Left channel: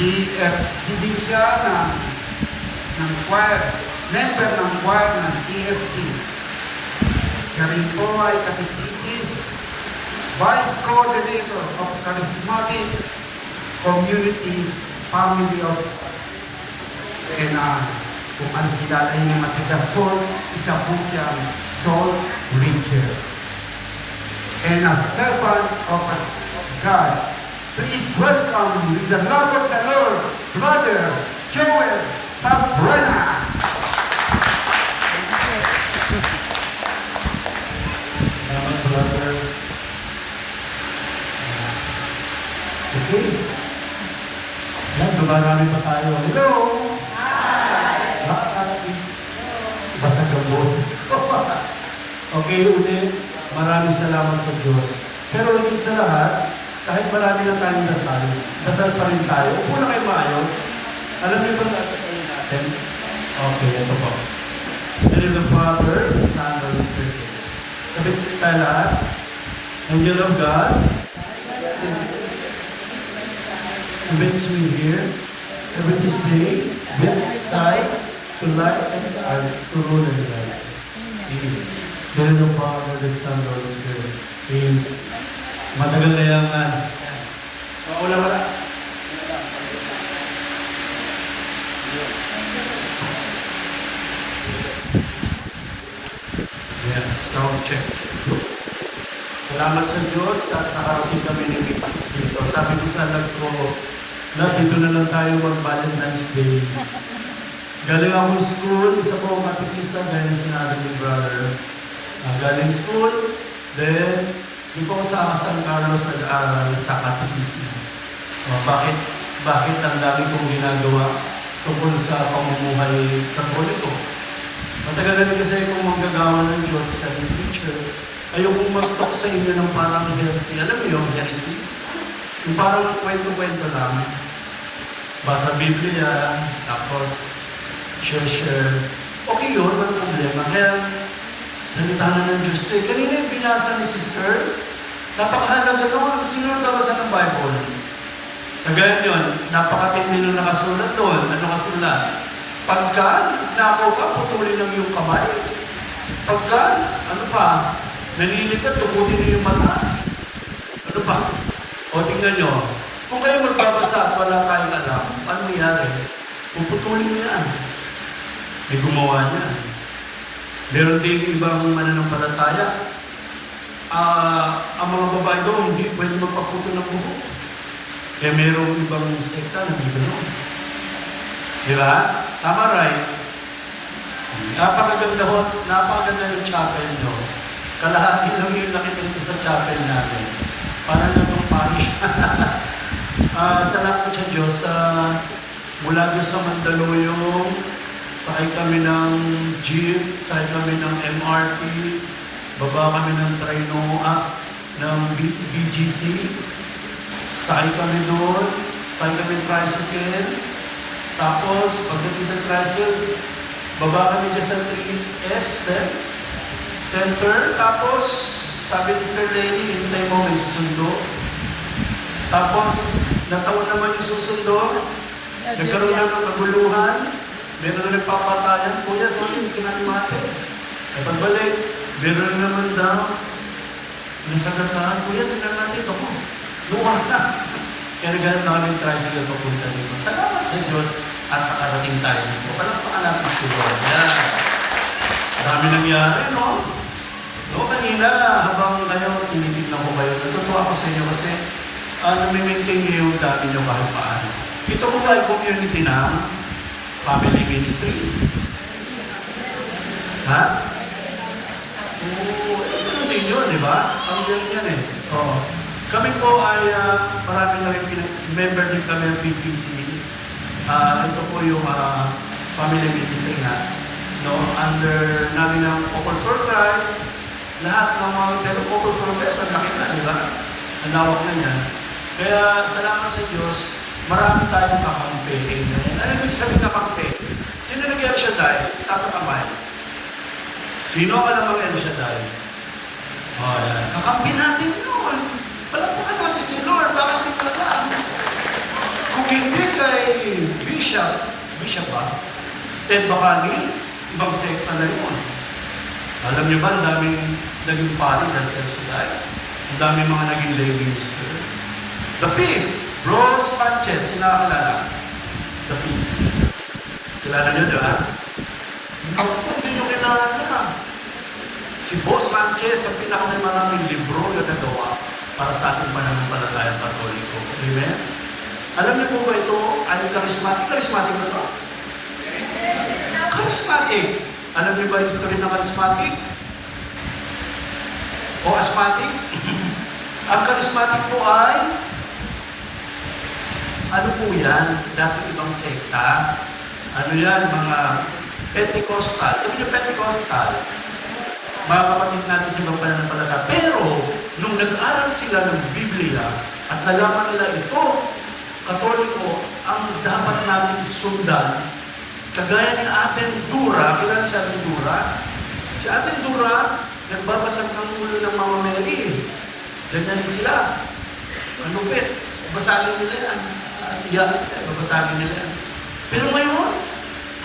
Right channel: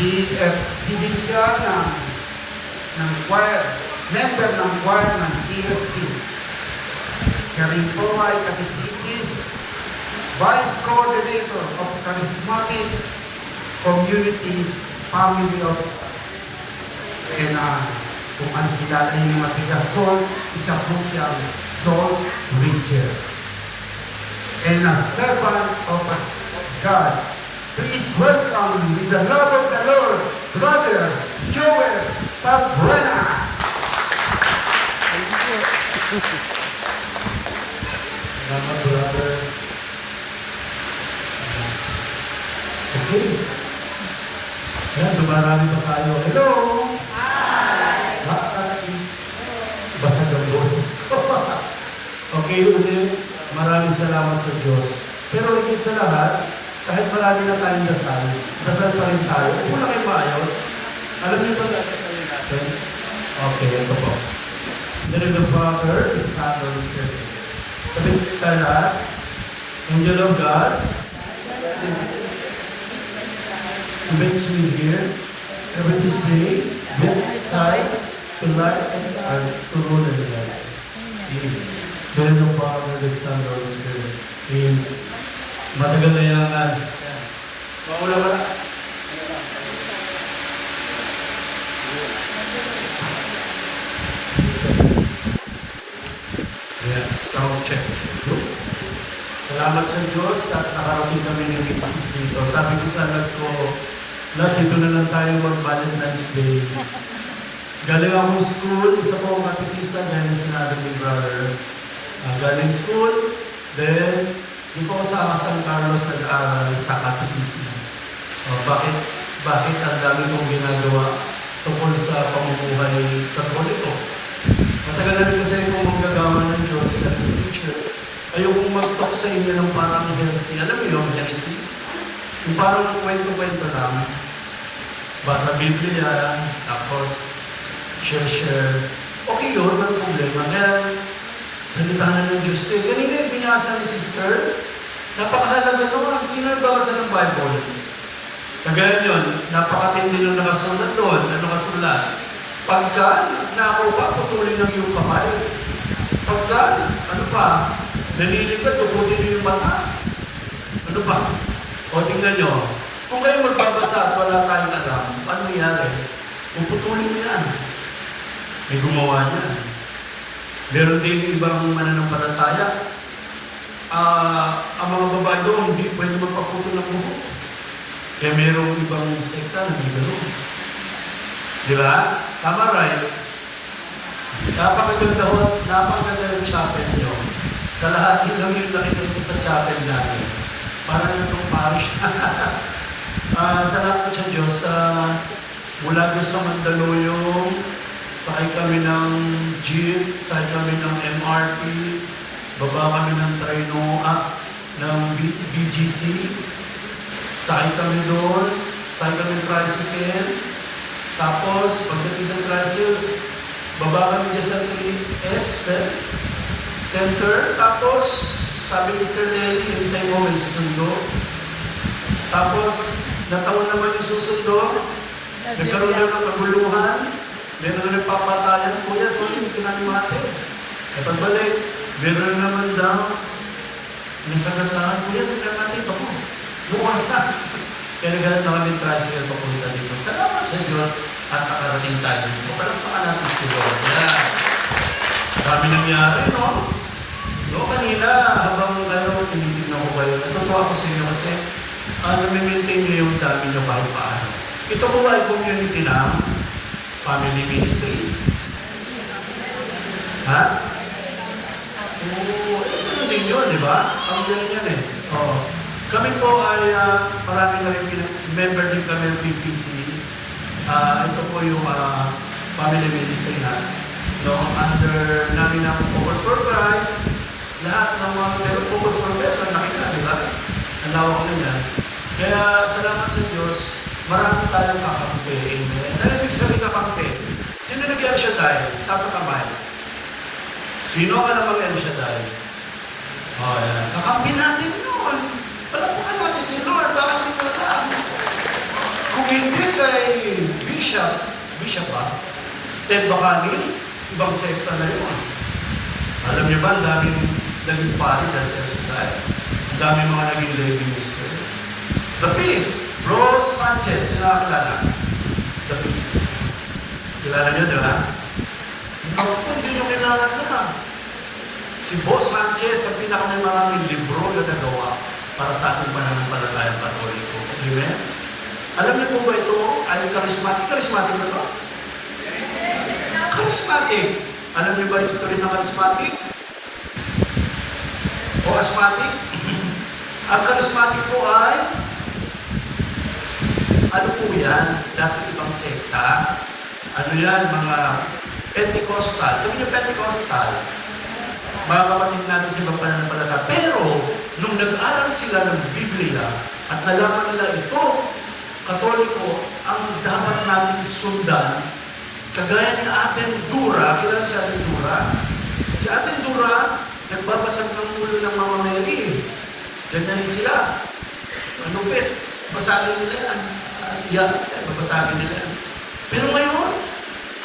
CFC din siya ng choir, member ng choir ng CFC. Siya rin po ay Catechesis, Vice Coordinator of Charismatic Community Family of and kung ano kilala niyo yung matigas soul, isa po siyang soul preacher. And a servant of God. Please welcome with the love of the Lord, Brother Joel Tabrena. Salamat, brother. Okay. Yan, dumarami pa tayo. Hello! Hi! Basag ang boses ko. Okay, ulit. Maraming salamat sa Diyos. Pero higit sa lahat, kahit marami na tayong dasal, dasal pa rin tayo. Kung na kayo maayos, alam niyo itong nagdasalin natin? Okay, ito po. In the name of the Father, the Son, and the Spirit. Sabihin tayo lahat, Angel of God, who makes me hear, every this day, build my side, to light and to rule and light. Amen. In the name of the Father, the Son, and the Holy Spirit. Amen. Matagal na yung wala. Yeah, sound check. Salamat sa Diyos at nakarating kami ng Mixis dito. Sabi ko sa anak ko, dito na lang tayo mag-Valentine's Day. Galing akong school, isa po ang katikista, galing sinabi ni brother. Galing school, then di po sa San Carlos nag-aaral sa katisismo. Bakit ang dami kong ginagawa tungkol sa pamumuhay Katoliko? Matagal na rin kasi kung manggagawa ng Diyos sa teacher, ayokong mag-talk sa inyo ng parang heresy. Alam mo yung heresy? Yung parang kwento-kwento lang. Basa Biblia, tapos share. Okay yun, ang problema. Kaya salita na ng Diyos. Kanina yung binasa ni sister, napakahalaga doon. Sino nagbabasa ng Bible? Kagaya yun, napakatindi na nakasulat doon. Ano kasulat? Pagka nakaw ka, putulin ng iyong kamay. Pagka, ano pa? Nalilipad, tuputin na yung mata. Ano ba? O tingnan nyo, kung kayo magbabasa at wala tayong alam, ano nangyari? Puputulin niya yan. May gumawa niya. Meron din ibang mananampalataya. Ang mga babae doon, hindi pwede magpaputol ng buhok. Eh merong ibang sekta na hindi gano'n. Di ba? Tama, right? Napakaganda yung chapel nyo. Kalahati lang yung nakikita sa chapel namin. Para nang parish. Salamat sa Diyos. Mula doon sa Mandaluyong, sakay kami ng jeep, sakay kami ng MRT, baba kami ng ng BGC, sakay kami doon, sakay kami ng tricycle, tapos pagdating sa tricycle, baba kami dyan sa 3S Center, tapos sabi ni Mr. Lenny, hintay mo may susundo. Tapos, nataon naman yung susundo, nagkaroon na ng kaguluhan, meron na nagpapatayan, kuya, sa hindi ka natin natin. At pagbalik, meron na naman daw, nasagasahan, kuya, tingnan natin, bako, lumas na. Kaya naghanap na kami tricycle papunta dito. Salamat sa Diyos at nakarating tayo dito. Palakpakan natin si Lord. Yan. Dami nangyari, no? No, kanina, habang kayo, tinitignan ko kayo, natutuwa ko sa inyo kasi nami-maintain niyo yung dami niyo kahit paano. Ito po ay community ng family ministry. Ha? Oo, ito din yun, di ba? Ang galing yan eh. Oo. Kami po ay marami na rin member din kami ng PPC. Ito po yung family ministry na. No, under namin ng Focus for Christ, lahat ng mga pero Focus for Christ, ang laki na, di ba? Ang lawak na yan. Kaya salamat sa Diyos, marami tayong kakampi. Amen. Ano ibig sabihin kakampi? Sino nag-El Shaddai? Taas ang kamay. Sino ka namang El Shaddai? Oh, yan. Kakampi natin yun. Palapukan natin si Lord. Bakit ka lang? Hindi kay Bishop ba? Ted Bacani, ibang sekta na yun. Alam niyo ba, ang daming naging pari dahil sa Suday. Ang daming mga naging lay minister. The Peace, Rose Sanchez, sinakakilala. The Peace. Kilala niyo, di ba? Hindi niyo kilala. Si Boss Sanchez, ang pinakamaraming libro na nagawa para sa ating pananampalatayang Katoliko. Amen? Alam niyo po ba ito ay charismatic? Charismatic na ito? Charismatic. Alam niyo ba yung history ng charismatic? O asthmatic? Ang charismatic po ay ano po yan? Dati ibang sekta. Ano yan? Mga Pentecostal. Sabi yung Pentecostal, mga kapatid natin sa ibang pananampalataya. Pero, nung nag-aral sila ng Biblia at nalaman nila ito, Katoliko, ang dapat natin sundan, kagaya ni Ate Dura, kilala si Ate Dura? Si Ate Dura, nagbabasag ng ulo ng mga Mary. Ganyan sila. Ano ba? Basagin nila yan. Babasagin nila yan. Pero ngayon,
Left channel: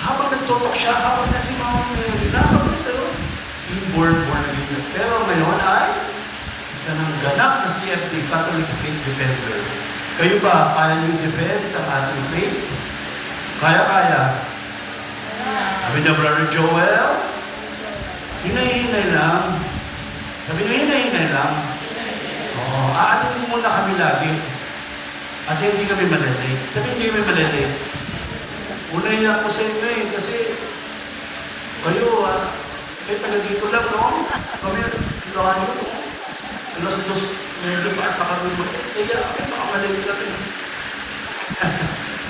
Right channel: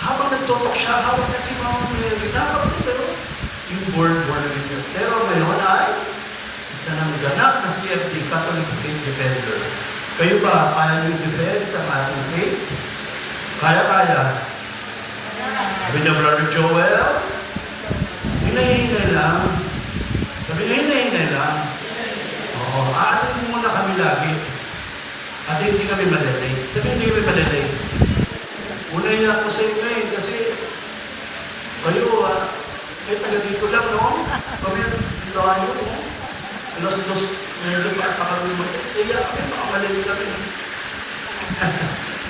habang nagtutok siya, habang kasi mga Mary, habang nasa yung born again. Pero ngayon ay isa ng ganap na CFD, Catholic Faith Defender. Kayo ba, kaya nyo defend sa ating faith? Kaya. Sabi niya, Brother Joel, hinahinay lang. Sabi niya, hinahinay lang. Oo, aatin mo muna kami lagi. At hindi kami malalay. Sabi hindi kami malalay. Unay ako sa inyo kasi kayo, taga dito lang, no? Kami, layo, no? Alas dos, medyo nakakaroon mo. Kaya, nakakalayo lang yun.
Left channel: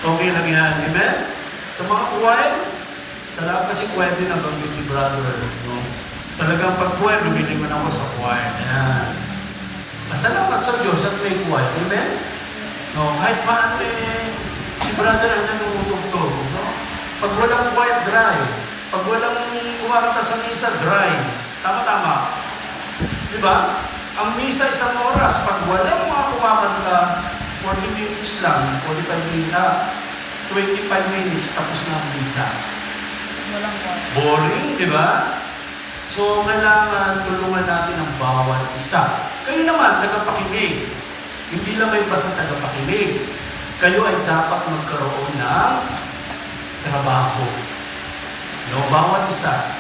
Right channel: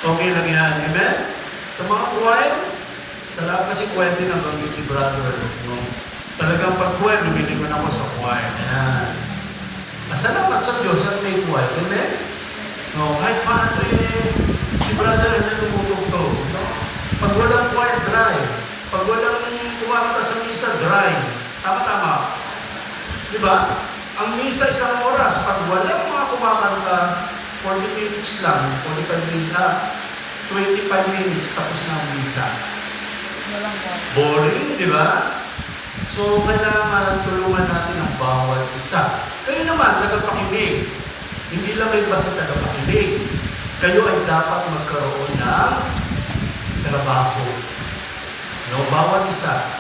Okay lang yan. Amen? Sa mga kuwain, sarap kasi kuwain din ang banggit ni Brother. No? Talagang pag kuwain, lumiliman ako sa kuwain. Ayan. Masalamat sa Diyos at may kuwain. Amen? No, kahit paano si Brother ay nagumutugtog. Pag walang kuwain, dry. Pag walang kumakanta sa misa, dry. Tama-tama. Di ba? Ang misa isang oras. Pag walang mga kumakanta, 40 minutes lang, 25 minutes, tapos na ang misa. Walang Boring, di ba? So, kailangan tulungan natin ang bawat isa. Kayo naman, tagapakinig. Hindi lang kayo basta tagapakinig. Kayo ay dapat magkaroon ng trabaho. No, bawat isa.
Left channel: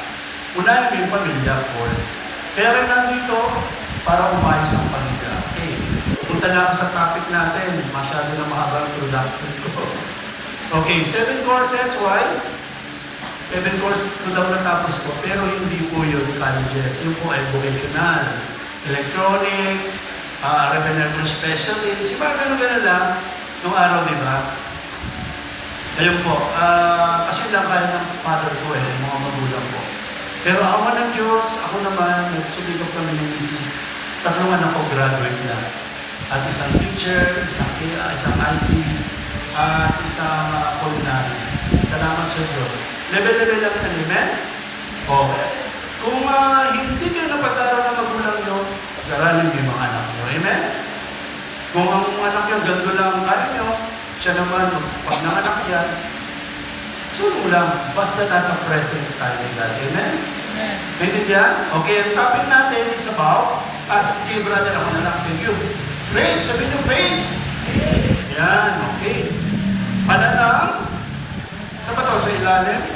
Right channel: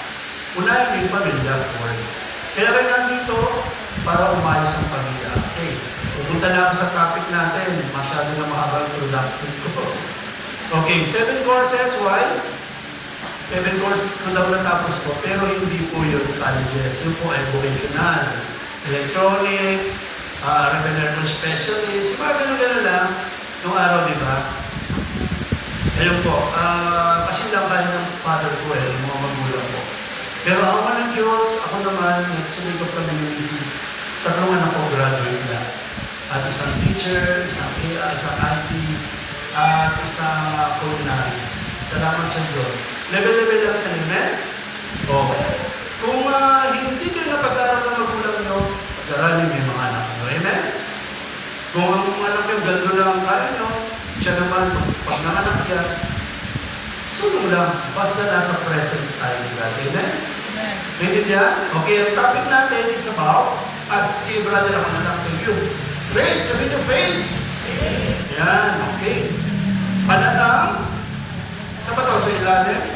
Unahin yung pamilya, of course. Kaya rin nandito para umayos ang pamilya. Okay. Pupunta na ako sa topic natin. Masyado na mahabang introduction ko. Okay, 7 courses. Why? 7 courses ko daw natapos ko. Pero hindi po yung colleges. Yung po ay vocational. Electronics, Revenue Specialist. Yung mga ganun-ganun lang. Nung araw, di ba? Ayun po, kasi lang kaya ng father ko yung mga magulang ko. Pero awa ng Diyos, ako naman, nagsumikap kami ng misis. Tatlungan ako, graduate na. At isang teacher, isang IT, at isang culinary. Salamat sa Diyos. Level-level lang na, amen? Okay. Kung hindi kayo napag-aral ng magulang nyo, pag-aralin nyo yung mga anak nyo. Amen? Kung ang anak nyo, ganito lang ang kaya nyo, siya naman, pag nanganak yan, sulong lang, basta nasa presence tayo ni God. Amen? Amen. Maintindihan? Okay, ang topic natin is about, sige brother, ako nanak, thank you. Faith, sabihin nyo faith. Yan, okay. Panatang, sa ba ito? Sa ilalim?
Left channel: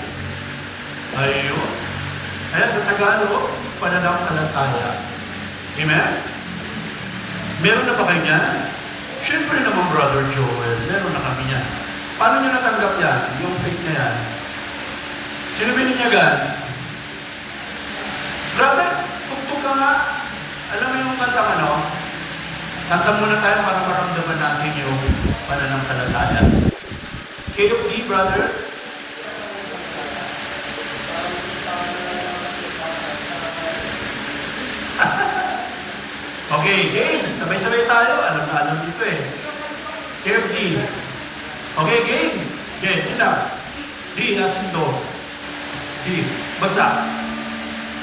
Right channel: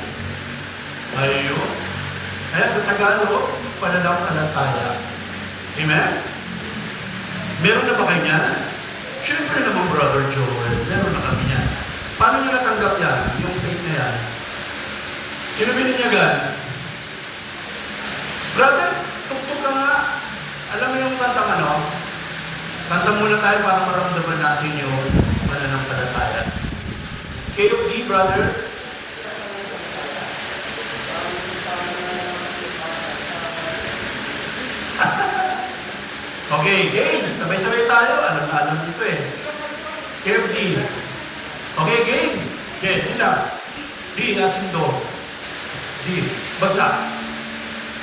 Ayun. Ayan, sa Tagalog, panatang palataya. Amen? Meron na ba kayo yan? Siyempre naman, Brother Joel, meron na kami yan. Paano nyo natanggap yan? Yung faith na yan? Sino bininyagan? Brother, tugtog na nga. Alam mo yung kantang ano? Kanta muna tayo para maramdaman natin yung pananampalataya. KOD, brother? Okay, game. Sabay-sabay tayo. Alam dito eh. KOD. Okay, game. Game, hila. D, nasindo. D, basa.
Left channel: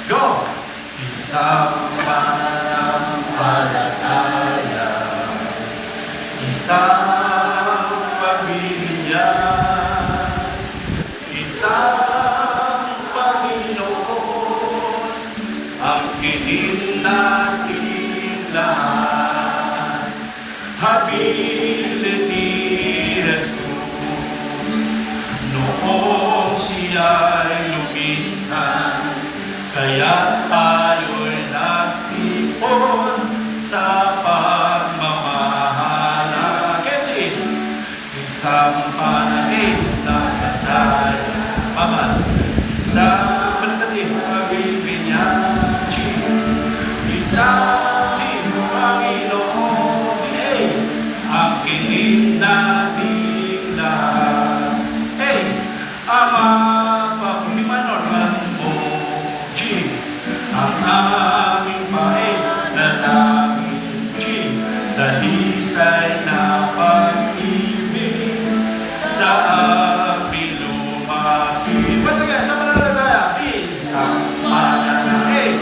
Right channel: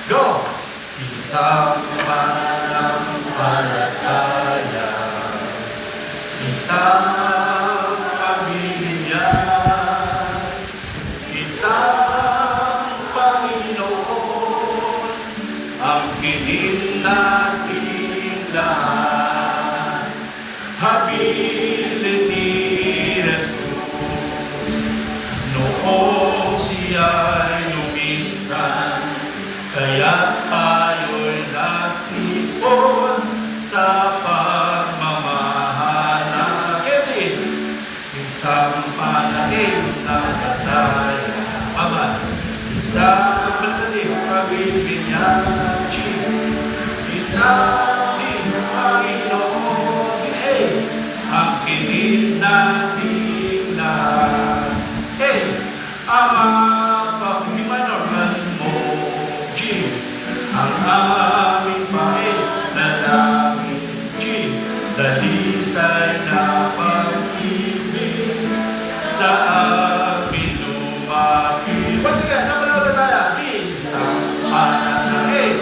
Go! Isang pananampalataya, isang pag-ibig, isang panahin na katay aman, isang malasakit pagbibinyagi, isang di Panginoon, ang kinig namin lahat. Ama, pagmimanorman mo, ang aming pain na namin, dalisay na pag-ibig sa aming lumaki. Once again, sa panalagalaya, isang pananahin.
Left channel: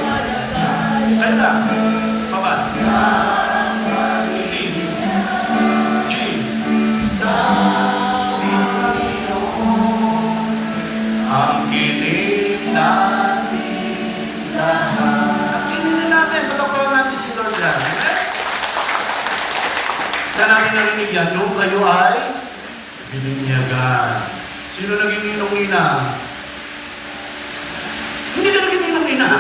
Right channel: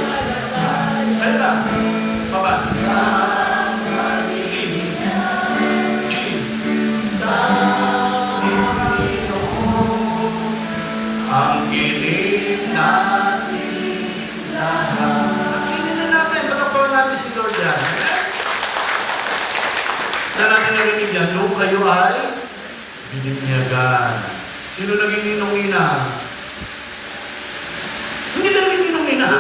Tanda, baba. Sa pag-ibig, sa Panginoon, ang kinig natin lahat. Ang kinig na natin, patapakan natin si Lord yan. Saan natin narinig yan? Nung kayo ay bininyagan. Sino naging ninong-nina? Hindi ka naging ninong-nina.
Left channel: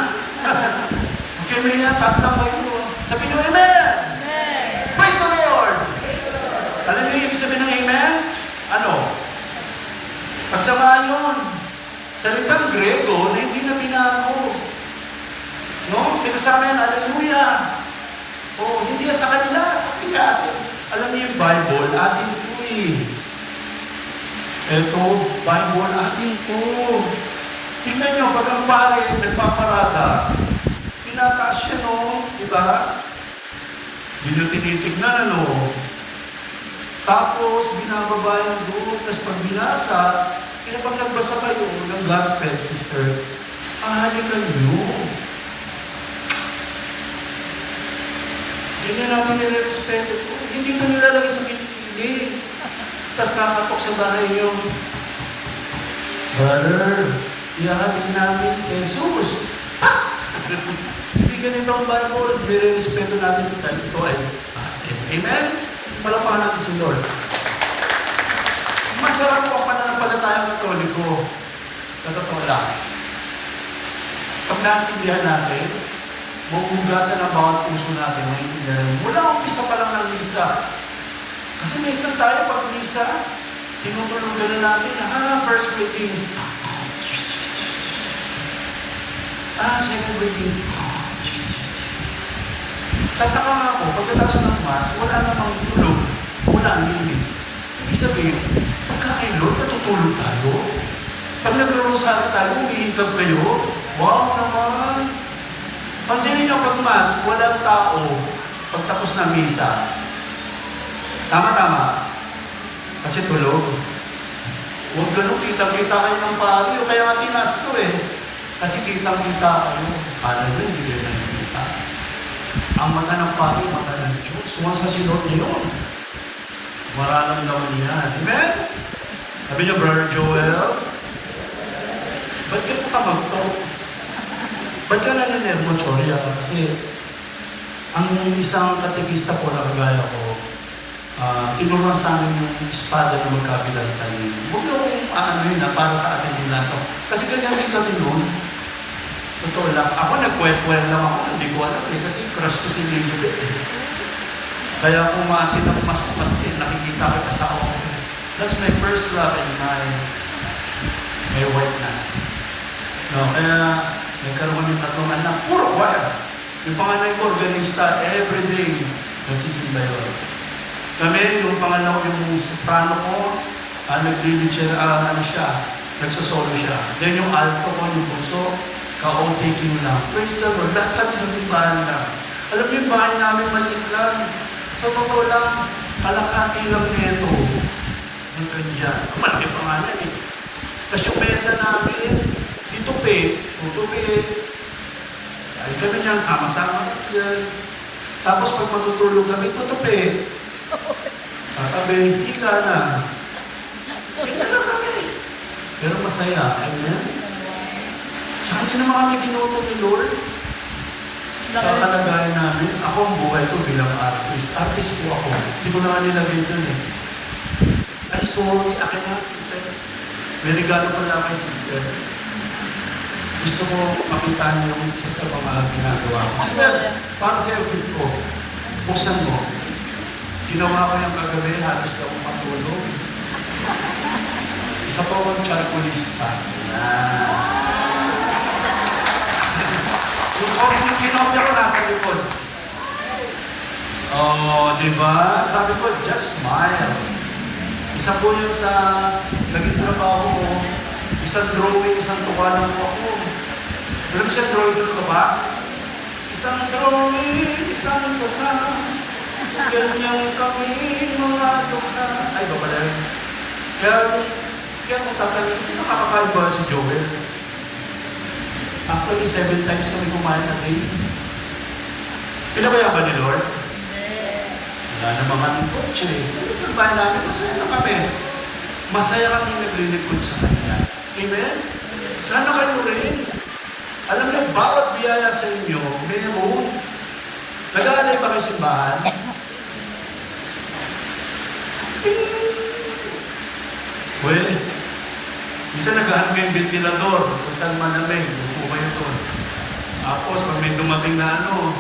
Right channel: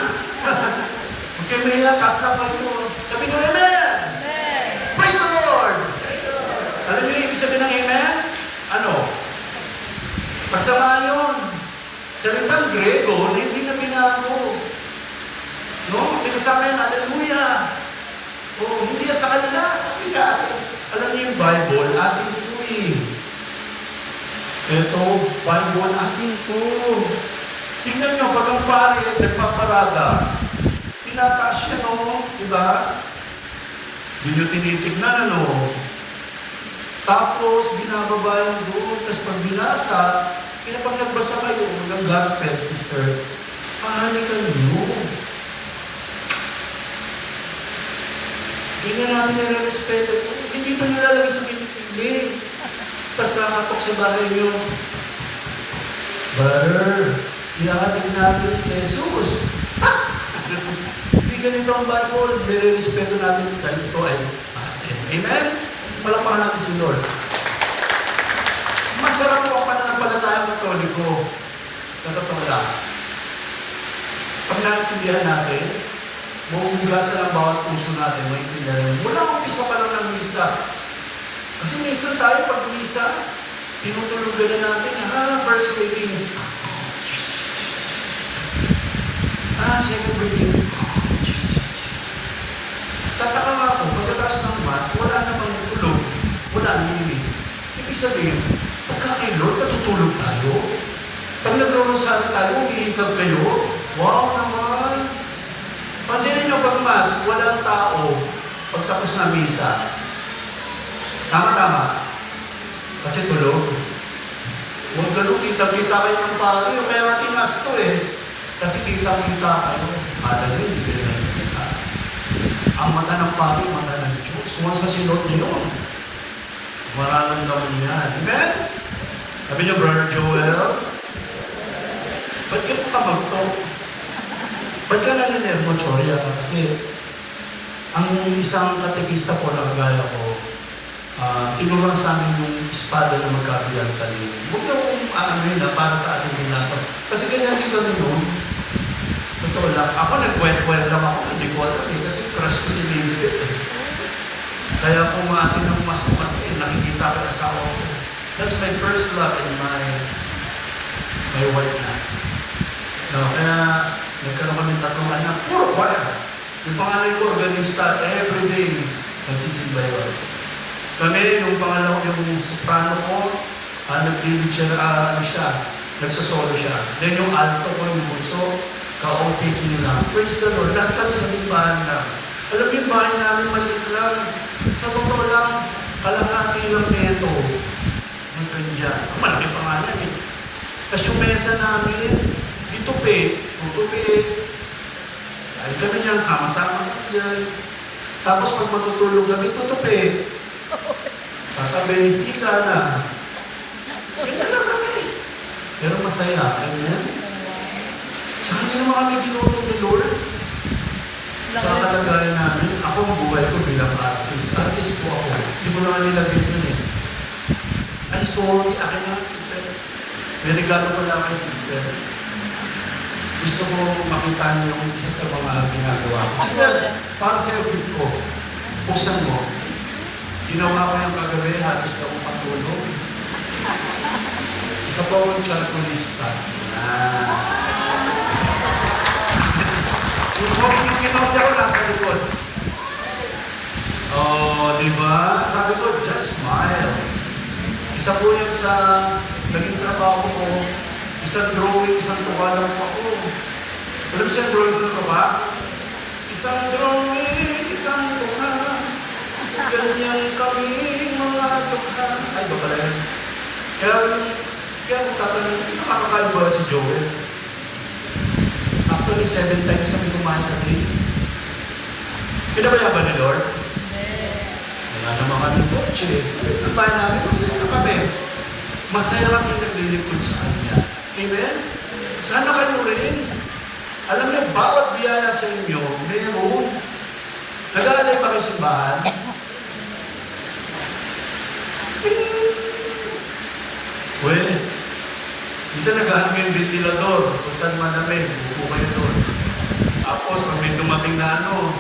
Okay, Maya, taas na kayo. Sabi nyo, Amen! Amen. Praise the Lord! Alam niyo yung ibig sabihin ng Amen? Ano? Pagsamaan yun. Salitang Grego na hindi na binago. No? May kasama yan, Hallelujah! O, hindi yan sa kanila, sa ating kasi. Alam niyo yung Bible, atin po eh. Ito, Bible, atin po. Tingnan niyo, pag ang pare, nagpaparada, tinataas siya, no? Diba? Hindi niyo tinitignan, ano? Tapos, binababa yung buhok, tapos pag binasa, kaya pag nagbasa kayo ng gospel, sister, ahalikan niyo. Hindi na namin nire-respeto po. Hindi ito nilalagay sa kilikili. Tapos nakatok sa bahay niyo. Brother, ilahatid natin si Jesus. Ha? Hindi ganito ang Bible. Nire-respeto natin dahil ito ay atin. Amen? Palakpakan natin si Lord. Masarap po ang pananampalatayang Katoliko. Totoo lang. Pag naintindihan natin, mahuhugasan ang bawat puso natin, maintindihan. Wala umpisa pa lang ng misa. Kasi minsan tayo pag misa, tinutulugan na natin, first reading. Second reading. Tataka nga ako, pagkatapos ng mas, wala namang tulog, wala linis. Ibig sabihin, pagkakain Lord, natutulog tayo. Pag nag-rosary tayo, umihikab kayo. Wow naman! Pansinin nyo pag mas, walang tao pagtapos na misa. Tama-tama. Kasi tulog. Huwag ganun, kitang-kita kayo ng pari. Kaya nga timas to eh. Kasi kitang-kita kayo. Alam mo, hindi rin nakikita. Ang mata ng pari, mata ng Diyos. Huwag sa silog yun. Mararamdaman yan. Amen? Sabi niyo, Brother Joel, ba't ka natamag-to? Ba't ka nangyayari mo, Choria? Kasi ang isang katekista ko na kagaya ko, tinuruan sa amin yung espada na magkabilang talim. Huwag na kong aanohin na para sa atin din nato. Kasi ganyan din kami noon. Totoo lang. Ako nag-kwet-kwet lang ako. Hindi ko alam eh. Kasi crush ko si Lilibet eh. Kaya kung atin ang mas-mas eh, nakikita ko asawa ko. That's my first love and my wife na. No, kaya nagkaroon kami tatlong anak. Puro choir. Yung panganay ko, organista, everyday nagsisimba yun. Kami, yung pangalaw, yung soprano ko, nag-lead siya, nagsosolo siya. Then yung alto ko, yung bunso, ka-o-taking lang. Praise the Lord. Lahat kami sa simbahan lang. Alam yung bahay namin maliit lang. Sa totoo lang, kalahati lang nito. Yung ganyan. Malaki pangalan eh. Tapos yung mesa namin, ditupi. Dahil kami niyan, sama-sama kami yan. Tapos pag matutulog kami, tutupi. Katabi, hika na. Ganyan lang kami. Pero masaya. Amen? Tsaka hindi naman kami ginuto ni Lord. Sa kalagayan namin, ako ang buhay ko bilang artist. Artist po ako. Hindi ko naman nilagay doon eh. Ay, sorry. Akin na, sister. May regalo pala kay sister. Gusto ko makita niyo yung isa sa mga ginagawa ko. Sister, parang sa gift ko, buksan mo. Ginawa ko yung kagabi, halos na akong patulog. Isa po akong charcoalista. Yan. Yung yung kinopero nasa likod. Oh, di ba? Sabi ko, just smile. Isa po yun sa naging trabaho ko. Isang drawing, isang tuka lang po ako. Alam mo siya drawing, isang tuka? Isang drawing, isang tuka. Ganyan kami mga tuka. Ay, ba pala yun? Kaya kung tatanggin, nakakakain ba si Joel? Actually, 7 times kami kumain na day. Pinabayaan ba ni Lord? Wala naman kami kotse. Kumain namin, masaya na kami. Masaya kami naglilingkod sa Kanya. Amen? Sana kayo rin. Alam mo, bawat biyaya sa inyo, meron. Nag-aalay ba kayo sa bahan? Well, isa nag-aan kayong ventilador kung saan malamig, buko kayo to. Tapos, pag may dumating na gano'n,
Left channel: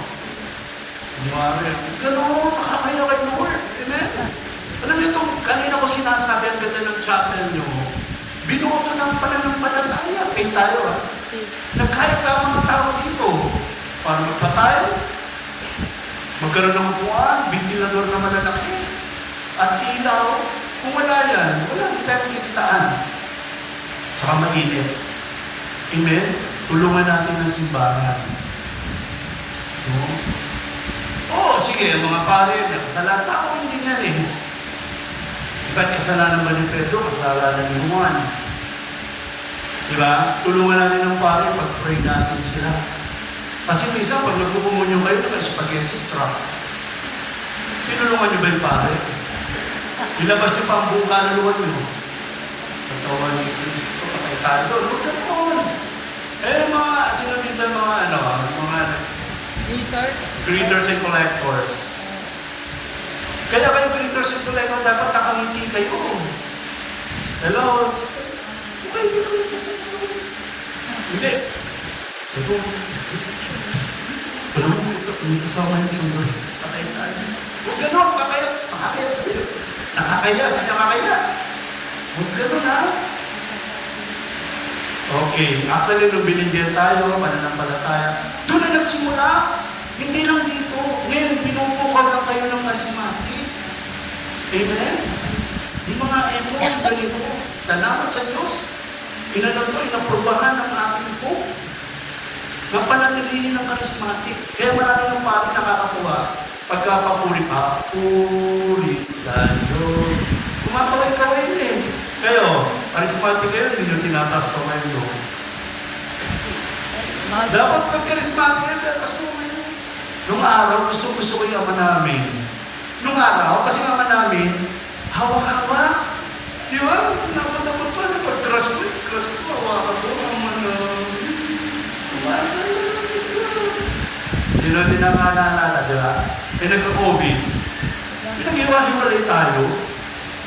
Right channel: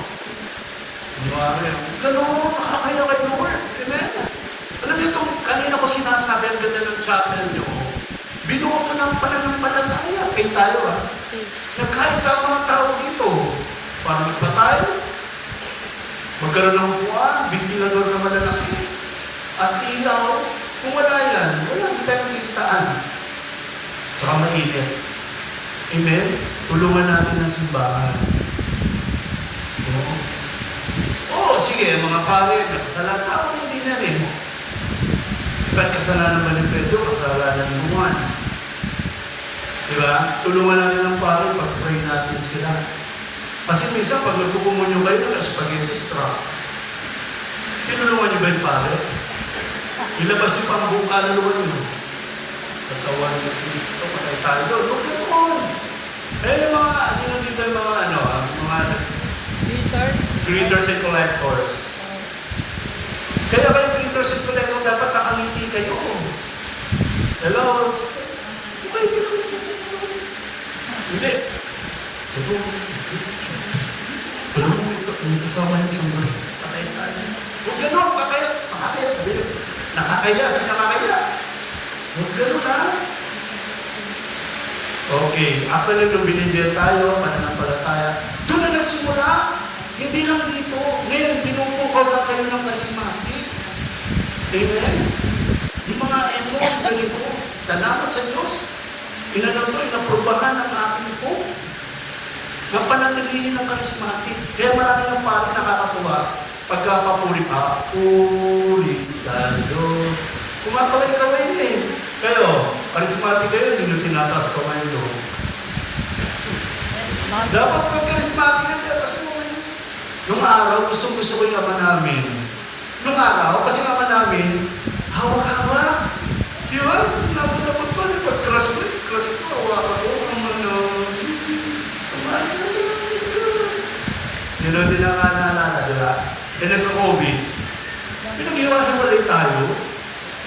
makakaya kayo Lord. Amen? Alam niyo ito, kanina ko sinasabi ang ganda ng chapel niyo. Binuo ito ng pananampalataya. Kaya tayo nagkaisa ang mga tao dito. Para magpatayos, magkaroon ng upuan, ventilador na malalaki, at ilaw. Kung wala yan, wala kitang kikitaan. Saka mainit. Amen? Tulungan natin ang simbahan. Oo, sige, mga pare, kasalanan ako hindi na rin. Ba't kasalanan ba ni Pedro? Kasalanan ni Juan. Diba? Tulungan natin ang pare, pag-pray natin sila. Kasi minsan, pag nagpupumunyo kayo, spaghetti strap. Tinulungan niyo ba yung pare? Ilabas niyo pa ang buong kaluluwan niyo. Pagkawan ni Kristo, patay tayo. Huwag ganoon. Mga sinunod ng mga greeters and collectors. Kaya kayo greeters and collectors, dapat nakangiti kayo. Hello, sister. Hindi. Hindi kasama yung isang mga. Huwag gano'n, nakakaya. Huwag gano'n ha. Okay, after nung binigyan tayo, pananampalataya, doon na nagsimula. Hindi lang dito. Ngayon, pinupukaw lang kayo ng charismatic. Amen? Yung mga eto, ganito. Salamat sa Diyos. Inaprobahan ng ating po. Yung pananilihin ng charismatic. Kaya marami ng parang nakakatuwa. Pagkapapuri pa, puri sa Diyos. Kumakaway-kaway din. Kayo, charismatic kayo, hindi nyo tinataas kamay nyo. Dapat pag-charismatic yan, tinataas kamay nyo. Nung araw, gusto ko yung ama namin. Nung araw, kasi ama namin, hawa-hawa. Di ba? Napalapot pa, pag-crush ko, hawa ko, ama namin. Sumasalamit ko. Sino din ang naalala, di ba? Nagka-COVID. Pinag-iwahiwalay tayo.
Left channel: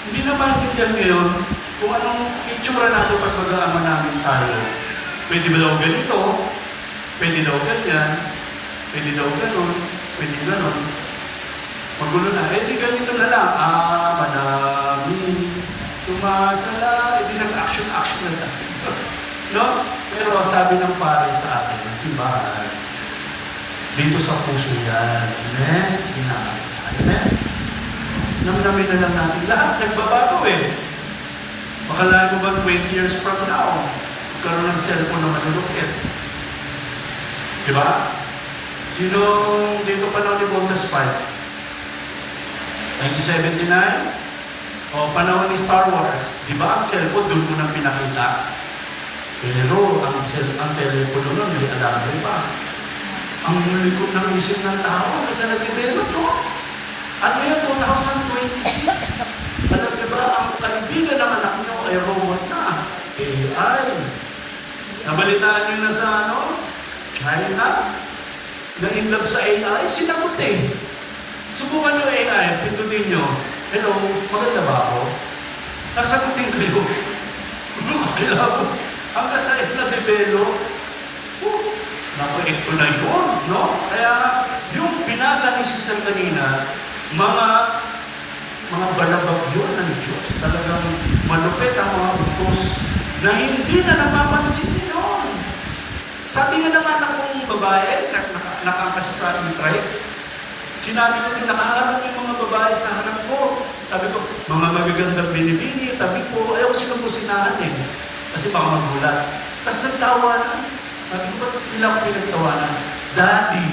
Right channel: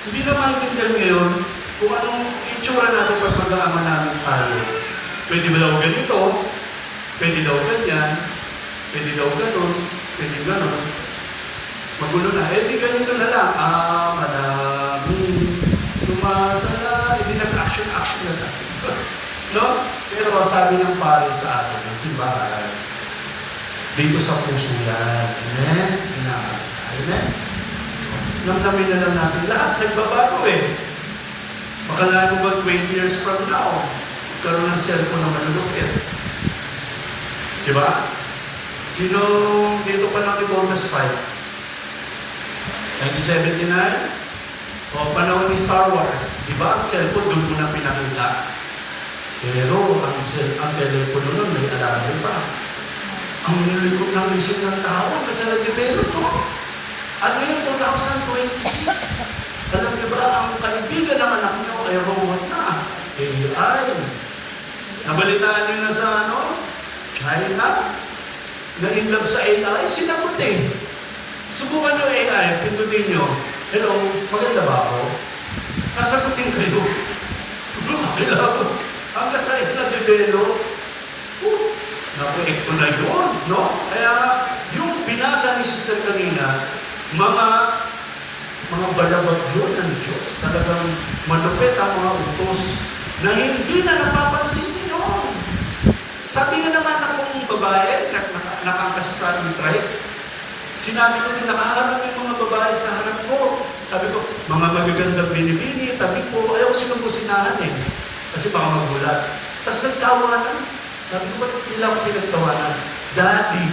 Hindi na maintindihan ngayon kung anong itsura natin pag mag-aama namin tayo. Pwede ba daw ganito? Pwede daw ganyan? Pwede daw ganon? Pwede ganon? Magulo na. Di ganito na lang. Ama namin, sumasala. Hindi nag-action na tayo. No? Pero sabi ng pare sa akin, simbahan, dito sa puso yan. Amen? Amen? Namnamin na lang natin. Lahat nagbabago Makalain mo ba 20 years from now, magkaroon ng cellphone na malulukit. Diba? Sino dito pa lang ni Bonus 5? 1979? O panahon ni Star Wars. Diba ang cellphone doon ko na pinakita? Pero ang telepono nun may alarm pa. Ang likod ng isip ng tao, kasi nag-develop, no? At ngayon, 2026, alam niyo ba, ang kaibigan ng anak niyo ay robot na. AI. Nabalitaan niyo na sa China, na in love sa AI, sinagot Subukan niyo AI, pindutin niyo. Hello, maganda ba ako? Nasagutin kayo. Ang kasait na develop, napalit ko na yun, no? Kaya yung binasa ni Sister kanina, mga balabag yun ng Diyos. Talaga talagang malupit ang mga utos na hindi na napapansin yun. Sabi nga naman akong babae, nakangkas sa e-trike, sinabi ko na nakaharap yung mga babae sa harap ko. Sabi ko, mga magagandang binibini, tabi ko, ayaw sinubusinahan eh. Kasi baka magulat. Tapos nagtawanan. Sabi ko, ba't nila ako pinagtawanan? Daddy,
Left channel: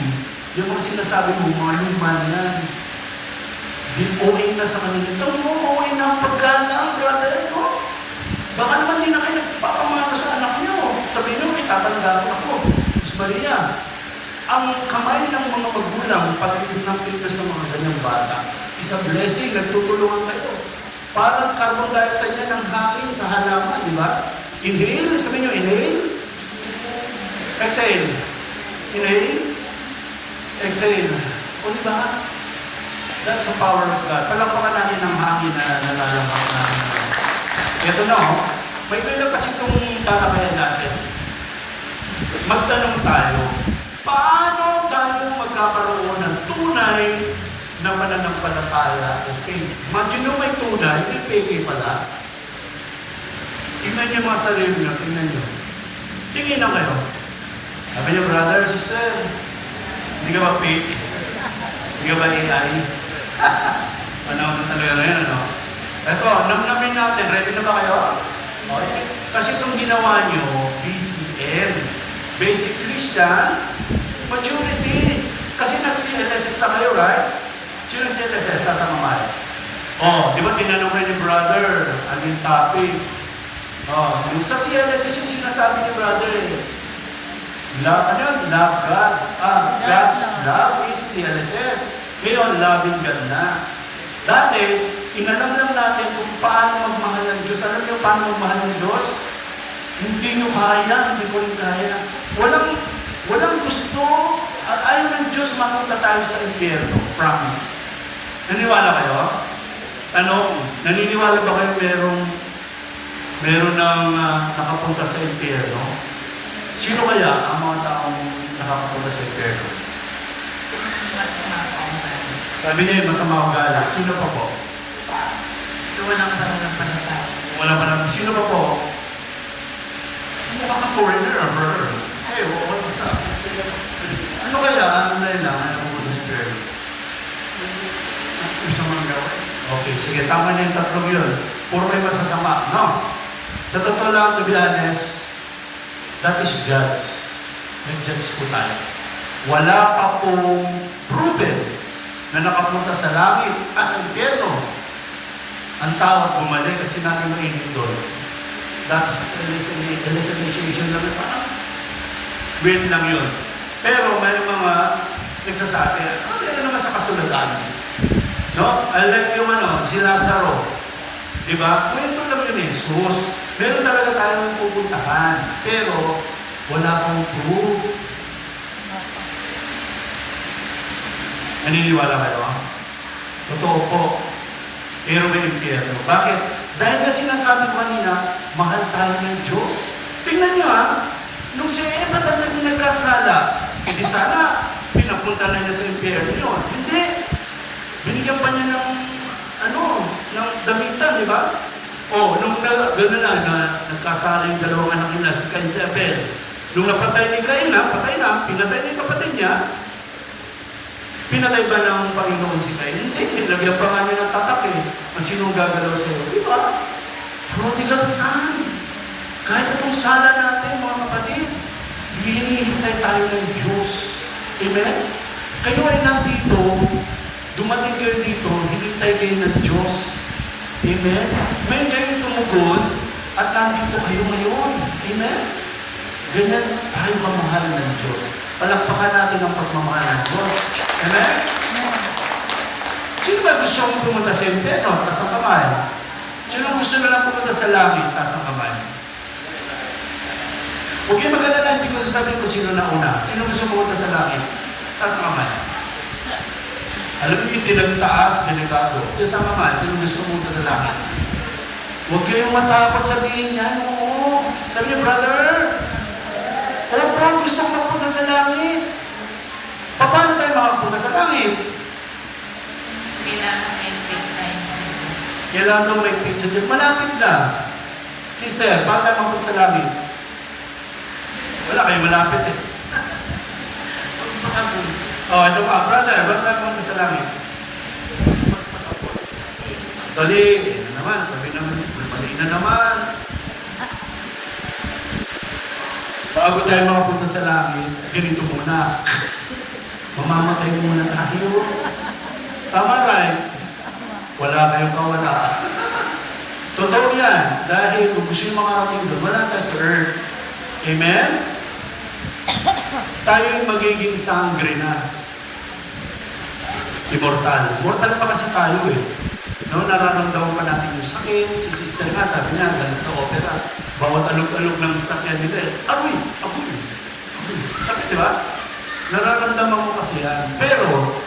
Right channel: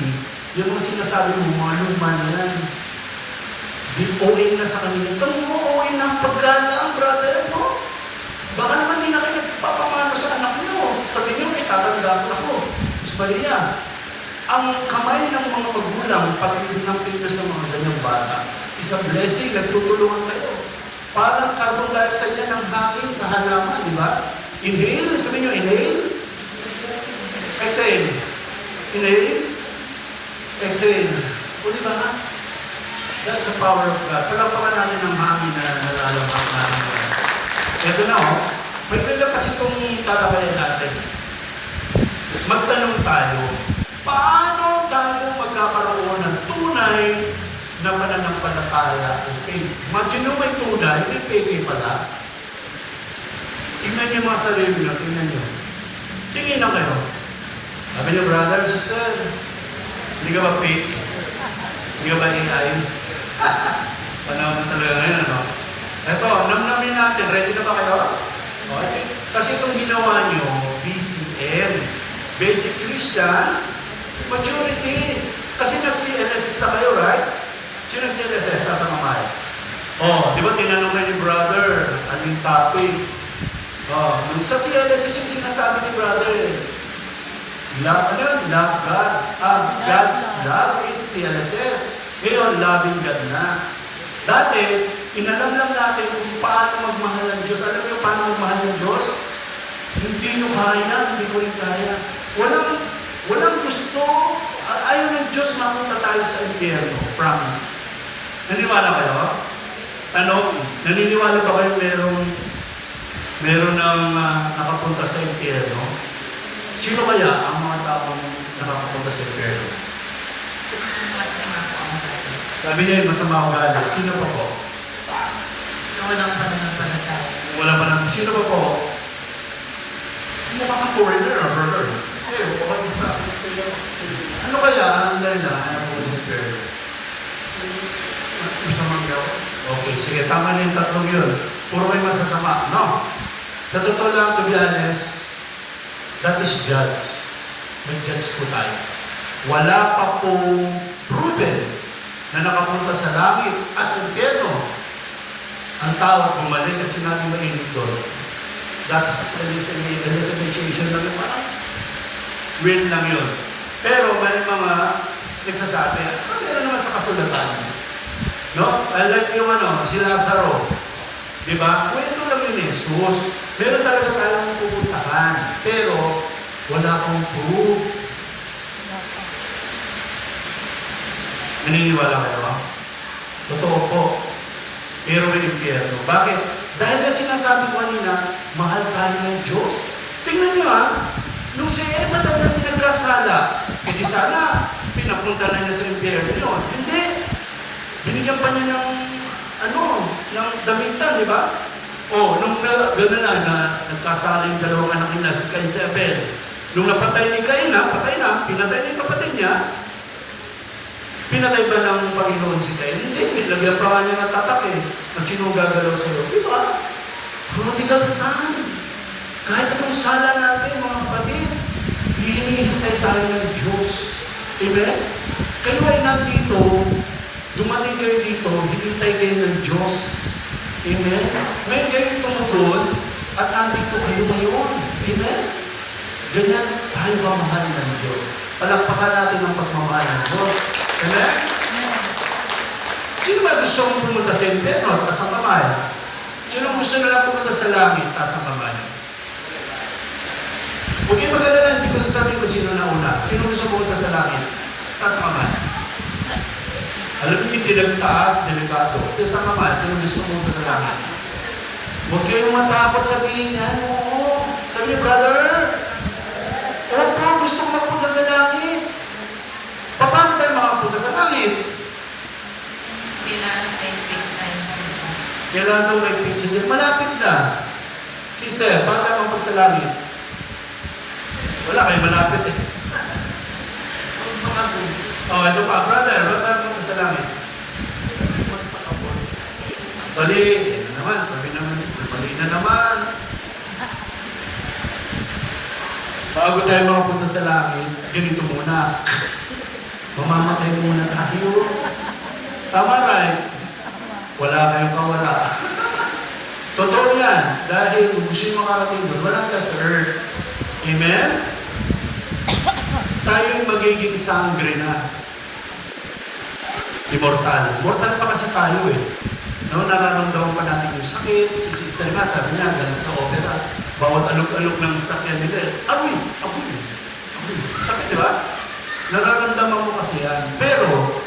yung mga sinasabi mo, mga human yan. Di OA na sa kanila. Ito mo, OA na ang pagkala, brother mo. Baka naman hindi na kayo nagpapamano sa anak nyo. Sabi nyo, may tatanda ko ako. Diyos Maria, ang kamay ng mga magulang, pag-ibig ng Pilipinas ng mga ganyang bata, isang blessing, nagtutulungan kayo. Parang carbon dioxide yan ng hangin sa halaman, di ba? Inhale, sabi nyo, inhale. Exhale. Inhale. Exhale. O di ba? That's the power of God. Palagpakan namin ng hangin na nalalabas namin. Ito na may pala kasi itong tatakayan natin. Magtanong tayo, paano tayo magkakaroon ng tunay na pananampalataya? Okay. Imagine mo may tunay, may peke pala. Tingnan niyo mga sarili niyo, tingnan niyo. Tingin na kayo. Sabi niyo, brother, sister, hindi ka ba fake? Hindi ka ba AI? Panahon na talaga ngayon, ano? Ito, namnamin natin. Ready na ba kayo? Okay. Kasi itong ginawa nyo, BCM, Basic Christian Maturity. Kasi nag-CLSS na kayo, right? Sino nag-CLSS? Nasa mamay. Di ba tinanong rin ni brother, anong topic? Sa CLSS yung sinasabi ni brother, God's love is CLSS. Ngayon, loving God na. Dati, inalam lang natin kung paano magmahal ng Diyos. Alam niyo paano magmahal ng Diyos? Hindi nyo kaya, hindi ko rin kaya. Walang gusto. Ayaw ng Diyos mapunta tayo sa impyerno. Promise. Naniwala kayo? Naniniwala ba kayo meron ng nakapunta sa impyerno? Sino kaya ang mga taong nakapunta sa impyerno? Sabi niya yung masama ugali. Sino pa po? Walang pananampalataya. Wala pa naman. Sino pa po? Mukha kang foreigner, brother. What's up? Ano kaya? Anong dahil lang? Ayaw mo sa impyerno? Okay, sige. Tama na yung tatlong yun. Puro kayo masasama. No? Sa totoo lang, to be honest, that is judge. May judge po tayo. Wala pa pong proven na nakapunta sa langit as impyerno. Ang tao at bumalik at sinabi mainit doon. That is hallucination lang ito. Weird lang yun. Pero may mga nagsasabi, at saka meron naman sa kasulatan. No? Like yung si Lazaro. Diba? Kwento lang yun Jesus. Meron talaga tayong pupuntahan. Pero wala pong proof. Naniniwala kayo? Totoo po. Pero may impyerno. Bakit? Dahil na sinasabi ko kanina, mahal tayo ng Diyos. Tingnan nyo nung si Eva na nagkasala, hindi sana pinapunta na niya sa impyerno yun. Hindi. Binigyan pa niya ng damitan, di ba? Nung gano'n na nagkasala yung dalawang anak nila, si Cain si Abel. Nung napatay ni Cain, patay na, pinatay niya yung kapatid niya. Pinatay ba ng Panginoon si Cain? Hindi, nilagyan pa nga niya ng tatak Ang sino gagalaw sa'yo? Di ba? Prodigal son. Kahit anong sala natin, mga kapatid, hinihintay tayo ng Diyos. Amen? Kayo ay nandito, dumating kayo dito, hinihintay kayo ng Diyos. Amen? May kayong tumugon at nandito kayo ngayon. Amen? Ganyan tayo mamahal ng Diyos. Palakpakan natin ang pagmamahal ng Diyos. Amen? Sino ba gusto mong pumunta sa impyerno? Taas ang kamay. Sino gusto na lang pumunta sa langit? Taas ang kamay. Huwag yung maganda hindi ko sasabihin ko sino na una. Sino gusto pumunta sa langit? Taas ang kamay. Alam niyo yung pinagtaas, delikado. Taas ang kamay. Sino gusto pumunta sa langit? Huwag kayong matakot sabihin yan. Oo. Sabi niyo, brother, opo, gusto ko makapunta sa langit. Paano tayo makapunta sa langit? Kailangan may faith tayo sa Diyos. Kailangan daw may pizza dyan. Malapit na. Sister, bakit tayo mapunta sa langit? Wala kayo malapit eh. Ito pa, brother, bakit tayo mapunta sa langit? Dali, na naman, sabi naman, nabalik na naman. Bago tayo makapunta sa langit, ganito muna. Mamamatay muna tayo. Tama, right? Wala kayong kawala. Totoo yan. Dahil gusto yung makarating doon, wala ka sa earth. Amen? Tayo yung magiging sangre na. Immortal. Immortal pa kasi tayo eh. No, nararamdaman pa natin yung sakit. Si sister nga, sabi niya, galing sa opera. Bawat alog-alog ng sakyan nila eh. Amoy! Amoy! Sakit, di ba? Nararamdaman mo kasi yan. Pero,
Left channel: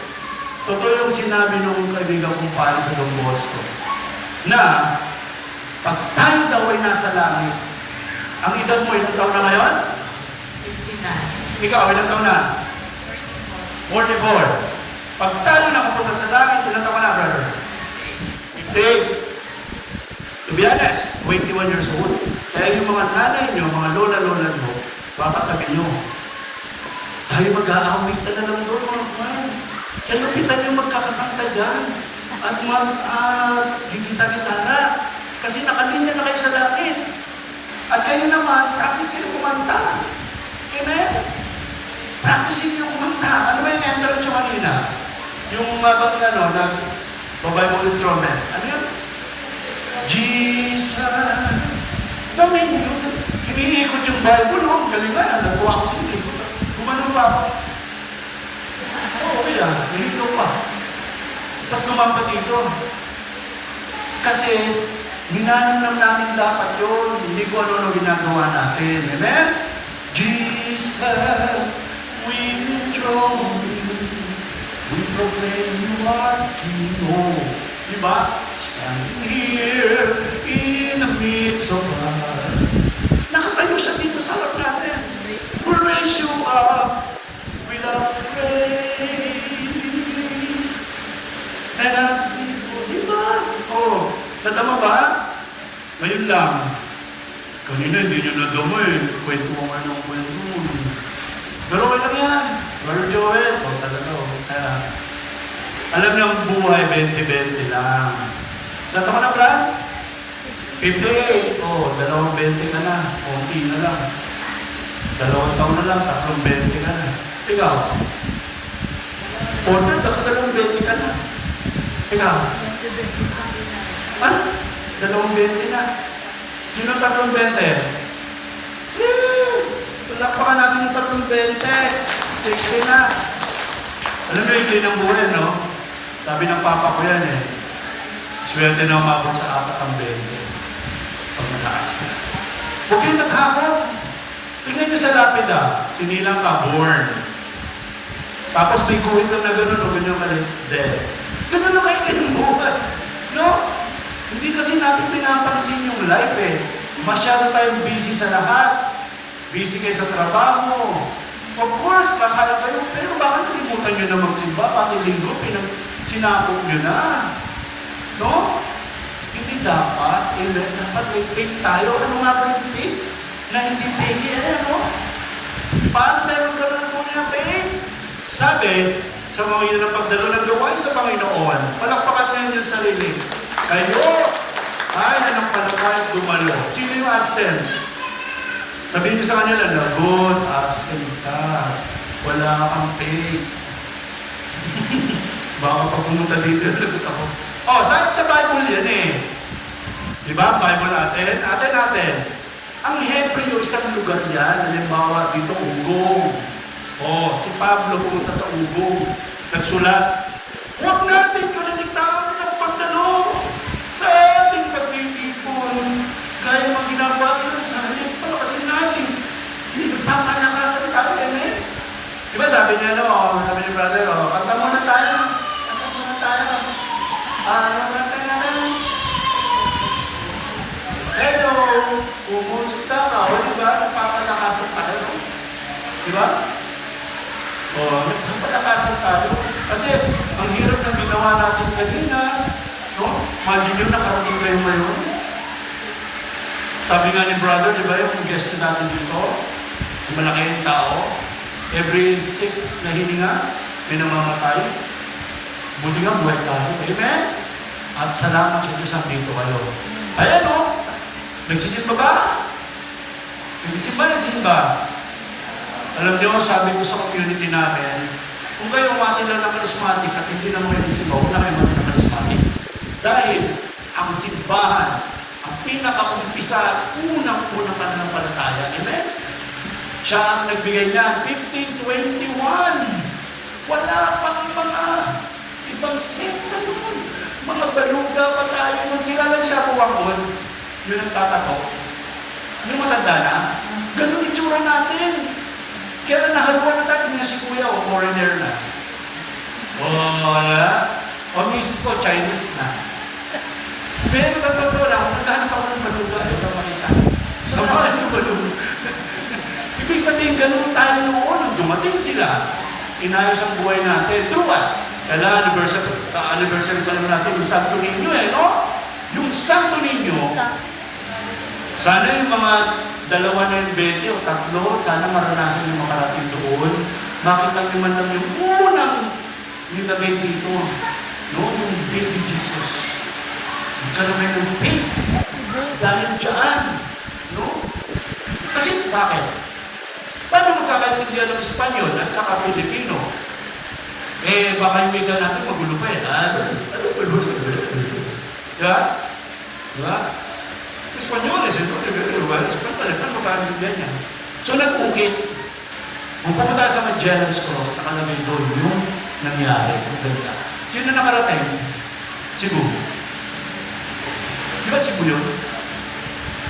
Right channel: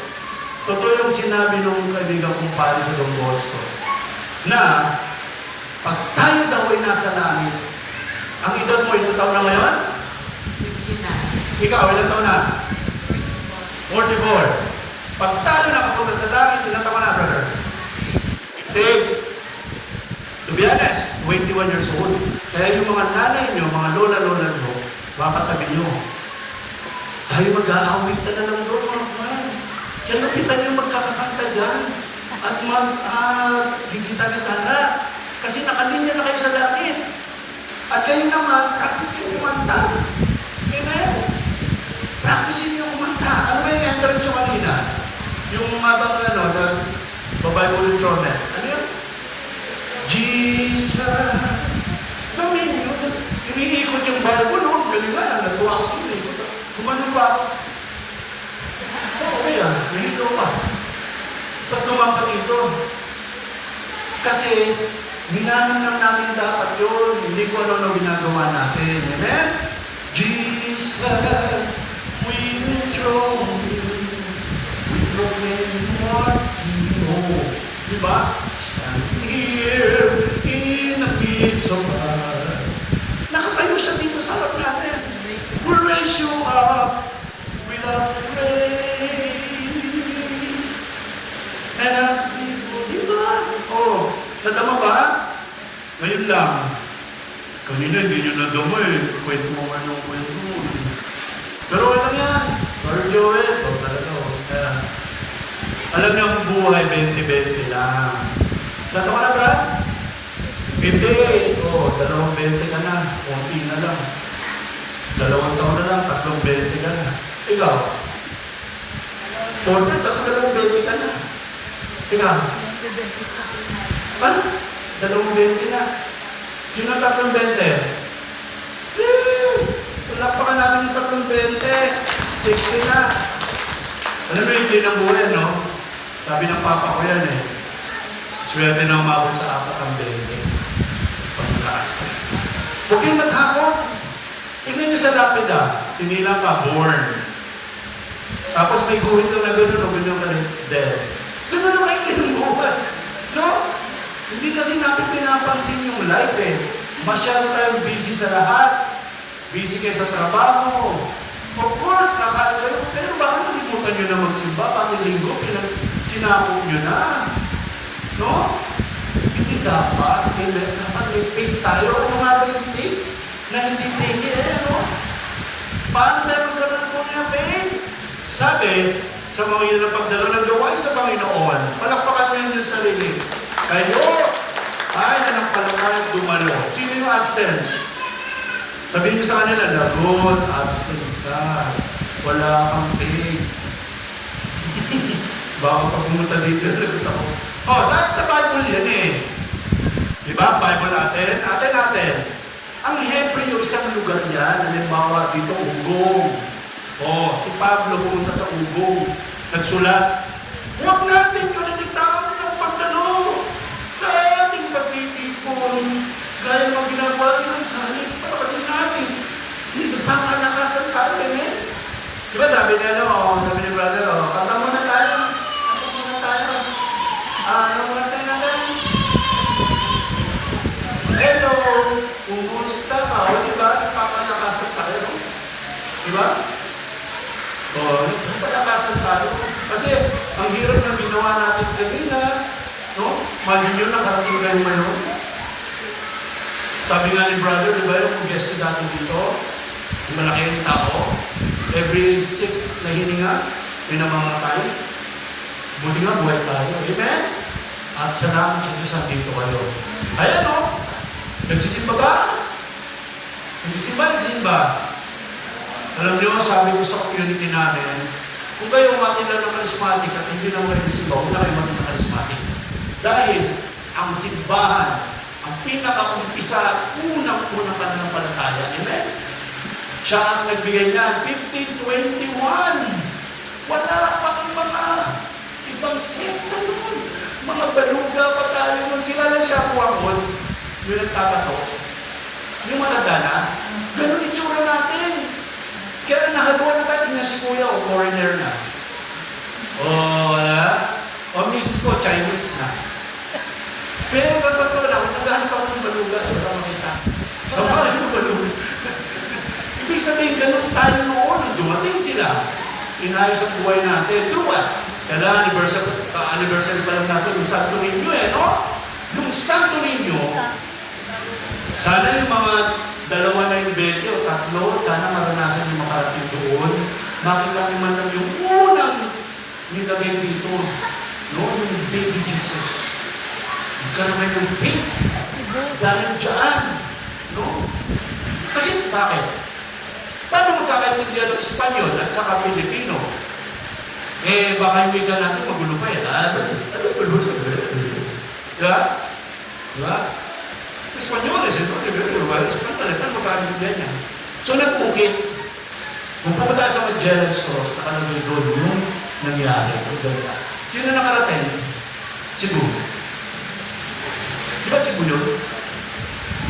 totoo yung sinabi ng kaibigan kong pari sa Don Bosco, na pag tayo daw ay nasa langit, ang edad mo, ilang taon na ngayon? 59. Ikaw, ilang taon na? 44. Pag tayo nakapunta sa langit, ilang taon na, brother? 58. To be honest, 21 years old. Kaya yung mga nanay nyo, mga lola-lola mo, papatabi nyo. Tayo mag-aawit na lang doon, mga kawan. Kaya lupitan yung magkakakanta dyan. At mag-higita gitara. Kasi nakalinya na kayo sa langit. At kayo naman, practice kayo kumanta. Amen? Practice nyo kumanta. Ano ba yung entrance nyo kanina? Yung the Bible instrument. Ano yun? Jesus. Dami nyo. Iniikot yung Bible, no? Galing nga, natuwa ko sila. Kumano pa? Okay lang, nahito pa. Tapos gumampa dito. Kasi, ginanong lang natin dapat yun. Hindi ko ano ginagawa natin. Amen? Jesus, we enthrone you. We proclaim you are King. Diba? Standing here in the midst of us. Nakatayo siya dito sa harap natin. We'll raise you up with our praise. And I'll sing for you. Oh, natama ba? Ngayon lang. Kanina hindi nyo nadama eh. Kwento mo kayo ng kwento mo. Pero lang yan. Sir Joel. Talaga. Kaya, alam niyo ang buhay, 20-20 lang. Natama na, Brad? 58. Oh, 20 ka na. Okay na lang. 2 taon na lang, 20 ka na. Ikaw? 40, tapos 20 ka na. Ikaw? Ha? 20 na. Sino 20? Tulakpakan natin yung 20. 60 na. Alam mo yung ng buhay, no? Sabi ng papa ko yan eh. Swerte na umabot sa 4 ang 20. Pag malakas ka. Huwag kayong maghakot. Tingnan nyo sa lapida. Sinilang ka, born. Tapos may guhit na gano'n o ganyan ka rin, dead. Gano'n na kayo din buhay. No? Hindi kasi natin pinapansin yung life eh. Masyado tayong busy sa lahat. Busy kayo sa trabaho. Of course, kakain kayo. Pero bakit nalimutan nyo na magsimba? Pati linggo, sinakot nyo na. No? Hindi dapat. Dapat may faith tayo. Ano nga ba yung faith? Na hindi faith eh, no? Paano tayo magkaroon po ng faith? Sabi, sa mga yun ang pagdalo ng gawain sa Panginoon, palakpakan ngayon yung sarili. Kayo ay nanampalakan dumalo. Sino yung absent? Sabihin niyo sa kanila, lagot, absent ka. Wala kang faith. Baka pag pumunta dito, lagot ako. Oh, sa Bible yan eh. Diba? Bible natin. Ang Hebreo, isang lugar yan. Halimbawa, dito, Ugong. Oh, si Pablo pumunta sa Ugong. Nagsulat, huwag natin kalalitawan ng pagtanong sa ating pagtitipon. Gaya mo ginagawa ng salit. Palakasin natin. Nagpapalakasan tayo, amen? Diba sabi niya, sabi ni brother, kanta muna tayo. Ano na tayo? Hello, kumusta ka? O diba, nagpapalakasan tayo, no? Diba? Nagpapalakasan tayo. Kasi, ang hirap ng ginawa natin kanina, no? Imagine nyo, nakarating kayo ngayon. Sabi nga ni brother, di ba yung guest na natin dito? Yung malaki yung tao. Every 6 na hininga, may namamatay. Buti nga, buhay tayo. Amen? At salamat sa Diyos na dito kayo. Ayan o. Nagsisimba ba? Nagsisimba. Alam niyo, sabi ko sa community namin, kung kayo umakilala ng charismatic at hindi naman kayo nagsimba, huwag na kayo maging charismatic. Dahil ang simbahan, ang pinaka-umpisa, unang-unang pananampalataya. Amen? Siya ang nagbigay niyan, 1521. Wala pang mga ibang sekta yun. Mga baluga pa tayo. Nung kilala siya ako akon, yun ang tatato. Yung matanda na, ganun itsura natin. Kaya nahaluan na tayo niya si kuya o foreigner na. O miss ko, Chinese na. Pero sa totoo lang, naghahanap ako ng baluga, wala makita. Sa mga ng baluga. Ibig sabihin, ganun tayo noon. Nung dumating sila, inayos ang buhay natin. True ba? Kailan, anniversary pa lang natin, yung Santo Niño no? Yung Santo Niño, sana yung mga 2 na yung 20 o 3, sana maranasan yung makarating doon. Makita nyo man lang yung unang nilagay dito, no? Yung baby Jesus. Magkaroon ng faith. Dahil dyan, no? Kasi bakit? Paano magkakaintindihan ng Espanyol at saka Pilipino? Baka yung wika natin magulo pa Diba? Diba? Espanyol, siyempre, magkakaintindihan niya. So, nagpukit. Kung pumunta sa Magellan's Cross, nakalagay doon yung nangyari. Sino nakarating? Cebu. Di ba Cebu yun?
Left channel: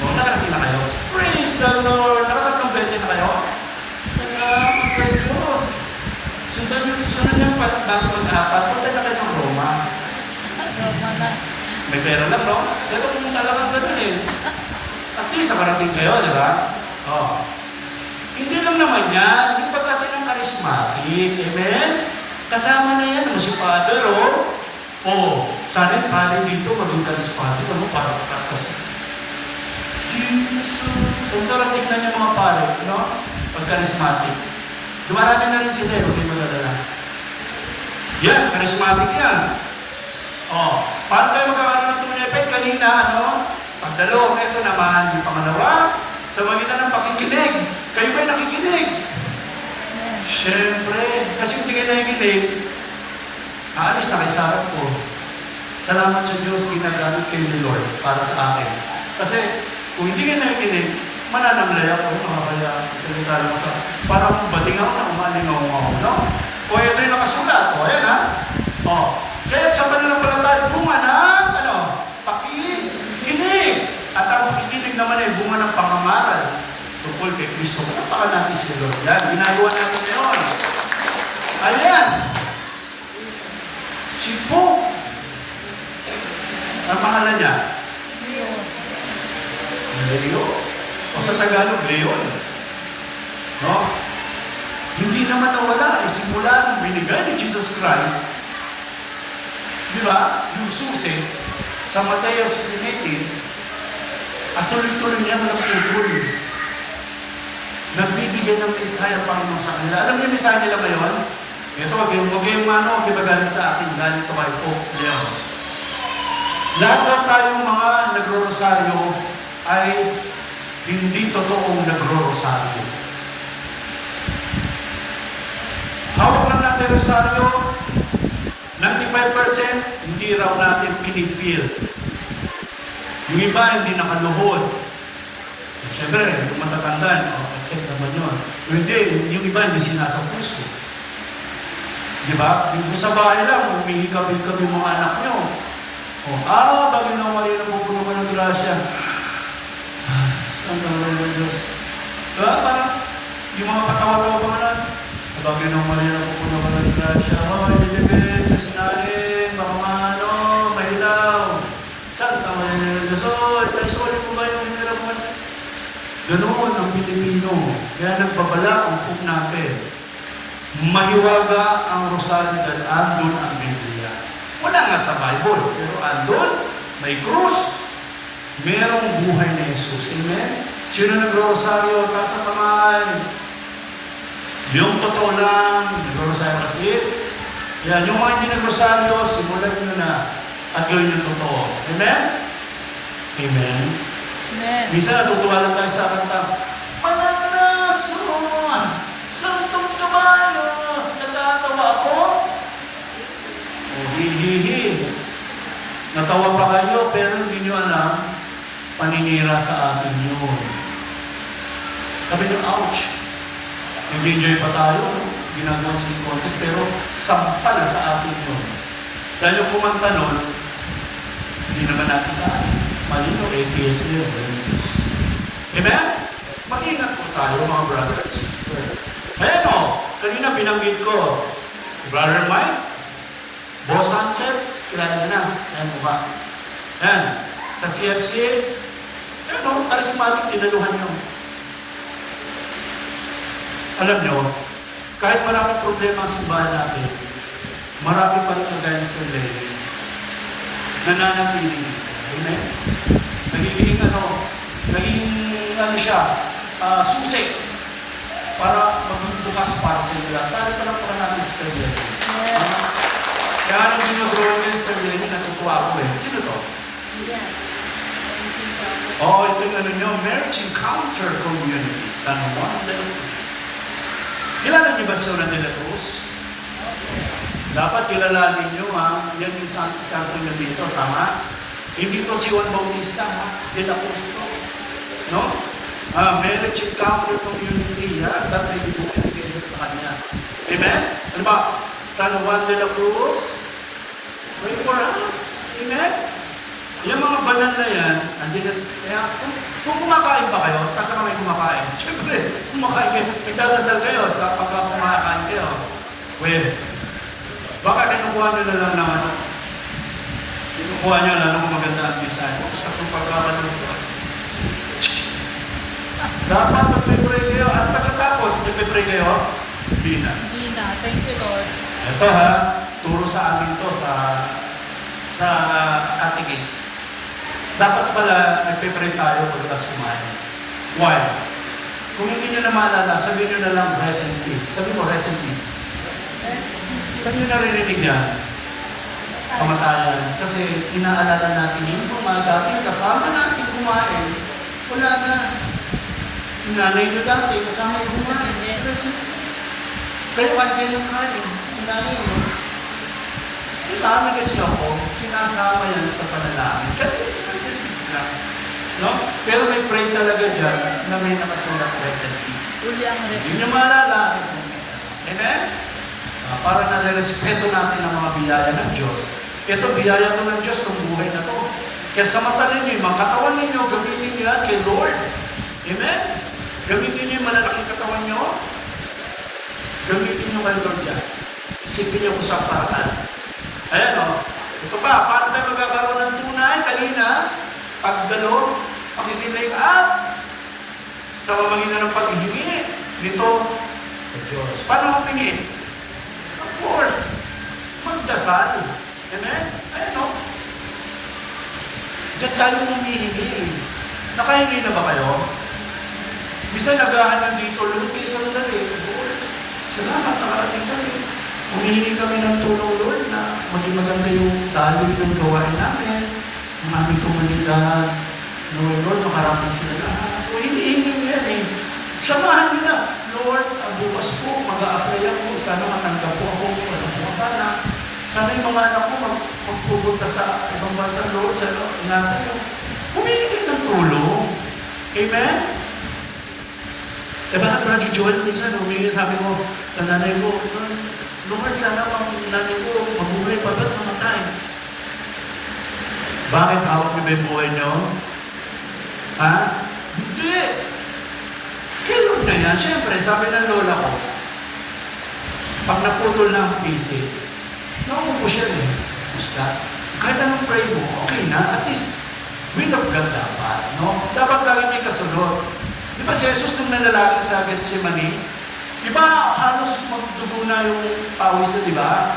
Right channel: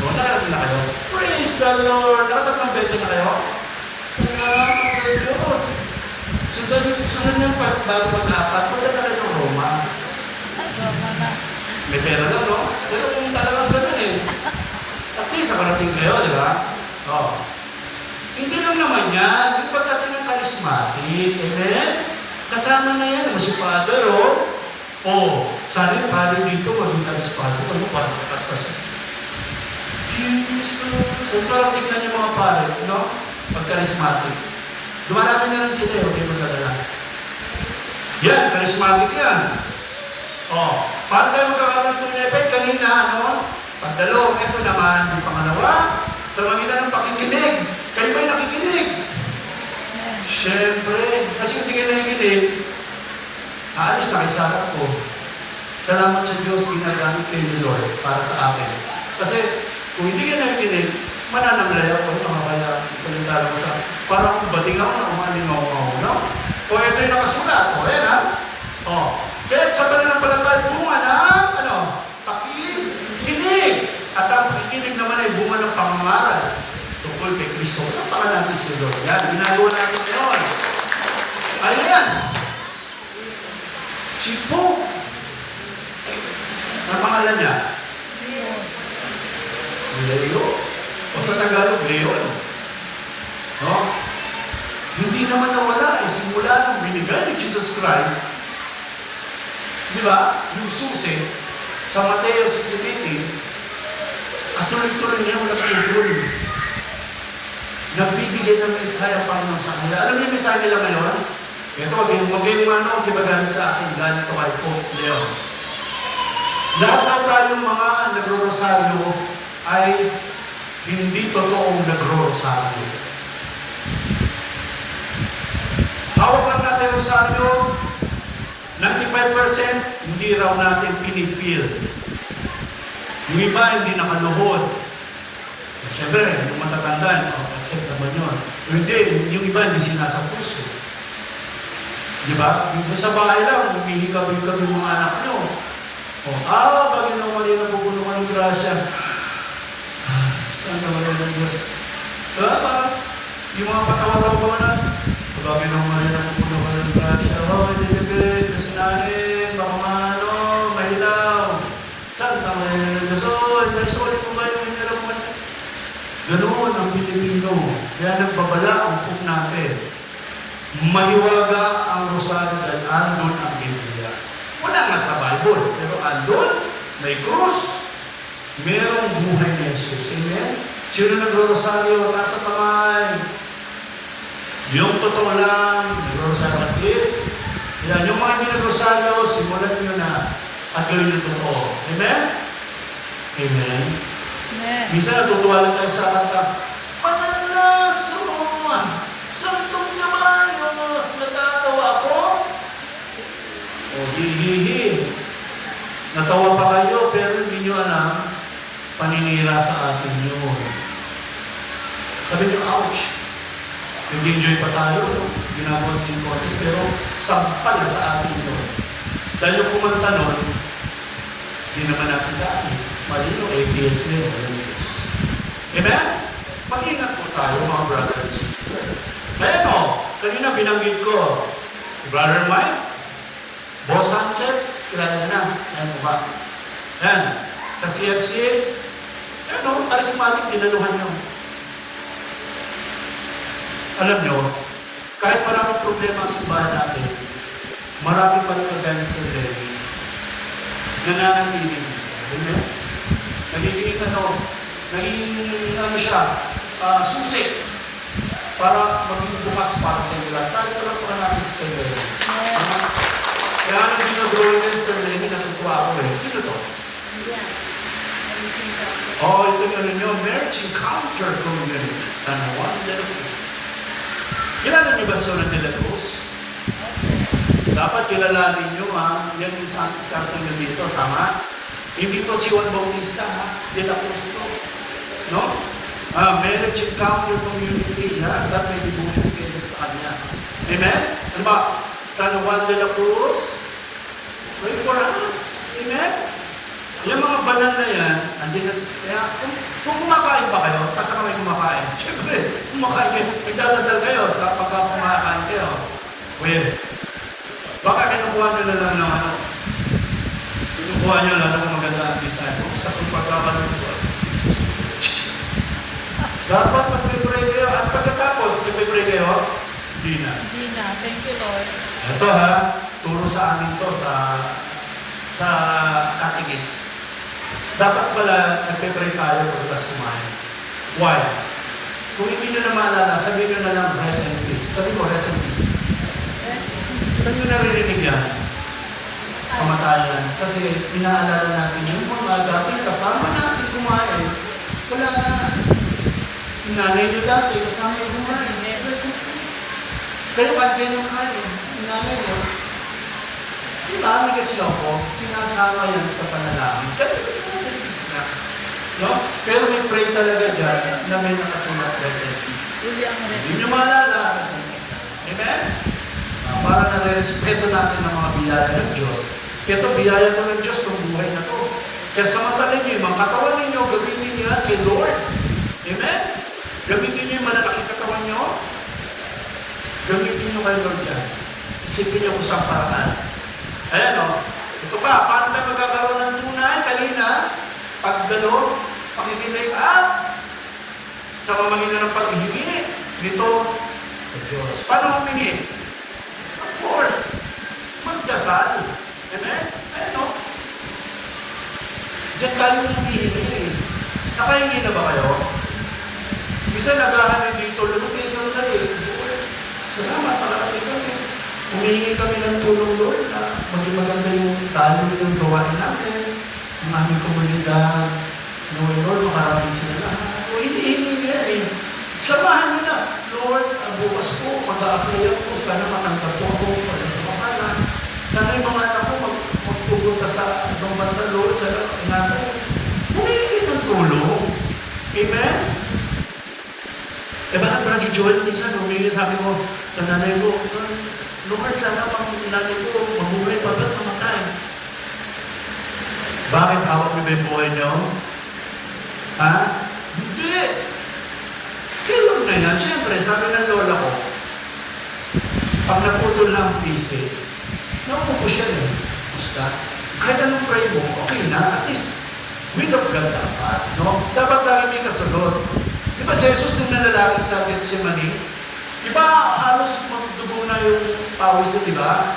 No, nakarating na kayo. Praise the Lord! Nakatatlong bete na kayo? Salamat sa Diyos! Sundan yung bago mag-apat, punta na kayo ng Roma. Roma na. May pera lang, no? Pero kung talagang ba rin, at least nakarating kayo, di ba? Oh. Hindi lang naman yan. Yung pagkatin ng charismatic, amen? Kasama na yan, si Father, sana yung pari dito, maging charismatic, parang kastas. Jesus! So, sarap tignan yung mga pare, no? Pag-charismatic. Dumarami na rin sila, huwag kayo magdadala. Yan, charismatic yan. Paano tayo magkakaroon ng effect? Kanina, pagdalong, ito naman, yung pangalawa, sa magitan ng pakikinig. Kayo ba'y nakikinig? Siyempre, kasi hindi kayo nakikinig, aalis na kayo sa harap ko. Salamat sa Diyos, ginagamit kayo ni Lord para sa akin. Kasi, kung hindi kayo nakikinig, mananamlay ako, mga kaya, salita lang sa, parang bating ako na umalingaw ako, no? Ito yung nakasulat, ayan ha? Kaya sa kanila pala tayo, bunga ng, pakikinig. At ang pakikinig naman ay bunga ng pangangaral tungkol kay Kristo. Kapaka natin si Lord. Yan, ginagawa natin ngayon. Ayan. Si Pope. Ang pangalan niya? Leo. O sa Tagalog, Leon. No? Hindi naman nawala simula nung binigay ni Jesus Christ, di ba? Yung susi sa Mateo 16:18, at tuloy-tuloy niya walang tutol. Nagbibigay ng Messiah para sa kanila. Alam niyo yung Messiah nila ngayon? Ito, wag kayong kibaganit sa akin, galing ko kay Pope Leon. Lahat na tayong mga nagro-rosaryo ay hindi totoong nagro-rosaryo. Hawak lang natin rosaryo, 95% hindi raw natin pinifeel. Yung iba hindi nakaluhod. Siyempre, matatandaan, accept naman yun. O hindi, yung iba hindi sinasa puso. Di ba? Yung sa bahay lang, humihikab-hikab yung mga anak nyo. Bagay na Maria, napupuno ka ng grasya. Santa Maria ng Diyos. Diba? Parang, yung mga patawa-tawa mga na, bagay na Maria, napupuno ka ng grasya. Ibigay, kasinahin, baka mahilaw. Santa Maria ng Diyos. Naisulit mo ba yung hinirap mo? Ganoon ang Pilipino. Kaya nagbabala ang pug natin. Mahiwaga ang rosaryo dahil andun ang Biblia. Wala nga sa Bible, pero andun may krus, merong buhay ni Jesus. Amen? Sino nag-rosaryo? Taas ang kamay. Yung totoo lang, nag-rosaryo ka sis. Yan, yung mga hindi nag-rosaryo, simulan nyo na at gawin yung totoo. Amen? Amen? Amen. Minsan natutuwa lang tayo sa kanta, Pananason, Santong Kabayo, natatawa ako. O hihihi. Natawa pa kayo, pero hindi nyo alam, paninira sa atin yun. Sabi nyo, ouch. Nag-enjoy pa tayo, ginagawa sa contest, pero sampal na sa atin yun. Dahil yung kumanta nun, hindi naman natin kaan. Malino, APS nyo, Amen? Mag-ingat po tayo, mga brother and sister. Ayan o, kanina binanggit ko, Brother Mike, Boss Sanchez, kilala na, ayan mukha. Ayan, sa CFC, ano, charismatic, pinaluhan nyo. Alam nyo, kahit maraming problema sa simbahan natin, marami pa rin kagaya sa Lenny, nananatili. Amen? Nagiging siya, susi, para maging bukas para sa nila. Tayo pa lang para natin sa Lenny. Kaya anong ginagawa niya sa Lenny, natutuwa ako eh. Sino to? Oh, ito yung ano nyo, Marriage Encounter Community, San Juan del Cruz. Kilala niyo ba si Juan de la Cruz? Dapat kilalanin niyo ha, yan yung santo na dito, tama? Hindi to si Juan Bautista ha, de la Cruz to. No? Marriage Encounter Community, yan, dapat may devotion kayo sa kanya. Amen? Ano ba? San Juan de la Cruz, pray for us. Amen? Yung mga banal na yan, kaya kung kumakain pa kayo, kasama kayo kumakain, siyempre, kumakain kayo, itadasal kayo sa pagkakumakain kayo. Well, baka kinukuha nyo na lang ng ano, kinukuha nyo na lang ng maganda design. Sa kung pagkaban mo ito. Dapat magpipray kayo, at pagkatapos, magpipray kayo, di na. Thank you, Lord. Ito ha, turo sa amin to sa catechist. Dapat pala nagpe-pray tayo pagkas kumain. Why? Kung hindi nyo na maalala, sabihin nyo na lang rest in peace. Sabi mo rest in peace. Saan nyo naririnig yan? Kamatayan. Kasi inaalala natin yung mga dating kasama natin kumain. Wala na. Yung nanay nyo dati, kasama yung kumain. Rest in peace. Kayo kayo ng kain. Yung nanay nyo. Yung kami kasi ako, sinasama yan sa panalangin. Kasi rest in peace na. No? Pero may pray talaga dyan na may nakasulat rest in peace. Uli ang Hindi nyo maalala, rest in peace na. Amen? Para nare-respeto natin ang mga biyaya ng Diyos. Ito, biyaya to ng Diyos itong buhay na to. Kaya sa mata ninyo, yung mga katawan ninyo, gamitin niyo yan kay Lord. Amen? Gamitin niyo yung malalaking katawan niyo. Gamitin niyo kay Lord dyan. Isipin niyo kung saan paraan. Ayan o, ito ka, paano tayo magkakaroon ng tunay? Kanina, pagdalo, pakikinay up sa mamagitan ng paghihingi nito sa Diyos. Paano humingi? Of course, magdasal. Amen? Ayan o. Diyan tayo humihingi. Nakahingi na ba kayo? Bisa nagahan ng dito, luti sa lugar eh. Lord, salamat, nakarating kami. Humihingi kami ng tulong, Lord, na maging maganda yung daloy ng gawain namin, ang aming komunidad. Lord, makarating sila lahat. O hinihingi yan eh. Samahan nyo na. Lord, bukas po, mag-a-apply ako. Sana matanggap po ako. Wala po akala. Sana yung mga anak ko magpupunta sa ibang bansa, Lord. Sana ingatan yung humihingi ng tulong. Amen? Eh bakit Brother Joel, minsan humihingi sabi mo sa nanay ko, Lord, sana ang nanay ko, mabuhay pa ba't mamatay? Bakit hawak mo ba yung buhay niyo? Ha? Hindi! Kaya Lord na yan, siyempre, sabi ng lola ko, pag naputol na ang PC, nakupo siya eh. Gusta. Kahit anong pray mo, okay na, at least, will of God dapat, no? Dapat lagi may kasunod. Di ba si Jesus nung nanalangin sa Gethsemane, di ba halos magdugo na yung pawis na, di ba?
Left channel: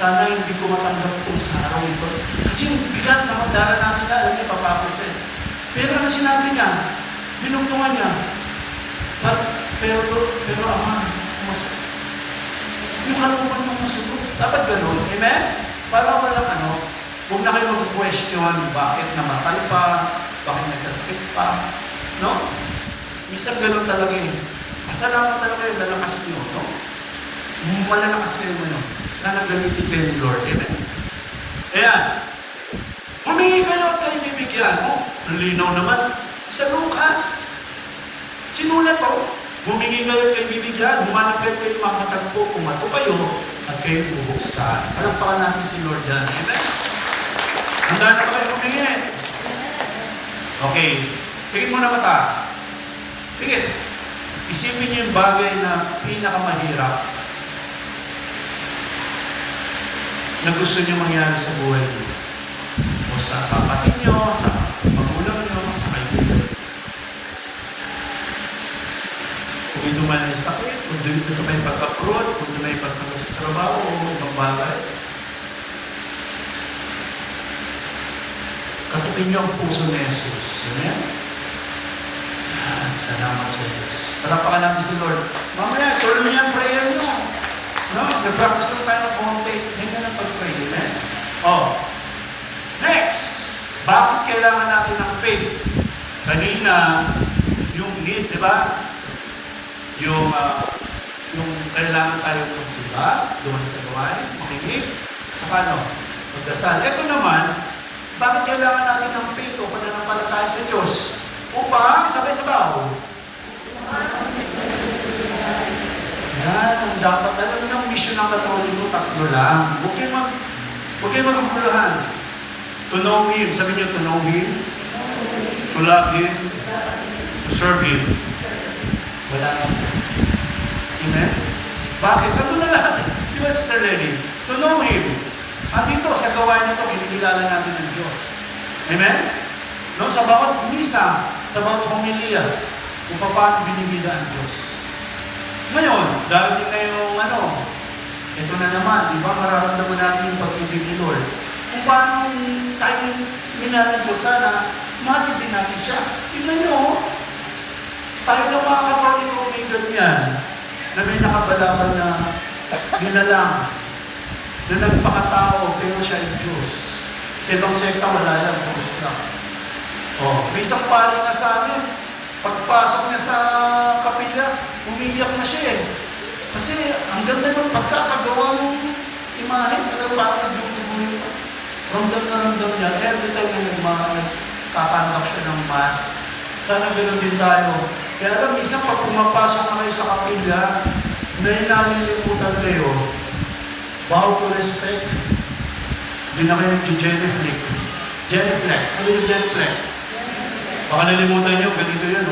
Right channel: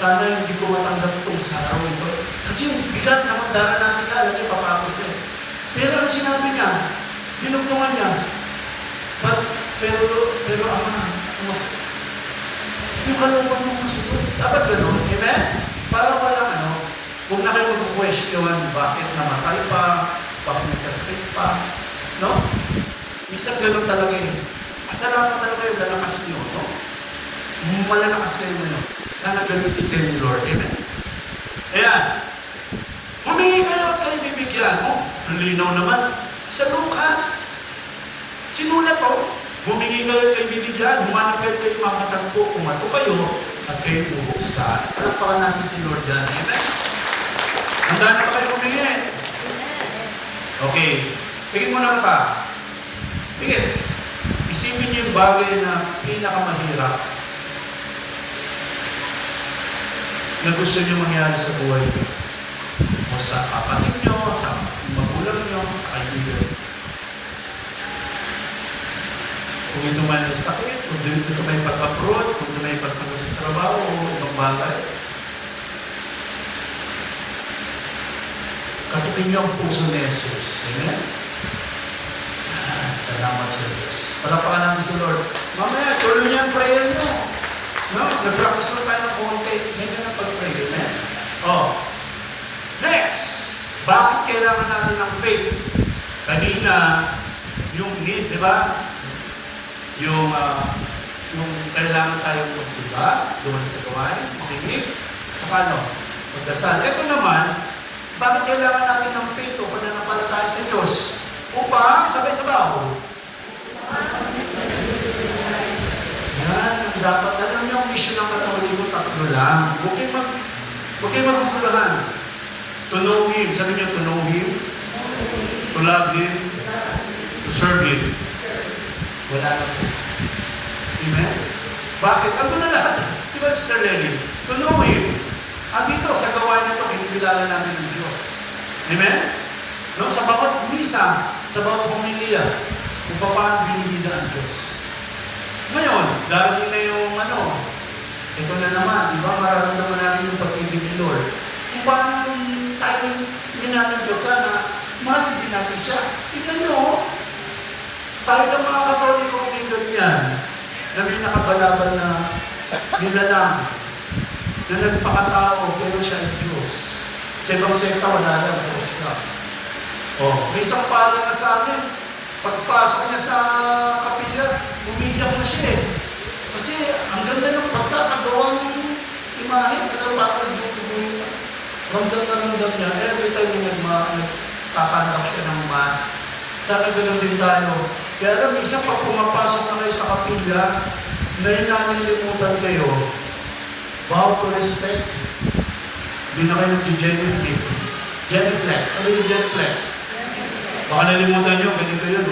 sana hindi ko matanggap itong sa araw ito. Kasi yung bigat na magdaranasan ka, alam niya, papapos eh. Pero ano sinabi niya? Dinugtungan niya. Pero Ama, yung kalooban mong masuko. Dapat ganun. Amen? Para walang huwag na kayo mag-question, bakit namatay pa, bakit nagkasakit pa. No? Minsan ganun talaga eh. Asalamat talaga yung lalakas niyo. No? Malalakas kayo ngayon. Sana gamitin kayo ni Lord. Amen? Ayan. Humingi kayo at kayo bibigyan. Ang linaw naman. Sa Lucas. Sinulat ko. Humingi kayo at kayo bibigyan. Humanap kayo kayo makatagpo. Kumato kayo at kayo bubuksan. Kalakpakan natin si Lord dyan. Amen? Handa na kayo humingi. Okay. Tingin mo na mata. Tingin. Isipin niyo yung bagay na pinakamahirap na gusto niyo mangyari sa buhay niyo. O sa kapatid niyo, sa magulang niyo, sa kaibigan. Kung ito man ay sakit, kung ito may pagkaprod, kung ito may pagkaprod sa trabaho, o ibang bagay. Kaputin niyo ang puso ni Jesus. Amen? Salamat sa Diyos. Parapakan natin sa Lord. Mamaya, tuloy niya ang prayer niyo. No? Nag-practice na tayo ng konti. Ganyan ang pag-pray. Amen? Next! Bakit kailangan natin ng faith? Kanina, yung needs, diba? Yung kailangan tayo magsiba, doon sa buhay, makinig, saka magdasal. Ito naman, bakit kailangan natin ng faith o pananampalataya sa Diyos? Upang sabay-sabaw. Yan, ang dapat. Alam niyo, ang mission ng Katoliko, tatlo lang. Huwag kayo magkukulahan. To know Him. Sabi niyo, to know Him. To love Him. To serve Him. Wala lang. Amen? Bakit? Ano na lahat? Di ba, Sister Lenny? To know Him. Dito, sa gawain nito, kinikilala natin ng Diyos. Amen? No, sa bawat misa, sa bawat pamilya, kung paano binibida ang Diyos. Ngayon, dahil na yung ito na naman, di ba, mararamdaman natin yung pag-ibig ni Lord. Kung paano tayo minahal ng Diyos, sana, mahal din natin siya. Tignan nyo, kahit ang mga Katoliko may ganyan, na may nakabalaban na nilalang, na nagpakatao, pero siya ay Diyos. Sa ibang sekta, wala yan, Diyos lang. May isang pari nga sa amin, pagpasok niya sa kapila, umiiyak na siya eh. Kasi ang ganda ng pagkakagawa ng imahe, nagpapakot nagdutubo yun. Ramdam na ramdam niya, every time na nagpapandak siya ng mass, sana gano'n din tayo. Kaya alam, isang pag pumapasok na kayo sa kapila, na inanilimutan kayo, vow to respect, hindi na kayo nag-genuflect. Genuflect. Sabi yung genuflect. Baka nalimutan nyo, ganito yun,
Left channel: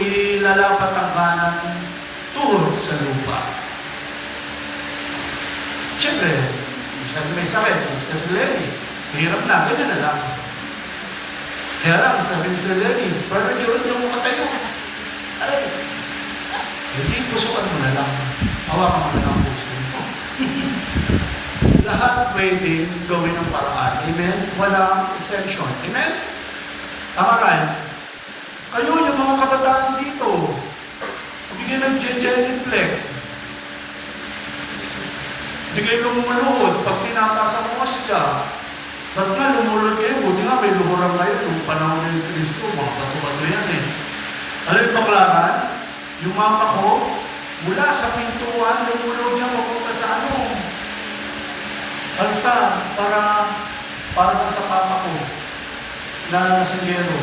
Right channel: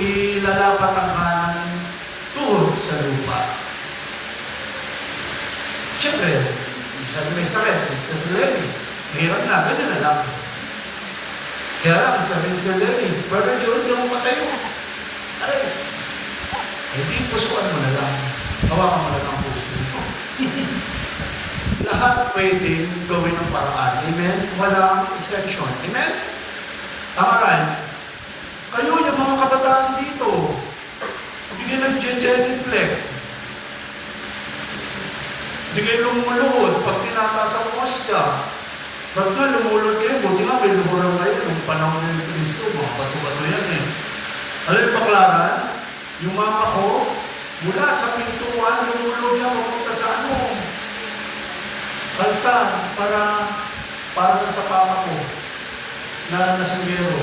ilalapat ang kanan tuhod sa lupa. Siyempre, sabi may sakit, Sister Lenny, mahirap na, ganyan na lang. Kaya lang, sabi ni Sister Lenny, Brother John, hindi mo matayo. Aray, hindi pusukan mo na lang. Hawakan mo na lang ang puso mo. Lahat pwedeng gawin ng paraan. Amen? Walang exception. Amen? Tama rin. Kayo, yung mga kabataan dito, hindi kayo nag-genuflect. Hindi kayo lumuluhod pag tinataas ang mosya. Ba't nga lumulod kayo? Buti nga may luhuran kayo nung panahon ni Kristo. Mga bato-bato yan eh. Alam yung paklaran? Yung mama ko, mula sa pintuan, lumulod niya papunta sa Alta, para sa papa ko na nasanggero.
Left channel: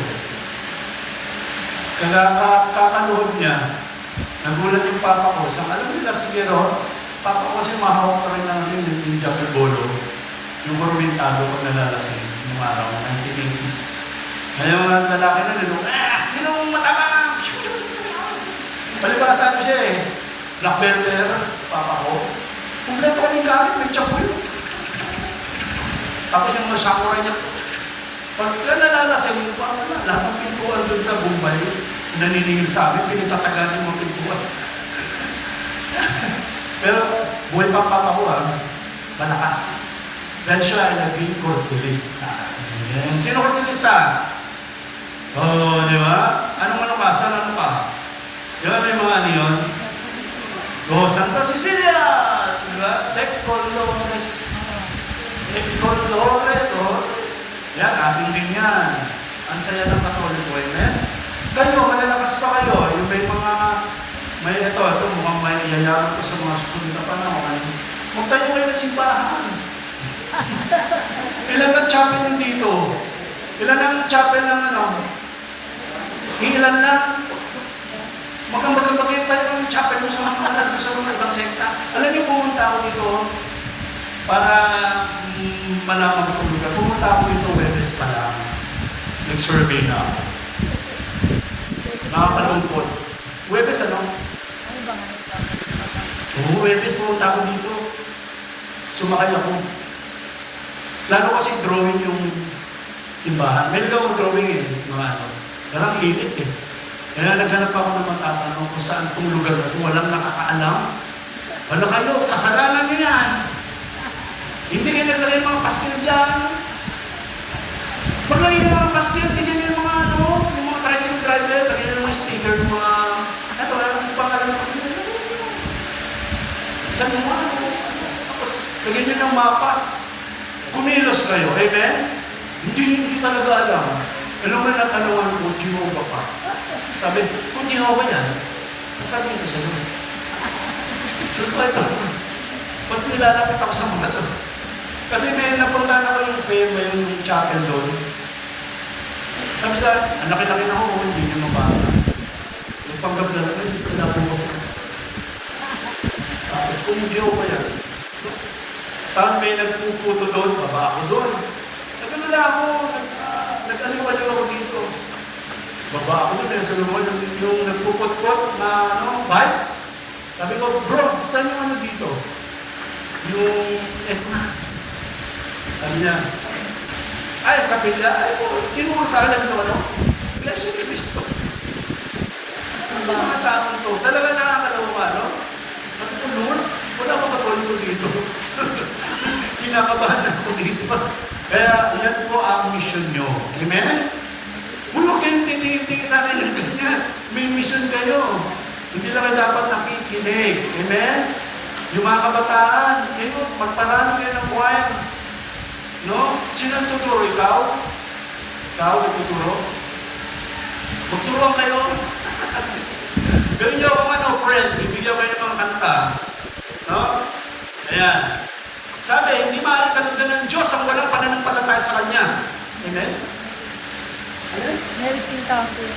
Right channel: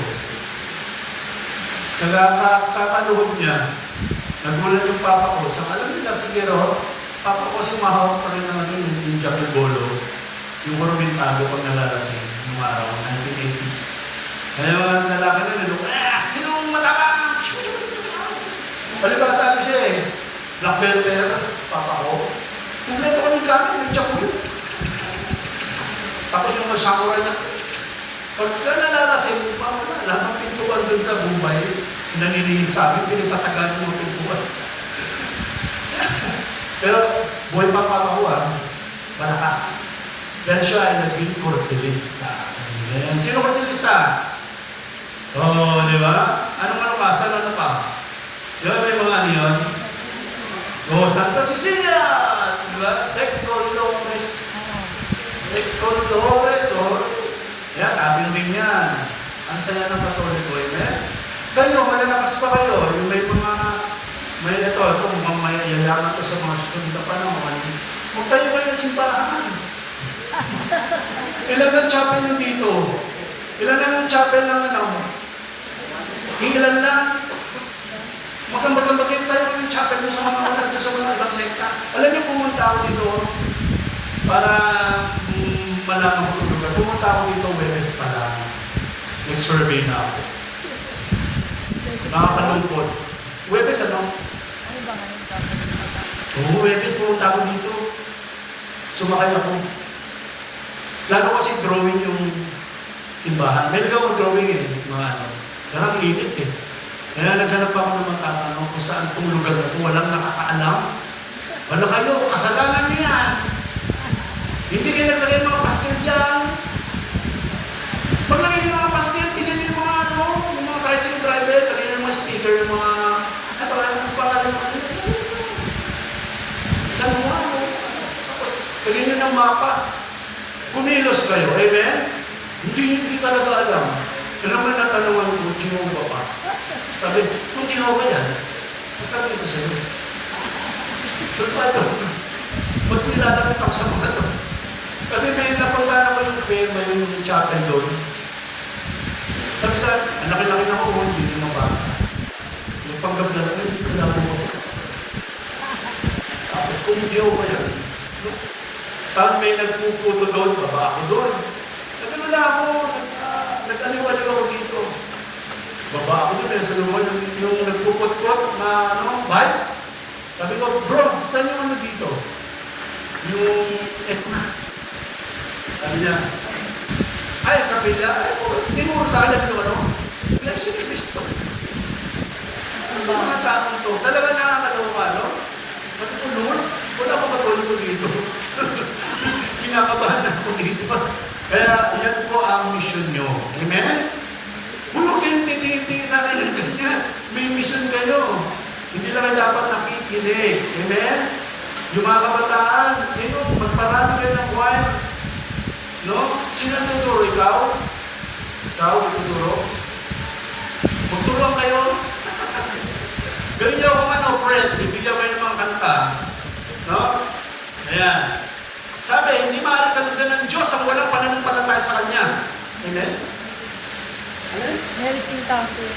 Kakaluhod niya, nagulat yung papa ko. Sa alam nila nasanggero, papa ko kasi mahawak pa rin namin yung Jackal Bolo, yung Mormentado kung nalalasing yung araw, 1980s. Ngayon, ang lalaki na nilong, sinong matapang! Palibasan ko siya eh. Black belter, papa ko. Kumpleto kami gamit, may chapoy. Tapos yung mga samurai niya, pagka nalalasing, lahat ng pintuan dun sa Bombay, nanilihil sa amin, pinatatagan ng mga pintuan. Pero Buhay pa Papa malakas. Dahil siya ay naging kursilista. Amen. Sino kursilista? Oh, di ba? Ano ka? Saan ano ka? Di ba may mga ano yun? Oh, Santa Cecilia! Di ba? Becco Dolores. Becco Dolores. Oh. Yan, akin din yan. Ang saya ng Katoliko. Amen? Kayo, malalakas pa kayo. Yung may ito, mukhang may yayaman ko sa mga susunod na panahon. Huwag tayo kayo na simbahan. Ilan ang chapel yung dito? Ilan ang chapel ng ano? Ilan lang? Magambagambagay tayo ng chapel mo sa mga ibang sekta. Alam niyo, pumunta ako dito para malaman ko lugar. Pumunta ako dito, Webes pa lang. Nag-survey na ako. Nakakalungkot. Webes ano? Ano ba ngayon kapag Oo, Webes pumunta ako dito. Sumakay ako. Lalo kasi drawing yung simbahan. May nagawa akong drawing yung mga ano. Parang lilit Kaya naghanap ako ng mga tatanong kung saan itong lugar na kung walang nakakaalam. Wala kayo, kasalanan nyo yan. Hindi kayo naglagay mga pastil dyan. Maglagay ng mga pastil, bigyan yung mga ano, yung mga tricycle driver, lagyan ng mga sticker, yung mga, ano, yung pangalan ng isang mga ano. Tapos, lagyan nyo ng mapa. Kumilos kayo, amen? Hindi talaga alam. Alam mo natanungan ko, Jehovah pa. Sabi, kung Jehovah yan, sabi ko sa'yo. Sure pa ito. Ba't nilalapit ako sa mga ito? Kasi may napunta na ko yung firma, yung chapel doon. Sabi sa, ang laki-laki na ako kung hindi niyo mababa. Yung panggaglan ko, hindi ko lang mo. Kung Jehovah yan. Tapos may nagpuputo doon, baba ako doon. Nagkamala ako, nag-aliwaliw ako dito. Baba ako doon, sa naman yung nagpupot-pot na bike. Sabi ko, bro, saan yung ano dito? Yung Etna. Sabi niya, ay, kapilya, ay, tinuro sa alam ito, ano? Iglesia ni Cristo. Ang mga taong to, talaga nakakalawa, no? Sabi ko, Lord, wala akong Katoliko dito. Pinakabahan ako dito. Kaya yan po ang mission nyo. Amen? Huwag kayong tinitingin sa akin ng ganyan. May mission kayo. Hindi lang kayo dapat nakikinig. Amen? Yung mga kabataan, kayo, magparano kayo ng choir. No? Sino tuturo? Ikaw? Ikaw, tuturo? Magturo kayo. Gawin niyo ako ano, friend. Ibigyan kayo ng mga kanta. No? Ayan. Sabi, hindi maaaring kanugan ng Diyos ang walang pananampalataya sa Kanya. Amen? Amen? marriage encounter?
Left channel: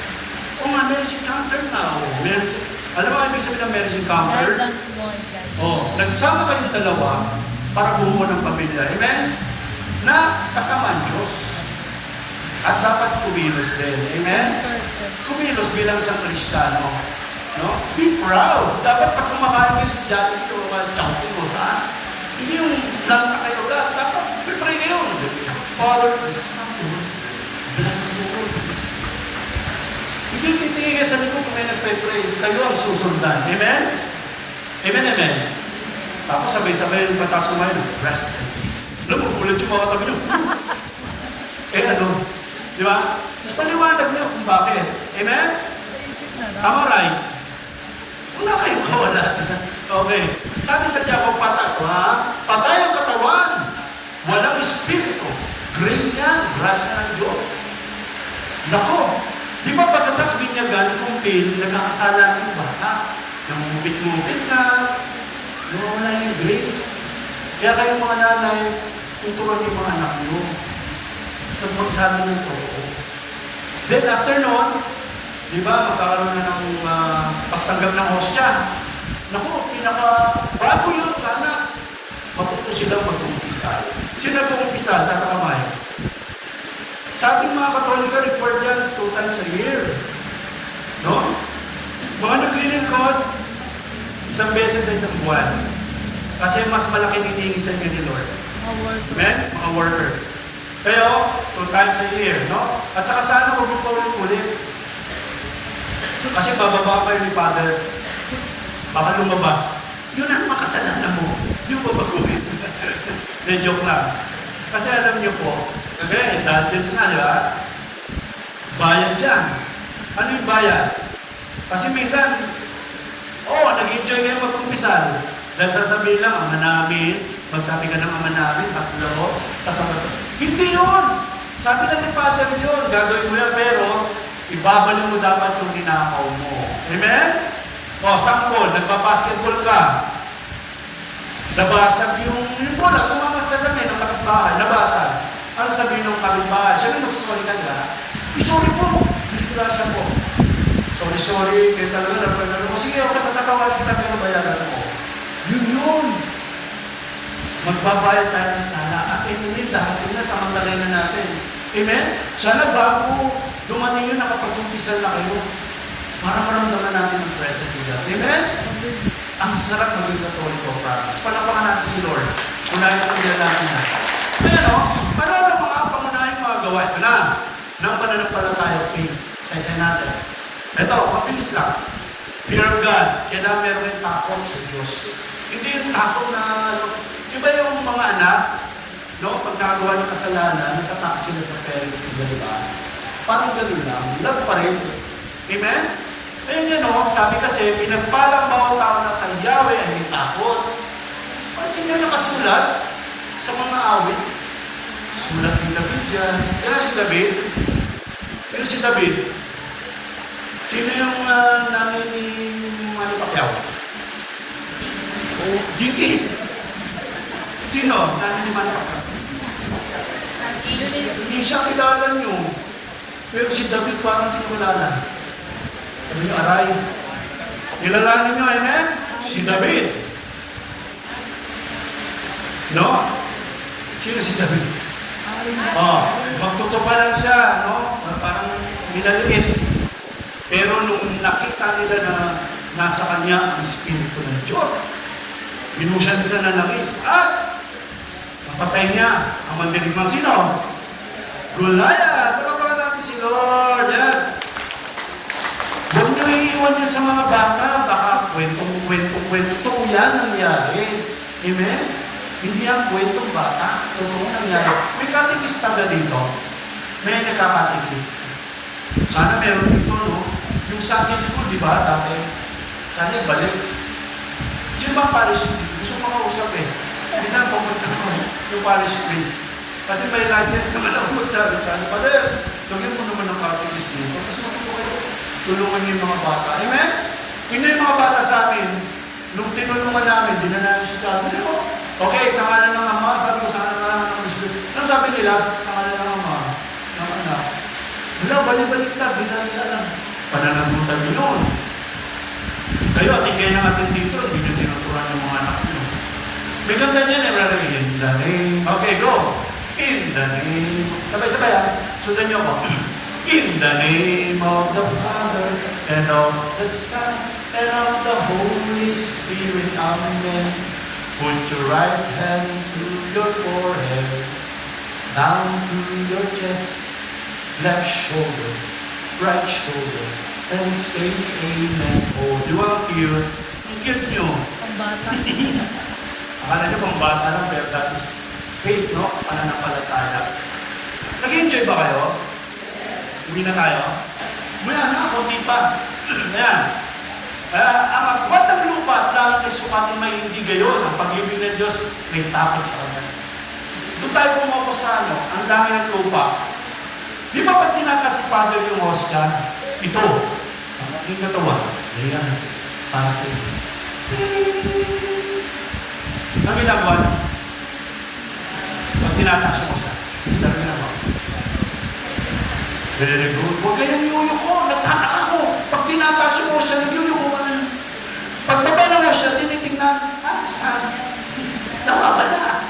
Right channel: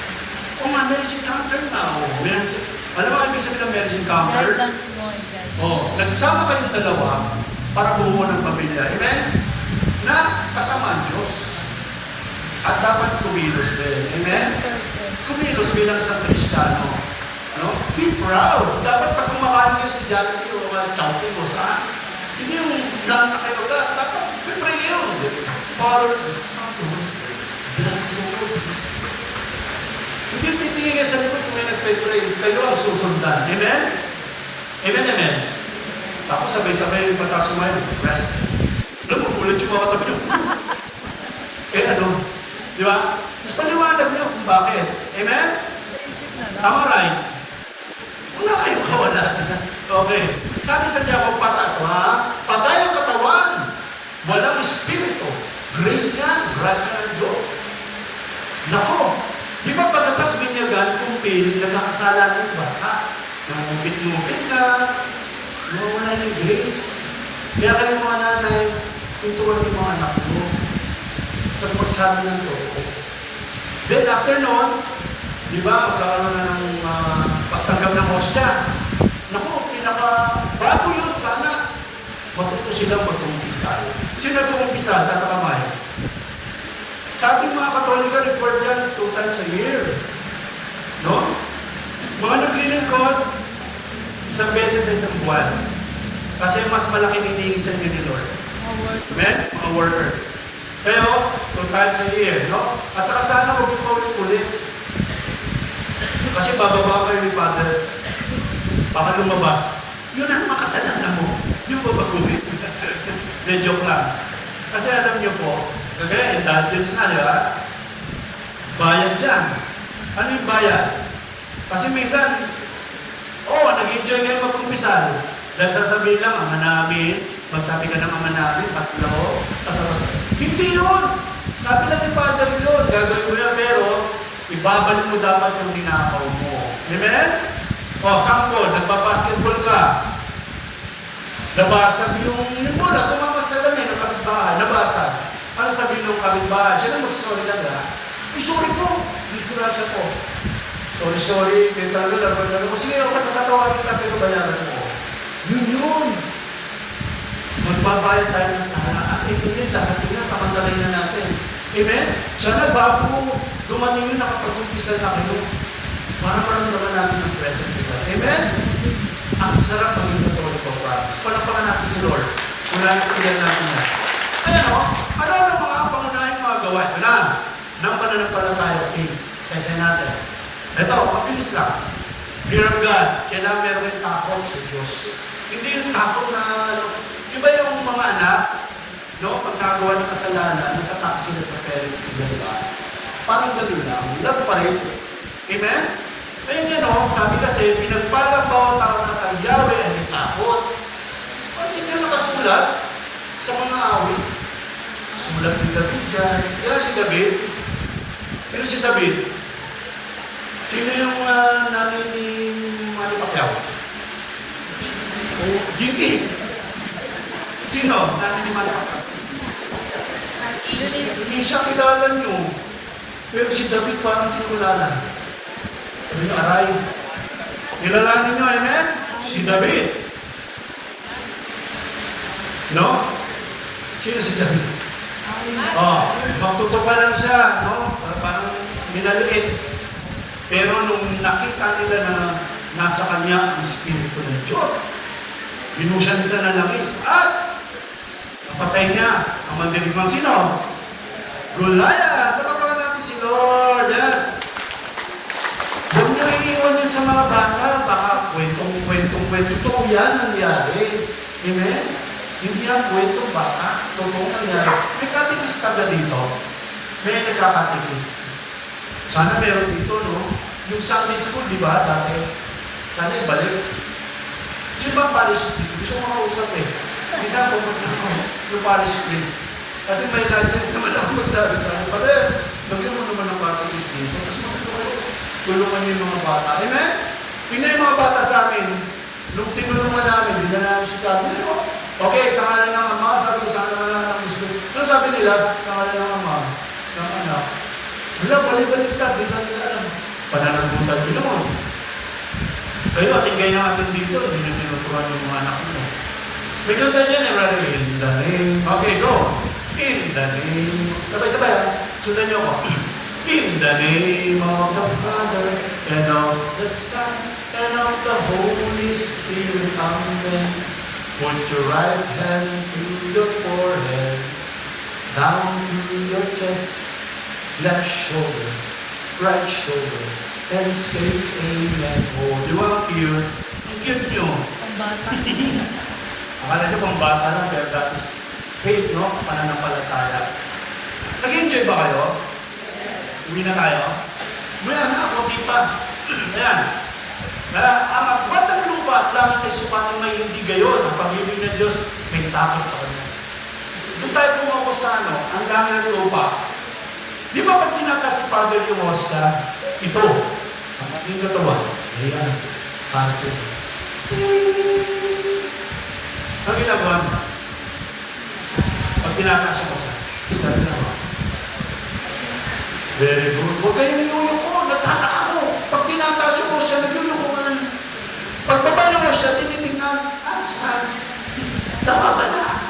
Oo nga, marriage encounter na. Alam mo, ibig sabihin ng marriage encounter? Guidance mo and guidance. Nagsama kayong dalawa para bumuo ng pamilya. Amen? Na kasama ang Diyos. At dapat kumilos din. Amen? Kumilos bilang isang Kristiyano. No? Be proud. Dapat pag kumakain kayo sa Jollibee o Chowking o saan, hindi yung lang na kayo lang. Dapat pipray kayo. Father, the Son, the Holy Spirit, bless the Lord, bless the Lord. Hindi titingin kayo sa likod kung may nagpray-pray. Kayo ang susundan. Amen? Amen, amen. Tapos sabay-sabay yung batas sumayon. Bless and peace. Alam mo, ulit yung mga tabi nyo. Ano? Di ba? Mas paliwanag niyo kung bakit. Amen? Isip na lang. Tama right? Wala kayong kawala. Okay. Sabi sa Diyan, patay ko ha? Patay ang katawan. Walang espiritu. Grace yan. Grasya ng Diyos. Nako. Di ba pagkatas binyagan, kumpil, nagkakasala ng bata. Namupit-mupit na. Nawala yung grace. Kaya kayo mga nanay, tuturuan yung mga anak nyo sa magsabi ng totoo. Then after noon, di ba, magkakaroon na ng pagtanggap ng hostya. Naku, bago yun sana, matuto sila mag-umpisa. Sino mag-umpisa? Nasa kamay. Sabi mga Katolika, required yan 2 times a year. No? Mga naglilingkod, isang beses sa isang buwan. Kasi mas malaki hinihingisan niyo ni Lord. Amen? Mga workers. Pero, 2 times a year, no? At saka sana huwag yung ulit-ulit. Kasi bababa kayo ni Father. Baka lumabas. Yun ang makasalanan mo. Hindi po baguhin. Medyo lang. Kasi alam niyo po, kagaya indulgence na, di ba? Bayad dyan. Ano yung bayad? Kasi minsan, nag-enjoy kayo mag-umpisal. Dahil sasabihin lang, ama namin, magsabi ka ng ama namin, tatlo, kasama. Hindi yun! Sabi lang ni Father yun, gagawin mo yan, pero ibabalik mo dapat yung ninakaw mo. Amen? Sample, nagpa-basketball ka. Nabasag yung bola, tumamas sa dami ng kapitbahay, nabasag. Ano sabihin ng kapitbahay? Siya na mag-sorry na nga. Sorry po, disgrasya po. Sorry, kaya talaga napagano ko. Sige, okay, matatawag kita, pero bayaran mo. Yun. Magbabayad tayo ng sana. At ito din, dahating na, samantalay na natin. Amen? Sana bago dumating yun, nakapag-umpisal na kayo. Para maramdaman natin ang presence ni God. Amen? Ang sarap maging Katoliko, promise. Palapakan natin si Lord. Unahin ko yan natin na. Pero, ano ang mga pangunahing mga gawain? Nang pananampalataya, isa-isa natin. Ito, mabilis lang. Fear of God. Kailangan meron yung takot sa Diyos. Hindi yung takot na, iba yung mga anak, no? Pag nagawa ng kasalanan, natatakot sila sa parents nila, diba? Parang gano'n lang. Love pa rin. Amen? Ayun yan, no? Sabi kasi, pinagpalang bawat tao ng tagyawe ay may takot. Pati nyo nakasulat sa mga awit. Sulat ni David yan. Kaya si David, pero si David, sino yung nanay ni Manny Pacquiao? Gigi. Sino? Nanay ni Manny Pacquiao. Hindi siya kilala nyo. Pero si David parang kinulala. Sabi nyo, aray. Nilalanin nyo, amen? Si David. No? Sino si David? Magtutupa lang siya, no? Parang nilaliit. Pero nung nakita nila na nasa kanya ang Espiritu ng Diyos, binusyan siya ng langis at napatay niya ang mandirigmang sino? Goliath! Palapakan natin si Lord. Yan. Huwag na iiwan niya sa mga bata. Baka kwentong-kwento. Ito yan nangyari. Amen? Hindi ang kwentong bata. Totoo nangyari. May katikista ba dito? May nagkakatikista. Sana meron dito, no? Yung Sunday school, di ba, dati? Sana ibalik. Di ba parish priest? Gusto ko makausap eh. Minsan pupunta ko yung parish priest. Kasi may license naman ako magsabi sa akin, Father, lagyan mo naman ng parish dito. Tapos tulungan niyo yung mga bata. Amen? Tingnan yung mga bata sa amin. Nung tinulungan namin, di na namin siya. Okay, sa ngalan ng Ama, sabi ko sa ngalan ng Espiritu. Ano sabi nila? Sa ngalan ng Ama, ng Anak. Wala, balik-balik ka, di na nila alam. Pananagutan yun. Kayo, atingay na natin dito, hindi nyo tinuturan yung mga anak nyo. May ganda niyan eh, brother. In the name. Okay, go. In the name. Sabay-sabay ha. Sundan niyo ako. In the name of the Father, and of the Son, and of the Holy Spirit. Amen. Put your right hand to your forehead, down to your chest, left shoulder, right shoulder, and say amen. Oh, di ba cute? Ang cute nyo. Ang bata. Akala nyo pang bata lang, pero that is faith, no? Pananampalataya. Nag-enjoy ba kayo? Uwi na tayo? Mula na ako, di pa. Ayan. Ang akbat ng lupa at lahat ay sukat may hindi gayon. Ang pag-ibig ng Diyos, may takot sa Kanya. Doon tayo pumapos sa ang dami ng lupa. Di ba pag tinakas si Father yung hostia? Ito, ang ating katawan. Ayan, para sa inyo. Ang ginagawa, pag tinakas yung hostia, isa ginagawa. Very good. Huwag kayong yuyuko. Nagtataka ko. Pag tinakas yung hostia, nagyuyuko ka na. Pag baba ng hostia, tinitingnan, saan? Nawawala.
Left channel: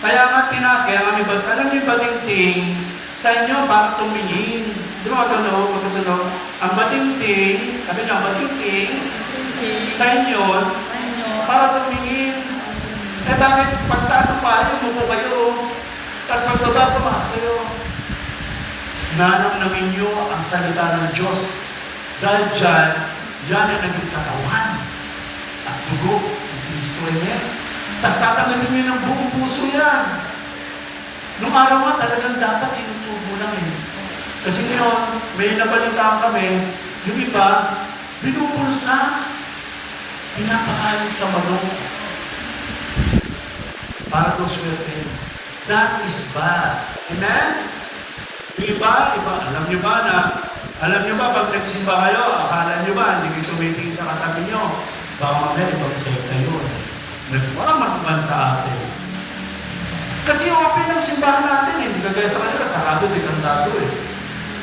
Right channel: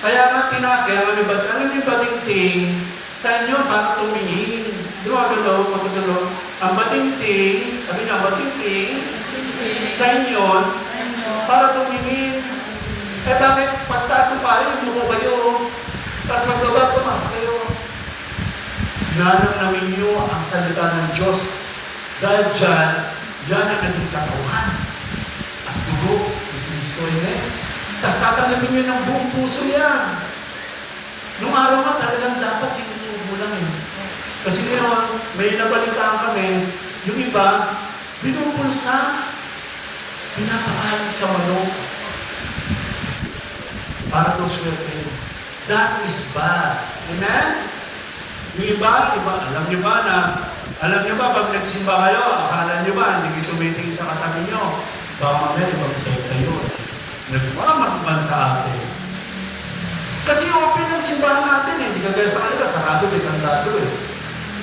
Kaya nga tinakas, kaya nga may bating. Alam may bating-ting, sa inyo, para tumingin. Di ba magkatulog? Ang bating-ting, sabi nga, bating-ting, sa inyo, para tumingin. Eh bakit pagtaas mo pare, umupo kayo. Tapos pagbaba, tumaas kayo. Nanang naminyo ang salita ng Diyos. Dahil dyan ay naging katawan. At dugo ng Kristo. Amen? Tapos tatanggalin nyo ng buong puso yan. Nung araw nga talagang dapat sinutubo lang eh. Kasi ngayon, may nabalitaan kami, yung iba, binupulsa, pinapakain sa manok. Para kung swerte. That is bad. Amen? Yung iba, alam niyo ba, pag nagsimba kayo, akala niyo ba, hindi kayo tumitingin sa katabi niyo. Baka mamaya, ibang-save kayo. Nagmamagman sa atin. Kasi open ang simbahan natin eh. Hindi kagaya sa kanila, sarado, may kandado eh.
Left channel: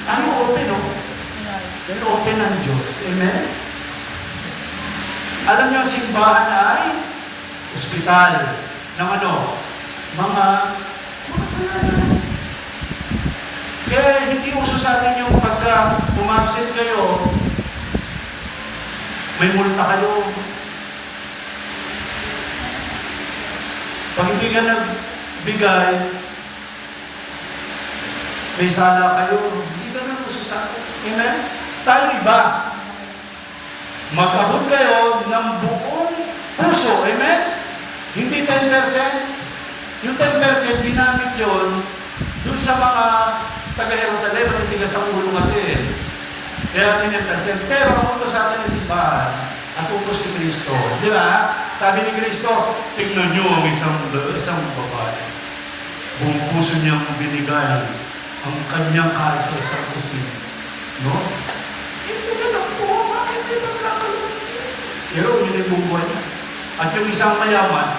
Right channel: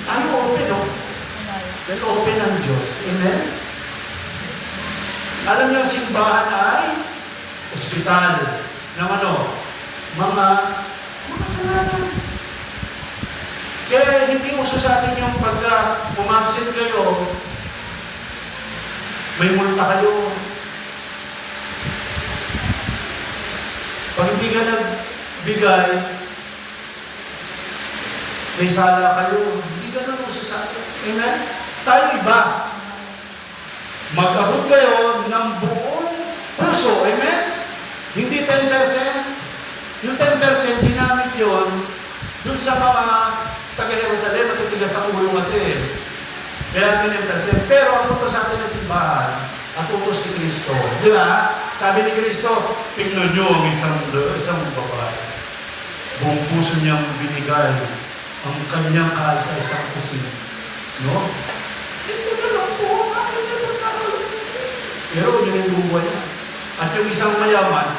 Tayo open, no? Pero open ang Diyos. Amen? Alam niyo, ang simbahan ay ospital ng ano? Mga kasalanan. Kaya hindi uso sa atin yung pagka umabsent kayo, may multa kayo. Pag hindi ka nagbigay, may sala kayo. Hindi ka na uso sa atin. Amen? Tayo iba. Mag-abot kayo ng buong puso. Amen? Hindi 10%. Yung 10% ginamit yun dun sa mga taga-Jerusalem at titigas sa ulo kasi. Kaya 10%. Pero ang utos sa atin ng simbahan, ang utos ni Kristo. Di ba? Sabi ni Kristo, tignan nyo ang isang babae. Buong puso niyang binigay ang kanyang kaisa-isang pusin. No? Ito ba lang po? Bakit may magkakaroon? Pero yun yung bubuhay na. At yung isang mayaman,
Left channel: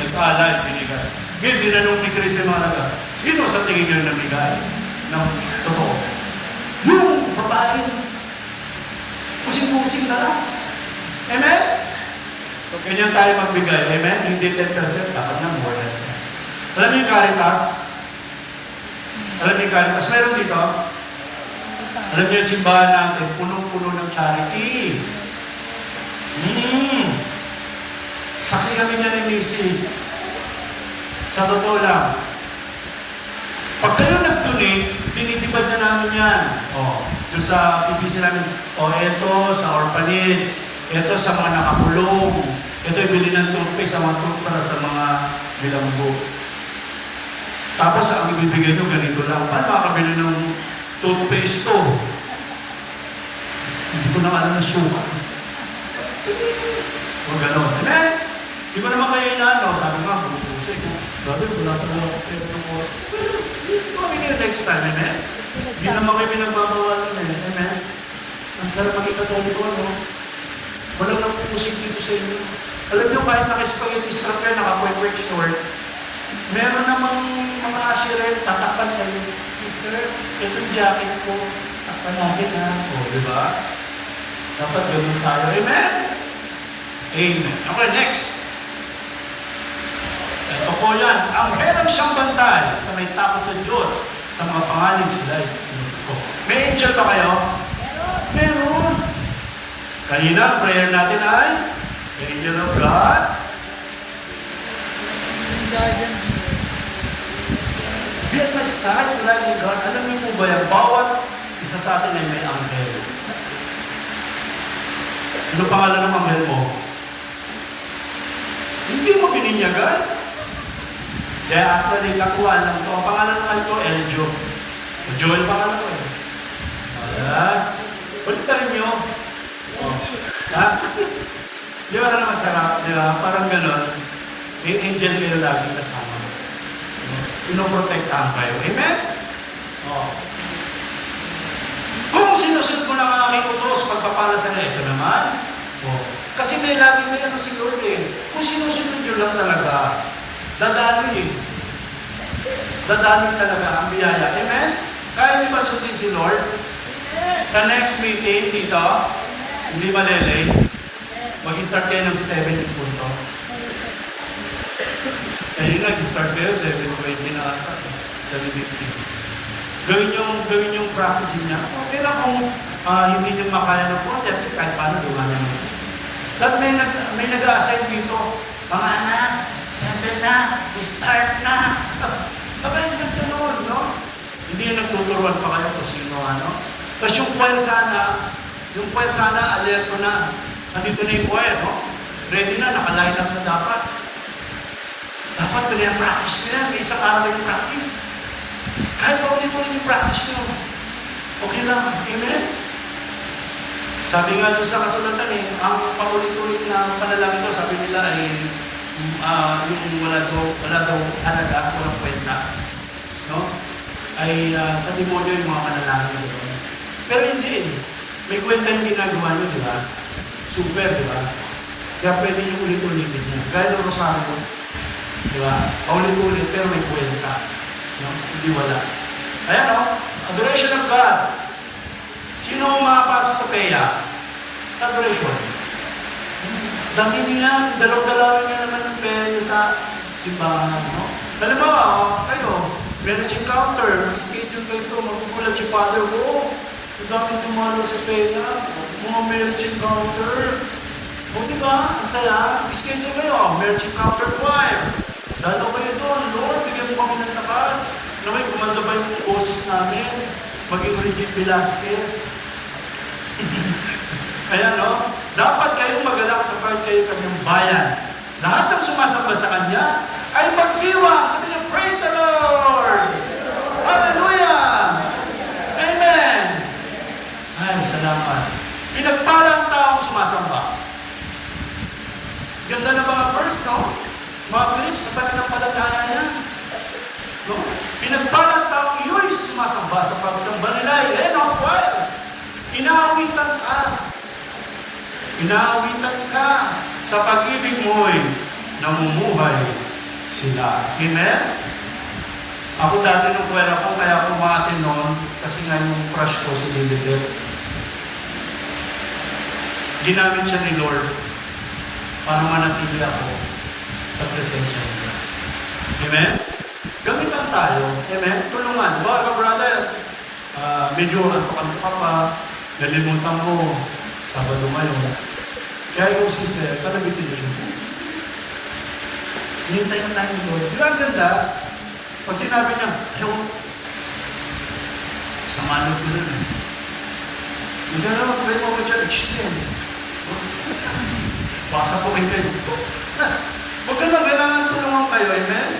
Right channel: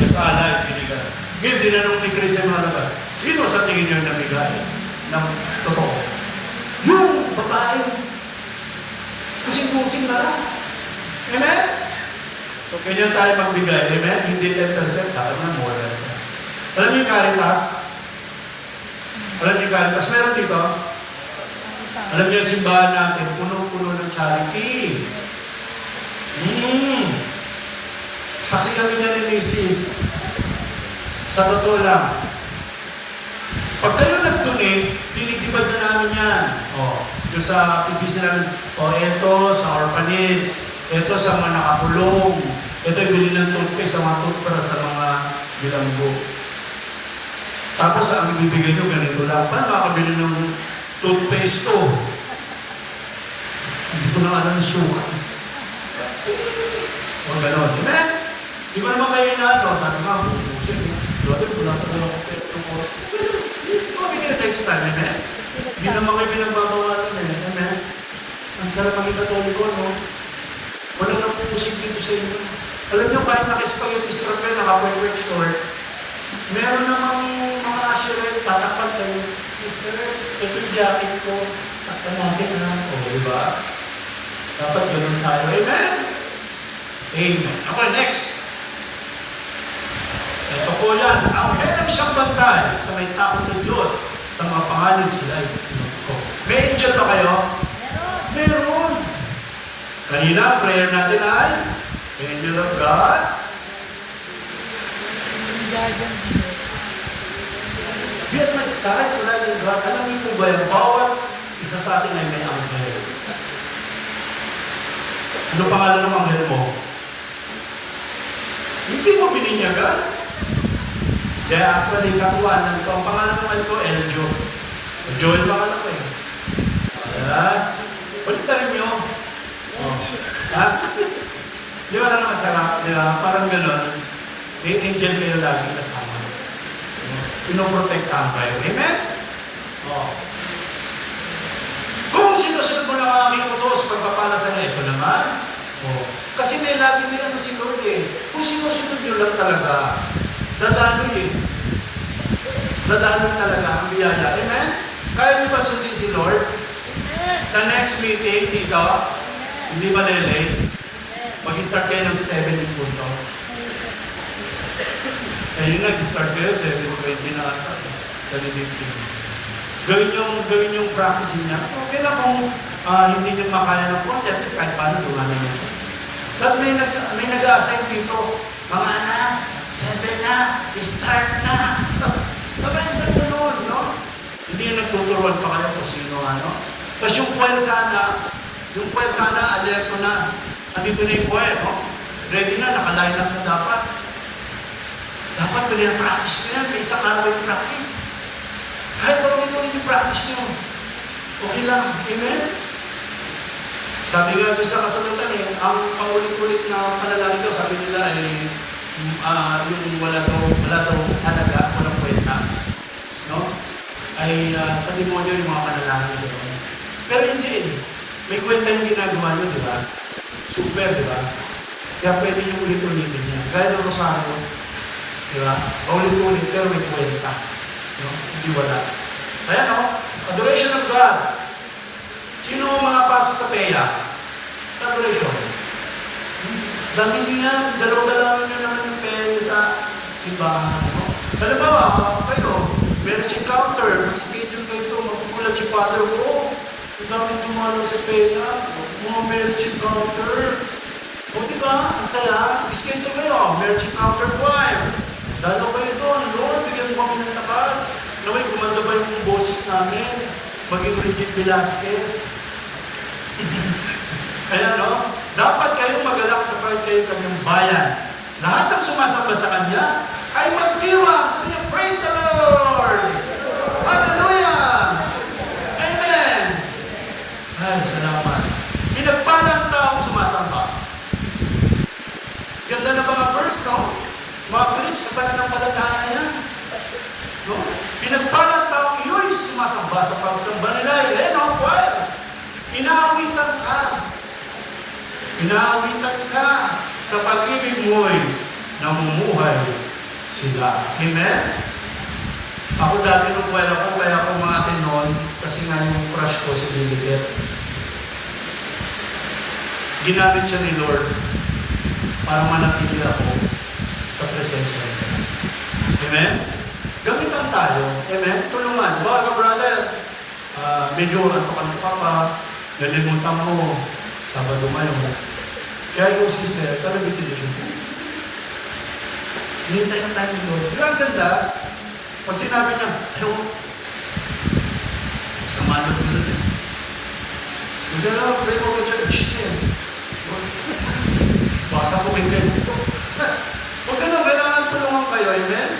nag-alay, binigay. Ngayon, dinanong ni Kristo yung mga naga, sino sa tingin nyo namigay ng totoo? Yung babaeng pusing-pusing na lang. Amen? So, ganyan tayo magbigay. Amen? Hindi 10%, dapat na more than that. Alam niyo yung Caritas? Alam niyo yung Caritas? Meron dito? Alam niyo yung simbahan natin, puno-puno ng charity. Saksi kami niya ni Mrs. Sa totoo lang. Pag kayo nag-donate, dinidibad na namin yan. Yung sa PPC namin, eto sa orphanage, eto sa mga nakakulong, eto ibili ng toothpaste sa mga toothbrush sa mga bilanggo. Tapos ang ibibigay nyo, ganito lang. Paano makakabili ng toothpaste to? Hindi ko na alam na sukat. O gano'n. Amen? Di ba naman kayo na, sabi nga, bubusay ko. Brother, wala ka naman ako pwede ng buwas. Hindi naman kayo next time, amen? Hindi naman kayo pinagbabawalan, amen? Ang sarap maging katoliko, no? Walang napupusin dito sa inyo. Alam niyo, kahit naka-spaghetti strap kayo, naka-quick short, meron namang mga ashirin, tatakpan kayo. Sister, ito yung jacket ko. Takpan natin, ha? O, di ba? Dapat gano'n tayo. Amen? Amen. Okay, next. Ito po yan. Ang meron siyang bantay sa may takot sa Diyos, sa mga pangalan sila. May angel ba kayo? Meron. Kanina, prayer natin ay Angel of God. Guardian angel. Be at my side, like God. Alam niyo po ba yan? Bawat isa sa atin ay may anghel. Ano pangalan ng anghel mo? Hindi mo bininyagan. Kaya actually, nakuha ng ito. Ang pangalan naman ito, Eljo. Joel pangalan ko eh. Balik pa rin nyo. Ha? Di ba lang masarap nila? Parang gano'n. May angel mo yung lagi kasama. Pinoprotektahan kayo. Amen? Kung sinusunod mo ng aking utos, pagpapala sa na ito naman. Kasi may lagi may ano si Lord eh. Kung sinusunod nyo lang talaga, dadaloy eh. Dadaloy talaga ang biyaya. Amen? Kaya niyo ba sundin si Lord? Sa next meeting dito, hindi ba lele? Mag-start kayo ng 7 yung punto. Kaya nag-start kayo, 7:20 na 7:15. Gawin yung practice niya. Okay na kung hindi niyo makaya ng punto, at least kahit paano gawa na niya. Dahil may nag-a-assign dito, mga anak, 7 na, start na. Baka yung nagtanong, no? Hindi yung nagtuturuan pa kayo kung sino, ano? Tapos yung kwel sana, alerto na. Andito na yung choir, no? ready na, nakaline up na dapat. Dapat practice na yan, may isang araw yung practice. Kahit ulit-ulit yung practice nyo, okay lang, amen? Sabi nga doon sa kasulatan ang paulit-ulit na panalangin daw, sabi nila yung wala daw halaga, walang kwenta. No? Sa demonyo yung mga panalangin doon. Pero hindi, may kwenta yung ginagawa nyo, di ba? Super, di ba? Kaya pwede nyo ulit-ulitin na. Gaya ng rosaryo, di ba? Ulit-ulit, pero may kwenta. No? Hindi wala. Ayan, no? Adoration of God. Sino makapasok sa peya? Sa adoration. Dami niya, dalaw-dalawin niya naman yung peya sa simbahan. No? Halimbawa, kayo, marriage encounter, mag-schedule kayo ito, magkukulat si Father ko, gamit kumalo sa peya, mga marriage encounter. O diba, ang saya, schedule kayo, marriage encounter 5. Lalo kayo doon, Lord, bigyan mo kami ng takas. Naway, kumanda ba yung boses namin? Maging Regine Velasquez. Kaya no, dapat kayong magalak sa kayo kanyang bayan. Lahat ng sumasamba sa Kanya ay magdiwang sa kanyang praise the Lord! Hallelujah! Amen! Ay, salamat. Pinagpala ang taong sumasamba. Ganda ng mga verse, no? Mga clips sa pananampalataya. No? Pinagpala ang taong iyo'y sumasamba sa pagsamba nila. No? Inaawitan ka. Inaawitan ka sa pag-ibig mo'y namumuhay sila. Amen? Ako dati nung pwera ko, kaya kumatin noon, kasi nga yung crush ko si Lilibet. Ginamit siya ni Lord para manatili ako sa presensya niya. Amen? Gamitan tayo. Amen? Tulungan. Mga ka-brother, medyo antok-antok ka pa, nalimutan mo, Sabado ngayon. Kaya yung sister, talagitin mo siya. Hinintay na tayo ng Lord. Diba ang ganda? Pag sinabi niya, samanod mo doon. Hindi na lang, pwede ko ka dyan, wasa ko kayo kayo. Huwag ka na, kailangan tulungan kayo, amen?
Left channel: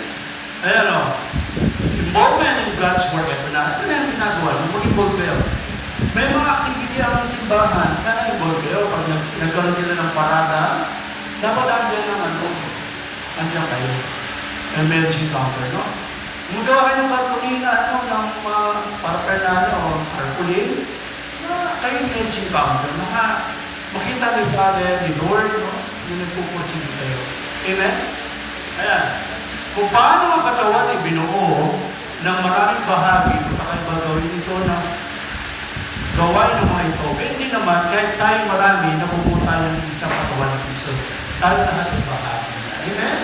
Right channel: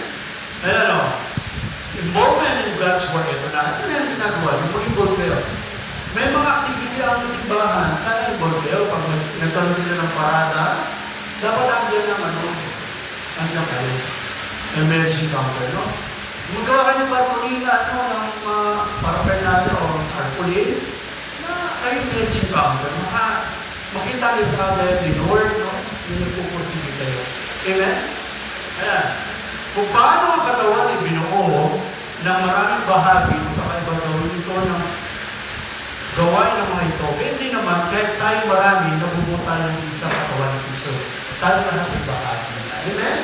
Ayan o. Involvement in God's work. Ito na yung ginagawa. Mag-involve kayo. May mga activity ang simbahan. Sana involve kayo. Pag nagkaroon sila ng parada, dapat andyan naman o. Andyan kayo. Ang marriage encounter, no? Kung gawa kayo parkulina, ng parapernalo o carpulin, na kayo marriage encounter. Makita ni Father, ni Lord, no? Yung nagpupursige kayo. Amen? Ayan. Kung paano ang katawan ay binuo ng maraming bahagi, kakaiba gawin ito ng gawain ng mga ito. Kaya hindi naman, kahit tayo marami, nabubuo tayo ng isang katawan ng Kristo. Kahit lahat ay bahagi na. Amen?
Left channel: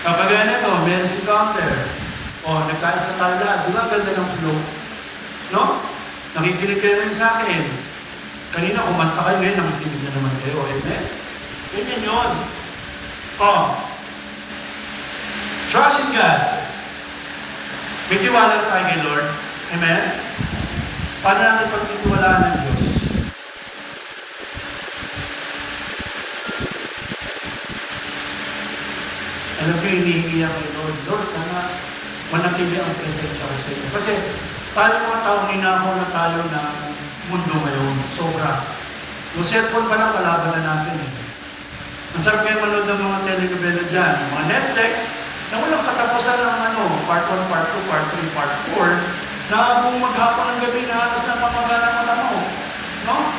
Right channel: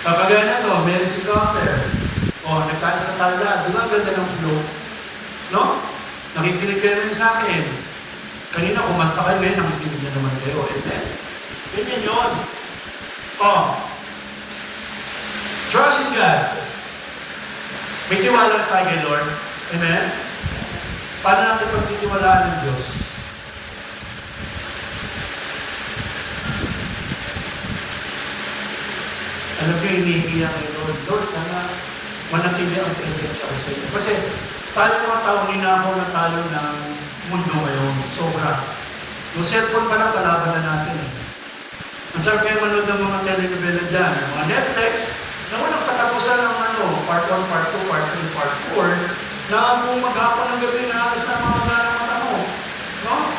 Kapag na ito, marriage encounter. O, nagkaisa tayo lahat. Di ba ang ganda ng flow? No? Nakikinig kayo rin sa akin. Kanina, kumanta kayo ngayon, nakikinig na naman kayo. Amen? Ganyan yun. O, trust in God. May tiwala tayo kay Lord. Amen? Paano natin pagtitiwalaan ng Diyos? Alam ko, hinihingi ang kay Lord. Lord, sana manatili ang presensya ko sa iyo. Kasi tayo mga tao, ninakaw na tayo ng mundo ngayon. Sobra. Yung cellphone pa lang, kalaban na natin. Ang sarap kayo manood ng mga telenovela dyan. Mga Netflix, na walang katapusan ng part 1, part 2, part 3, part 4, na kung maghapon ng gabi na halos na mamagana ng mata mo. No?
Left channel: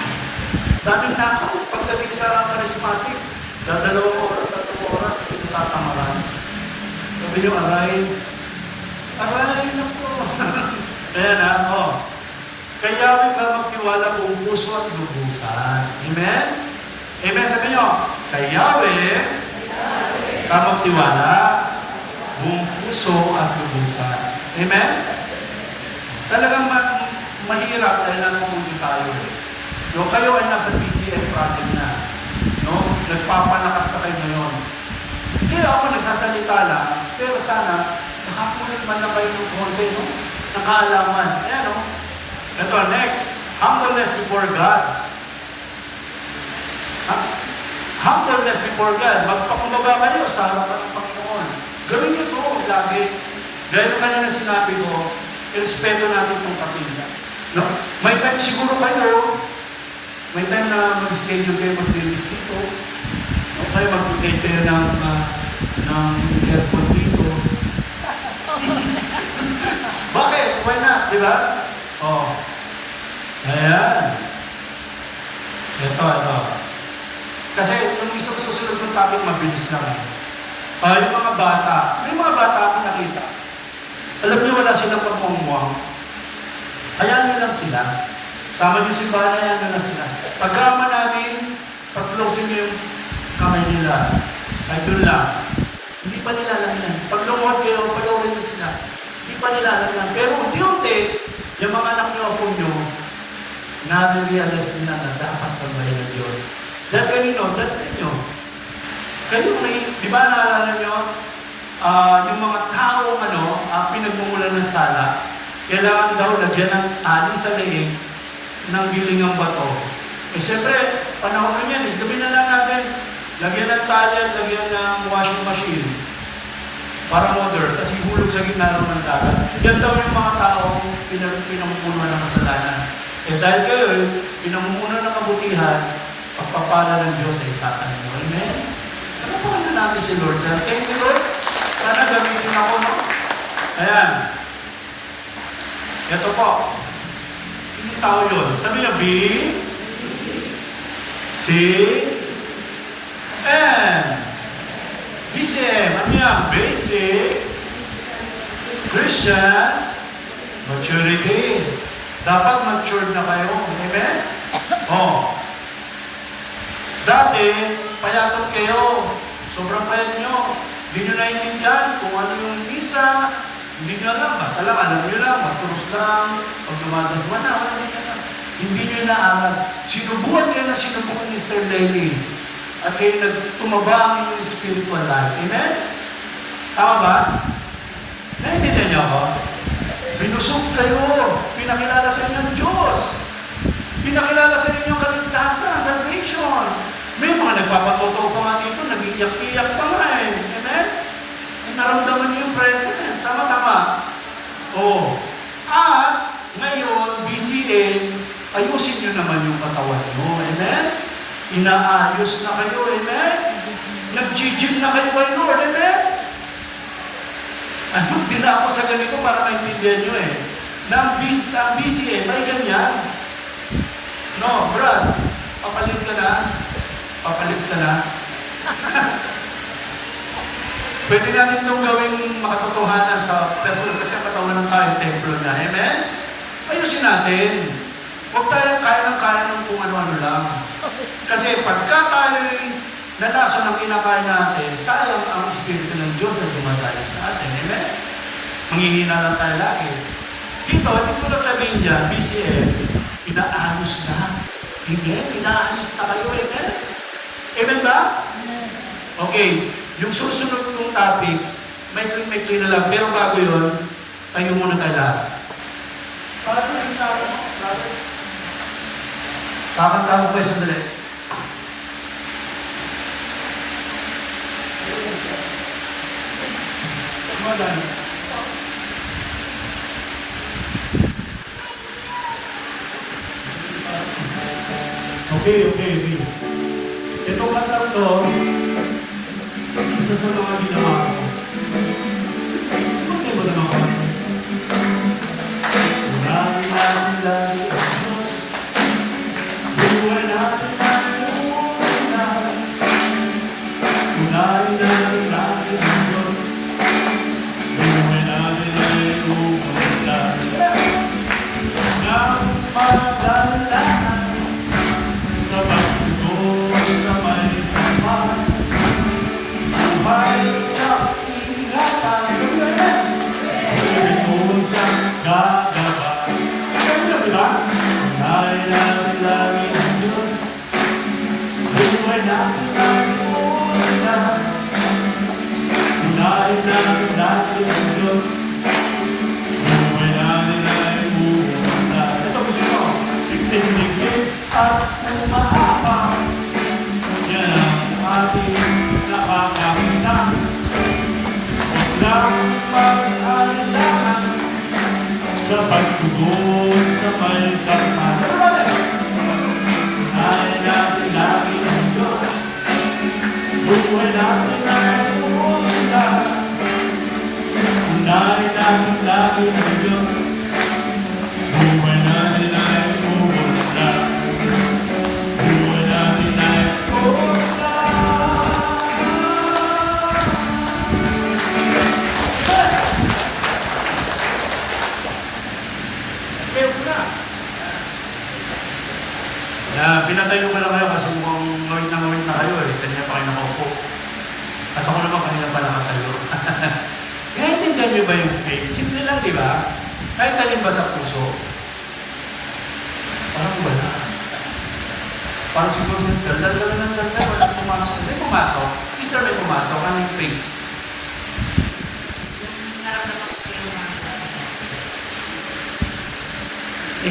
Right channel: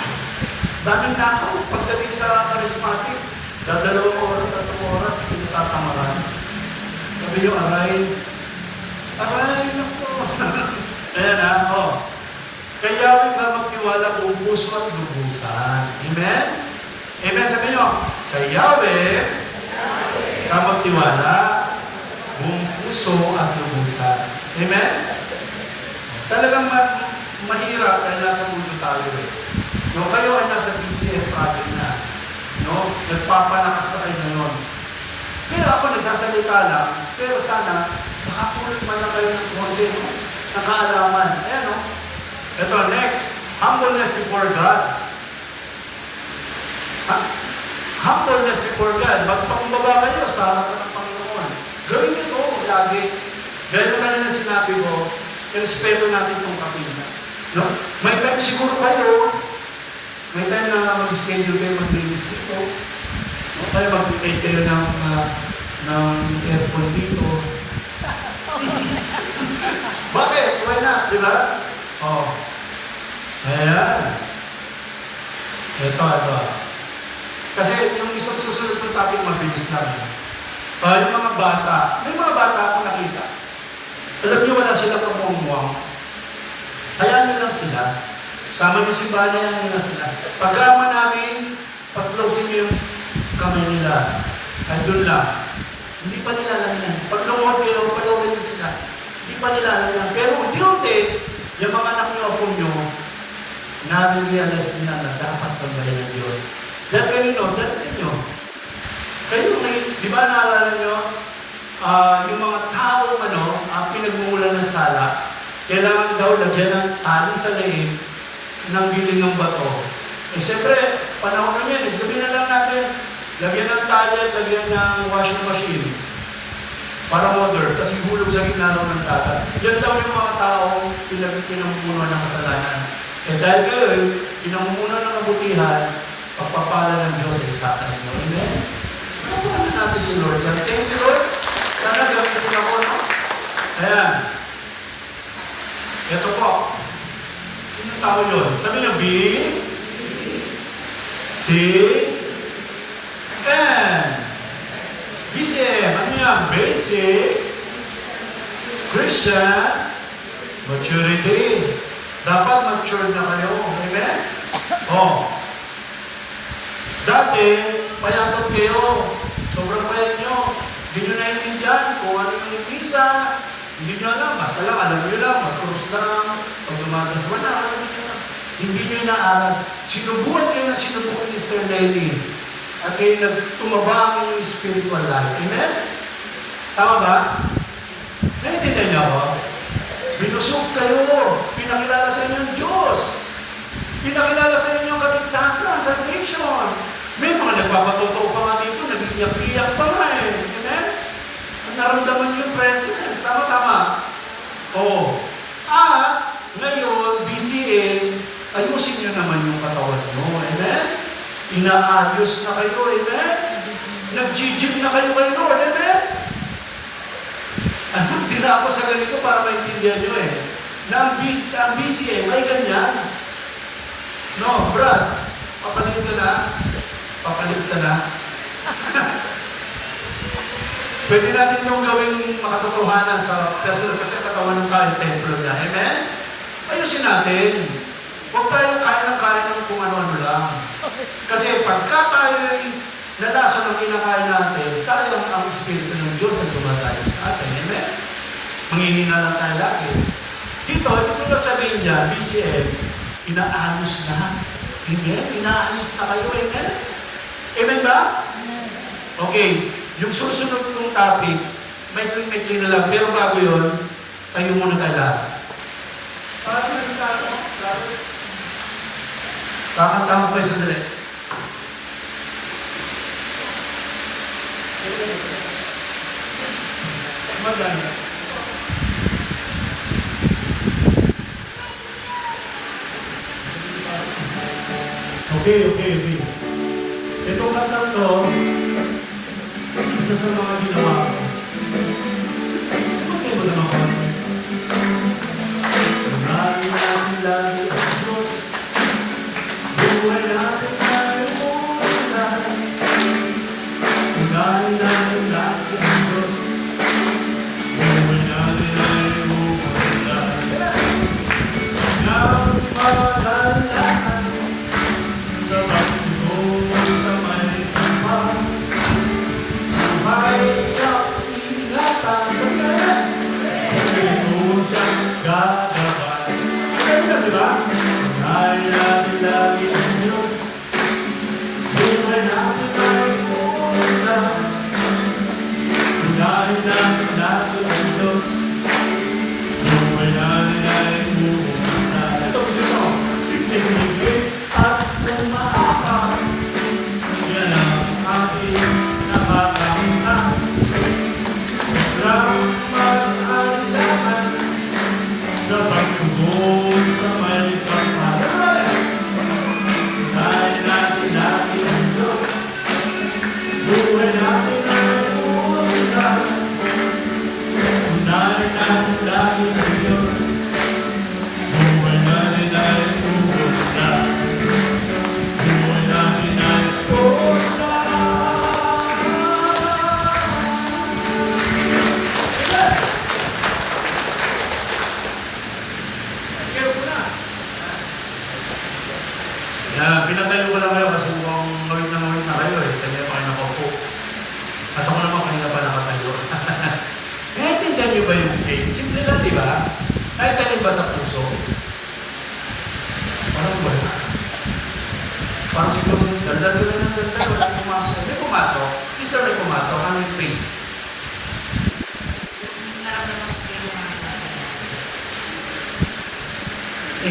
Daming nakaw, pagdating sa charismatic, dadalawang oras at 2 oras, pinatamaran. Sabi yung aray na po. Ayan na, Kaya may ka magtiwala kung puso at lubusan. Amen? Amen, sabi nyo, kay Yahweh, ka magtiwala, buong puso at lubusan. Amen? Talagang mahirap dahil nasa mundo tayo eh. No, kayo ay nasa PCF project na. No? Nagpapalakas na kayo ngayon. Kaya ako nagsasalita lang, pero sana makakulit man na kayo ng konti, no? Ng kaalaman. Ayan, no? Ito, next. Humbleness before God. Humbleness before God. Magpakumbaba kayo sa harapan ng Panginoon. Gawin nyo ito lagi. Gaya na kanina sinabi ko, irespeto natin itong kapila. No? May time siguro kayo, may time na mag-schedule kayo mag-release dito. No? Kayo mag-prepare ng aircon dito. Bakit? Why not? Di ba? Oh. Ayan. Ito. Kasi yung isang susunod ng topic, mabilis lang. Yung mga bata, may mga bata akong nakita. Alam niyo, wala silang pamumuang. Hayaan nyo lang sila. Sama nyo si Bana, hayaan nyo lang sila. Pagkama namin, pag-close nyo yung kamay nila. Ay doon lang. Hindi pa nila lang yan. Pag lumot kayo, palawin nyo sila. Hindi pa nila lang yan. Pero unti-unti, yung mga anak nyo ako nyo, na-realize nila na dapat sa bayan ng Diyos. Dahil kanino, dahil sa inyo. Kayo may, di ba naalala nyo, yung mga taong pinagmumulan ng sala, kailangan daw lagyan ng tali sa leeg ng bilingang bato. Eh siyempre, panahon na yan, sabihin na lang natin, lagyan ng tali at lagyan ng washing machine para water, kasi hulog sa gitna ng dagat. Yan daw yung mga taong pinamumulan ng kasalanan. Eh dahil kayo, pinamumulan ng kabutihan, pagpapala ng Diyos ay isa sa inyo. Amen? Ano po natin si Lord? Thank you, Lord. Sana gamitin ako, no? Ayan. Ito po. Yung tao yun. Sabi niyo, B, C, N. BCM. Ano yan? Basic Christian Maturity. Dapat matured na kayo. Amen? Oh. Dati, payatot kayo. Sobrang payat nyo. Hindi nyo naiintindihan kung ano yung visa. Hindi nyo alam. Basta lang, alam nyo lang. Magturos lang. Pag lumagas mo na, wala nyo na. Hindi nyo inaaral. Sinubukan kayo na sinubukan ni Mr. Lenny. At kayo nagtumaba ang inyong spiritual life. Amen? Tama ba? Naiintindihan nyo ako? Binusog kayo. Pinakilala sa inyo ng Diyos. Pinakilala sa inyo ang kaligtasan, salvation. May mga nagpapatotoo pa nga dito, nag-iyak-iyak pa nga eh. Amen? Naramdaman niyo yung presence. Tama-tama. Oh. At, ngayon, BCN, ayusin niyo naman yung katawan mo. Amen? Inaayos na kayo. Amen? Nag-gym na kayo kay Lord. Amen? Ano, din ako sa ganito para maintindihan nyo eh. Na ang BCN, may ganyan. No, Brad, papalit ka na. Papalit ka na. Pwede natin itong gawing makatotohanan sa personal kasi katawan ng tayo, templo niya. Amen? Ayusin natin. Huwag tayo kaya ng kung ano-ano lang. Kasi pagka tayo'y nalaso ng kinakain natin, sayang ang Espiritu ng Diyos na tumatayo sa atin. Amen? Manghihina lang tayo lagi. Dito, hindi ko lang sabihin niya, BCM, inaayos na. Amen? Inaayos na kayo. Amen? Amen ba? Okay. Yung susunod kong topic, may na lang. Pero bago yun, tayo muna tayo lahat. Para na yung tao, kakantang po yung sandali. Maganda. Okay. Itong kanta ko, isa sa mga ginawa ko. Okay mo naman. Unahin natin lagi ang Diyos. Buhay natin tayo unahin. Unahin natin lagi ang Diyos. Buhay natin ay unahin. Nang magandaan sa pagtutuloy sa may kamay. Buhay Doon sa may tapat. Unahin natin lagi ang Diyos. Buhay natin ay umuunta. Unahin natin lagi ang Diyos. Buhay natin ay umuunta. Buhay natin ay umuunta. Pinatayo ko lang kayo kasi mukhang noy na kayo eh. Kanina pa kayo nakaupo. At ako naman kanina pa nakatayo. Naintindihan niyo ba yung faith? Simple lang, di ba? Kahit tayo ba sa puso? Parang wala. Parang siguro siya, wala pumasok. May pumasok. Sister, may pumasok. Ano yung faith?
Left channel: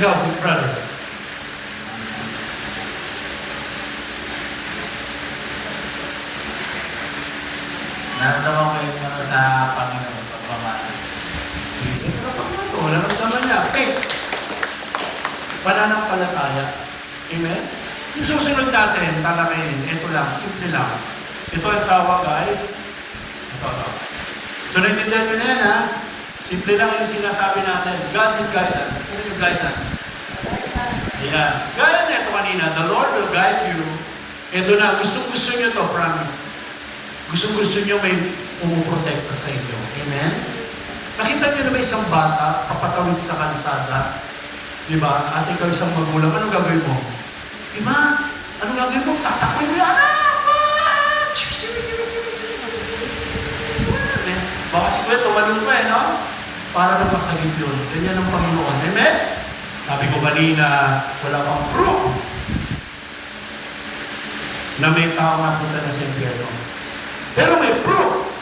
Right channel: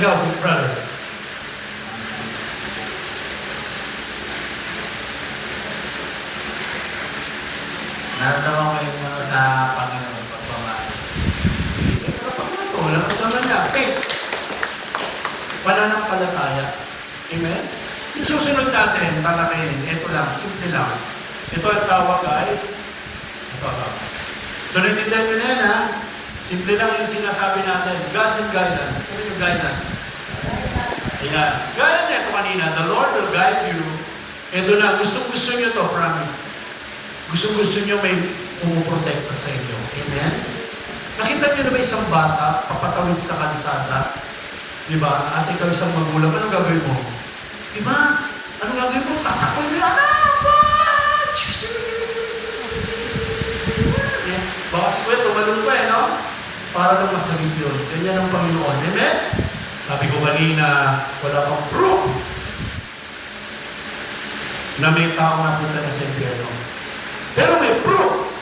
Ikaw, si brother. Naramdaman ko yun sa Panginoon pagpapasok. Wala naman niya. Faith. Pananampalataya. Amen? Yung susunod natin, para kayo, ito lang, simple lang. Ito ang tawag ay, ito. So, natindihan nyo na yan, ha? Simple lang yung sinasabi natin, God's guidance. Ano yung guidance? Yan. Gaya na ito kanina, the Lord will guide you. Ito na, gusto nyo to, promise. Gusto nyo may pumuprotekta sa inyo. Amen? Nakita nyo na ba isang bata, papatawid sa kalsada? Di ba? At ikaw isang magulang, anong gagawin mo? Di ba? Anong gagawin mo? Tatakoy mo yung anak! Baka si Kuya, tumalong pa eh, no? Para na masagip yun. Ganyan ang Panginoon. Amen? Sabi ko kanina, wala pang proof na may tao na punta na sa impyerno. Pero may proof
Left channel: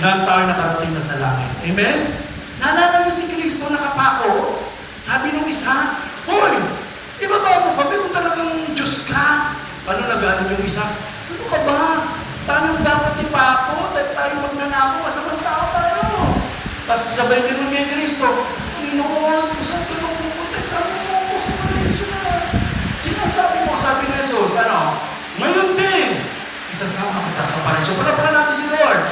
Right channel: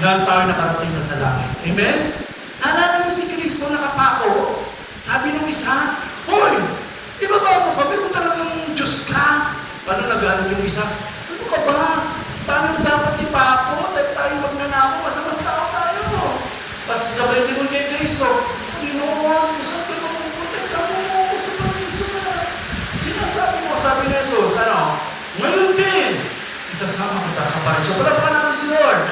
na ang tao nakarating na sa langit. Amen? Naalala mo si Kristo nakapako. Sabi nung isa, hoy, tinatawag mo kami kung talagang Diyos ka. Ano nagalit yung isa? Ano ka ba? Tayo dapat ipako dahil tayo magnanako, masamang tao tayo. Tapos sabay din mo kay Kristo, Panginoon, saan ka mapupunta? Saan mo sa Kristo na? Sinasabi mo, sabi ni Jesus, ano? Ngayon din, isasama kita sa parisyo. Wala pa natin si Lord.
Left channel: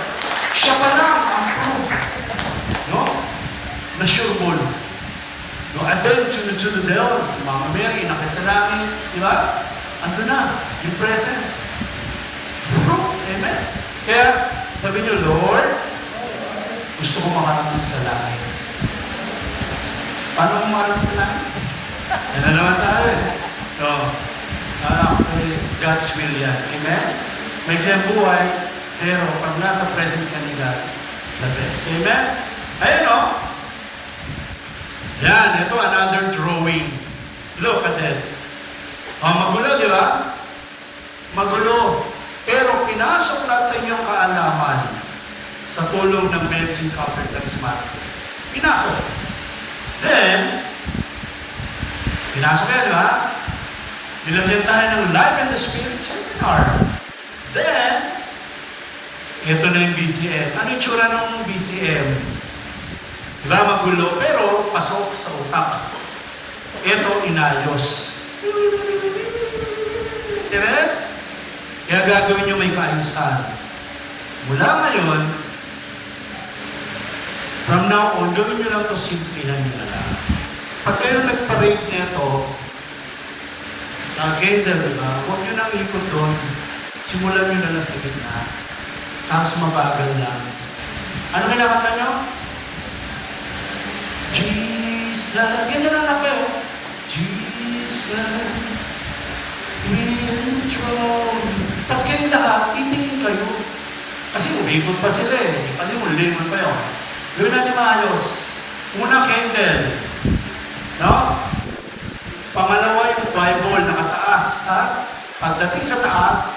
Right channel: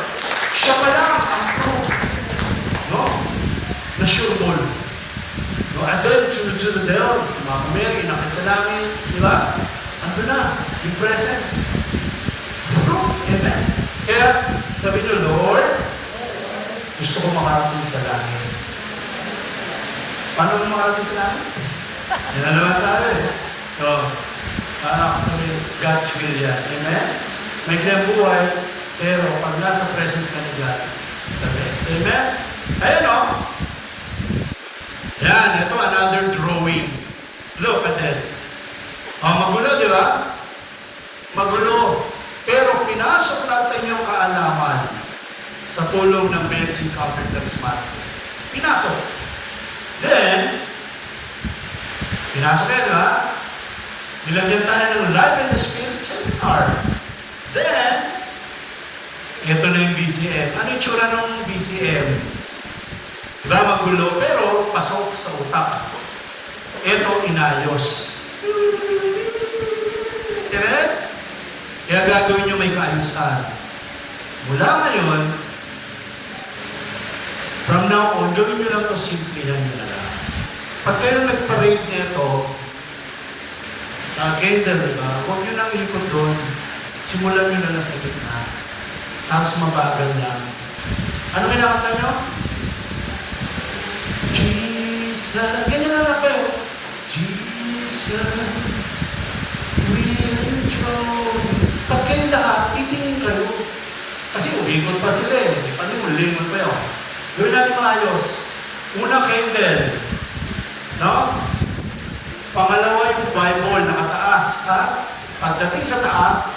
Siya pa lang ang proof. No? Na sure ball. No? And then, sunod-sunod na yun. Si Mama Mary, nakit sa langit. Di ba? Ando na. Yung presence. Proof. Amen? Kaya, sabi niyo, Lord, gusto ko makarating sa langit. Paano ko makarating sa langit? Yan na naman tayo eh. So, God's will yan. Amen? May kayang buhay, pero pag nasa presence ka ni God, the best. Amen? Ayun o. Yan, ito another drawing. Look at this. Magulo, di ba? Magulo. Pero pinasok lahat sa inyong kaalaman sa tulong ng medicine covered charismatic. Pinasok. Then, pinasok yan, ha? Nilagyan tayo ng Life in the Spirit Seminar. Then, ito na yung BCM. Ano yung tsura ng BCM? Diba magulo, pero pasok sa utak. Ito inayos. Direct? Kaya gagawin nyo may kaayusan. Mula ngayon, from now on, gawin nyo lang ito, simplihan nyo na lang. Pag kayo nag-parade nito, candle, diba? Huwag nyo nang ikot doon. Simulan nyo na lang sa gitna. Tapos mabagal lang. Ano kinakanta nyo? Jesus. Ganyan lang kayo. Jesus. We enthroned. Tapos kayo lahat, titingin kayo. Kasi umikot pa sila eh. Ano yung lingon pa yun? Gawin natin ayos. Una, candle. No? Pangalawa, yung Bible nakataas. Ha? Pagdating sa taas,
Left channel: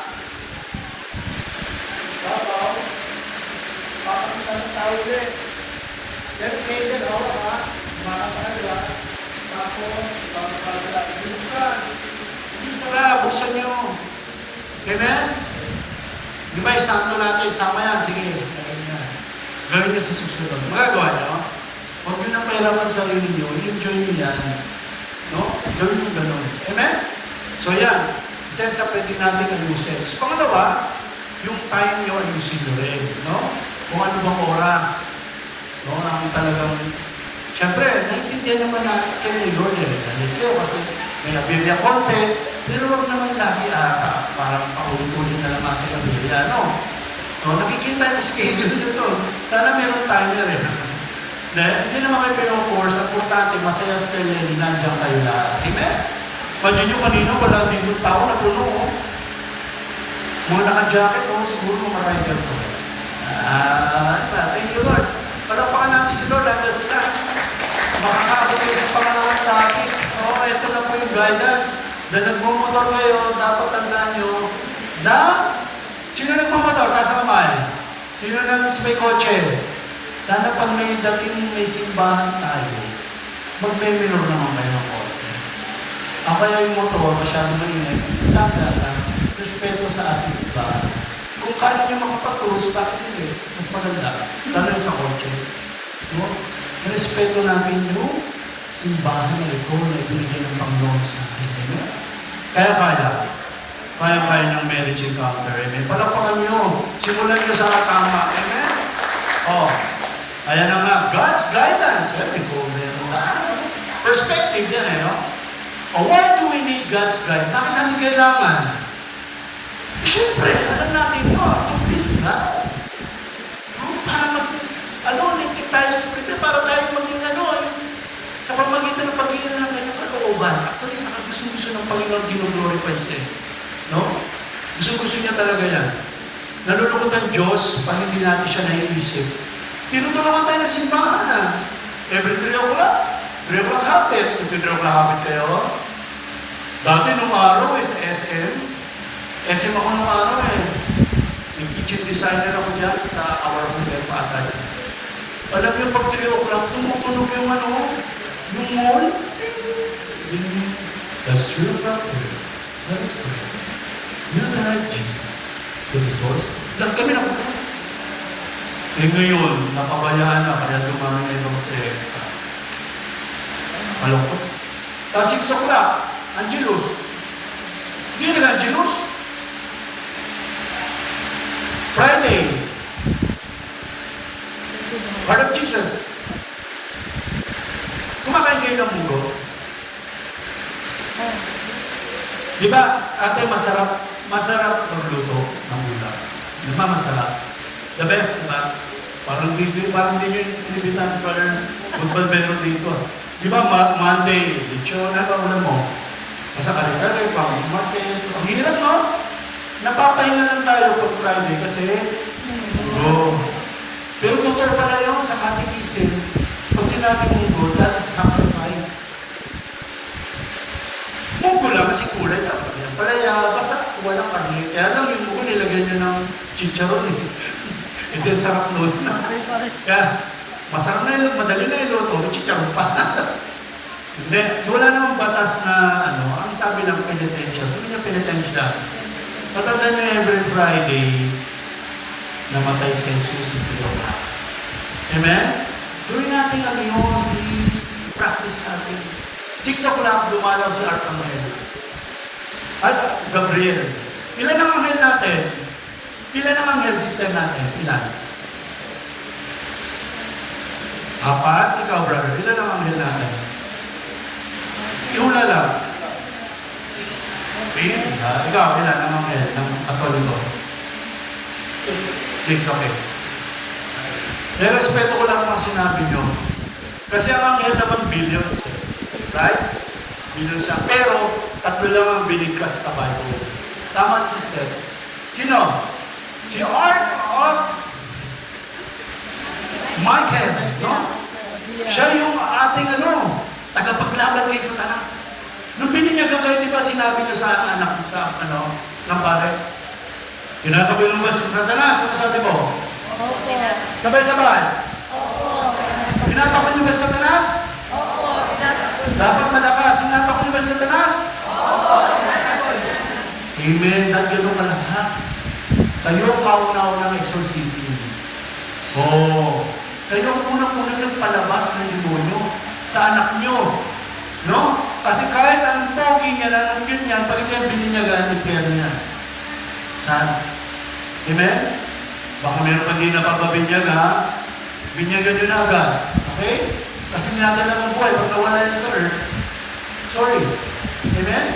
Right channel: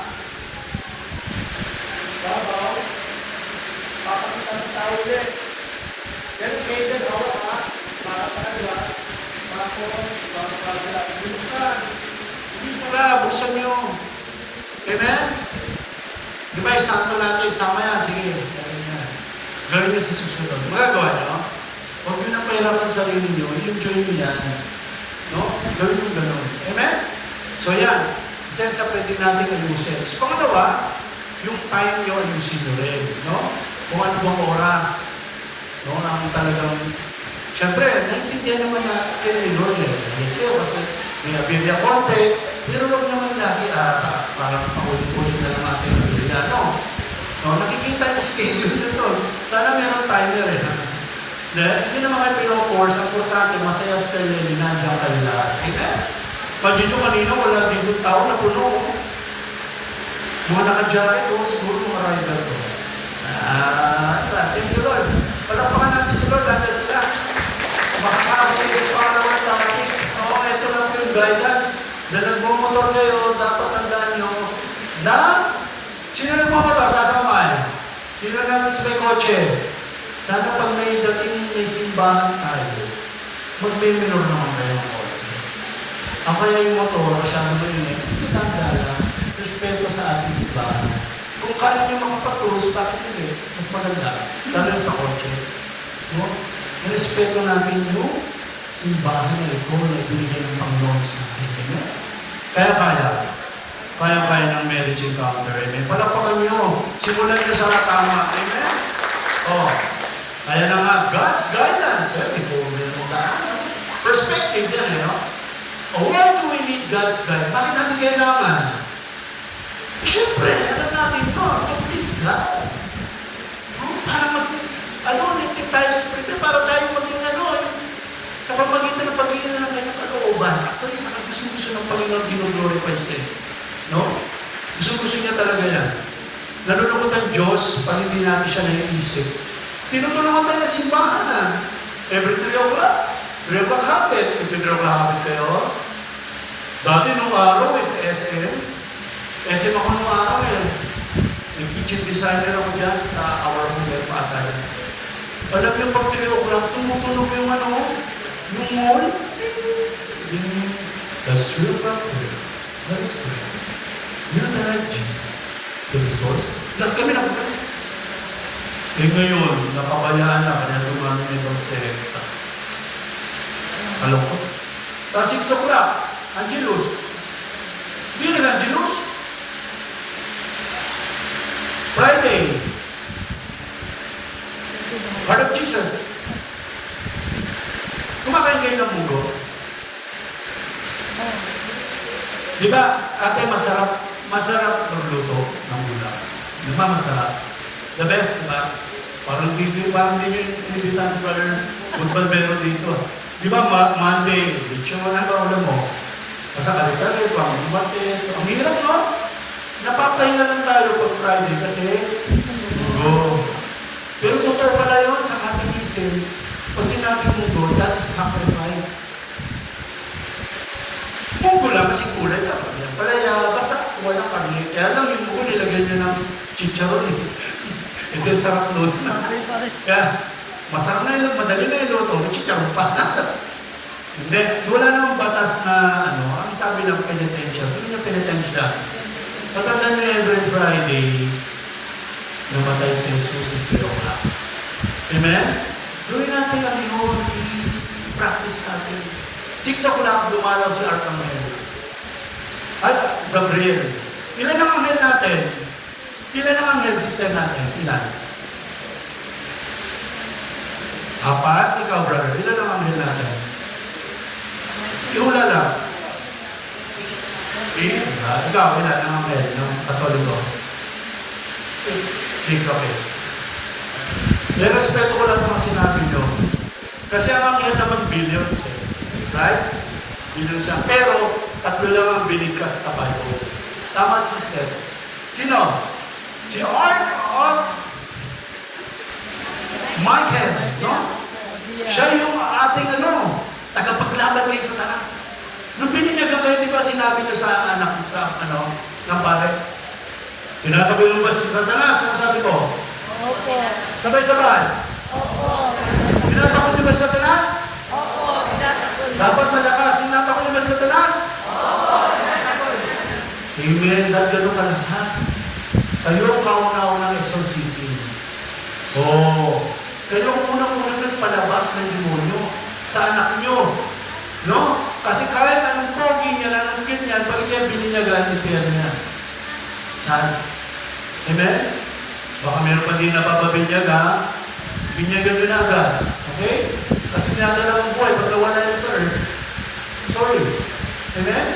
papakita sa tao ulit. Pero candle, ako, makapakalawa. Tapos, papakalawa. Buksan nyo. Amen? Di ba, isanto natin, isama yan. Sige, gawin nyo sa susunod. Magagawa nyo. Huwag huwag nyo nang pahirapan sa sarili nyo, i-enjoy nyo yan. No? Gawin nyo ganun. Amen? So yan, isa sa pwede natin ayusin. So pangalawa, yung time nyo ayusin nyo rin. No? Kung ano bang oras. No? Ang talagang, siyempre, naintindihan naman na kayo ni Lord eh. Nandito kayo kasi may nabirya konti, pero huwag naman lagi parang paulit-ulit na lang natin ang birya. No? No, nakikita yung schedule nyo doon. Sana meron timer eh. Hindi naman kayo pinong-course. Ang importante, masaya sa kayo yung nandiyan kayo lahat. Amen? Pwede nyo kanina, wala din yung tao na puno. Mga naka-jacket, siguro mga rider ko. Thank you Lord. Palapakan natin si Lord, hanggang sila. Makakabot kayo sa pangalawang topic. Ito lang po yung guidance. Na nagmumotor kayo, dapat tandaan nyo na sino nagmumotor? Taas kamay. Sino na may kotse? Sana pag may dating may simbahan tayo, mag-minor naman kayo ng kotse. Ang kaya yung motor, masyadong mainit, tanda respeto sa ating simbahan. Kung kaya nyo makapatulos, bakit hindi? Mas maganda. Lalo sa kotse. No? Respeto natin yung simbahan na ito na ibigay ng Panginoon sa atin. Kaya. Kaya ng marriage encounter. Amen. Palapakan nyo. Simulan nyo sa tama. Amen? Ayan na nga. God's guidance. Perspective yan eh, no? Why do we need God's guidance? Bakit natin kailangan? Siyempre, alam natin yun. To please God. Para nagtik tayo sa Pilipinas, para tayo mag-ano, sa pamagitan ng Panginoon ng kanyang kalooban. Pag isa ka gusto ng Panginoon, ginuglorify siya. No? Gusto niya talaga yan. Nalulungkot ang Diyos pag hindi natin siya naiisip. Tinutulungan tayo na simbahan. Every 3 o'clock. 3 o'clock hapit. Kung 3 o'clock hapit kayo. Dati nung araw sa SM. SM ako nung araw eh. Nag-kitchen designer ako dyan sa Our Home Patay. Alam niyo pag 3 o'clock, tumutulog yung yung mall. That's true. That's true. You know that Jesus is the source. Dahil kami na kung ngayon, nakabayaan na kaya dumami na itong sekta. Alam ko. Tapos 6 o'clock, Angelus. Hindi nila Angelus. Friday. Heart of Jesus. Kumakain kayo ng muro. Di ba, ate, masarap magluto ng ulam. Di ba masarap? The best, diba? Parang di pinibita sa parang magbalbero dito. Di ba, Monday, lechon, ano mo? Nasa kari-kari, pang-mates. Ang hirap, no? Napapahinga lang tayo pag Friday kasi, pero doktor pala yun sa katikisin. Pag sinabi mo, that is sacrifice. Pugo lang kasi kulay na. Palaya, basta walang kanil. Kaya lang yung pugo nilagyan nyo ng chicharon eh. Ito sarap nun. Kaya, masarap na yun, madali na yung luto, may chicharon pa. Hindi, wala namang batas na, ang sabi lang, penitential. Sabi niya penitential. Matanda na every Friday, namatay si Jesus ng Pilipinas. Amen? Gawin natin ang yun, i-practice natin. 6 o'clock, dumalaw si Arcangel. At Gabriel. Ilan ang anghel natin? Ilan ang anghel system natin? Ilan? 4? Ikaw, brother. Ilan ang anghel natin? Ihula lang. 3? Ikaw, ilan ang anghel ng Katoliko? 6, okay. May respeto ko lang ang sinabi nyo. Kasi ang anghel naman billions eh. Right? Billions siya. Pero, 3 lang ang binigkas sa Bible. Tama, sister. Sino? Si Michael, no? Siya yung ating tagapaglaban kay Satanas. Nung bininyagan kayo, di ba sinabi ko sa anak, ng pare? Tinataboy mo ba si Satanas? Ano sabi mo? Opo. Sabay-sabay. Opo. Tinataboy mo ba si Satanas? Opo. Tinataboy. Dapat malakas. Tinataboy mo ba si Satanas? Opo. Tinataboy. Amen. Dahil gano'n kalakas. Kayo ang kauna-unang exorcism. Kayo ang unang-unang yung palabas ng demonyo sa anak nyo. No? Kasi kahit anong pogi niya, anong cute niyan, pag ito yung bininyagan, impyerno niya. Sad. Amen? Baka meron pa din napapabinyaga, ha? Binyagan nyo na agad. Okay? Kasi nakakala mong buhay, pag nawala yan sa earth, sorry. Amen?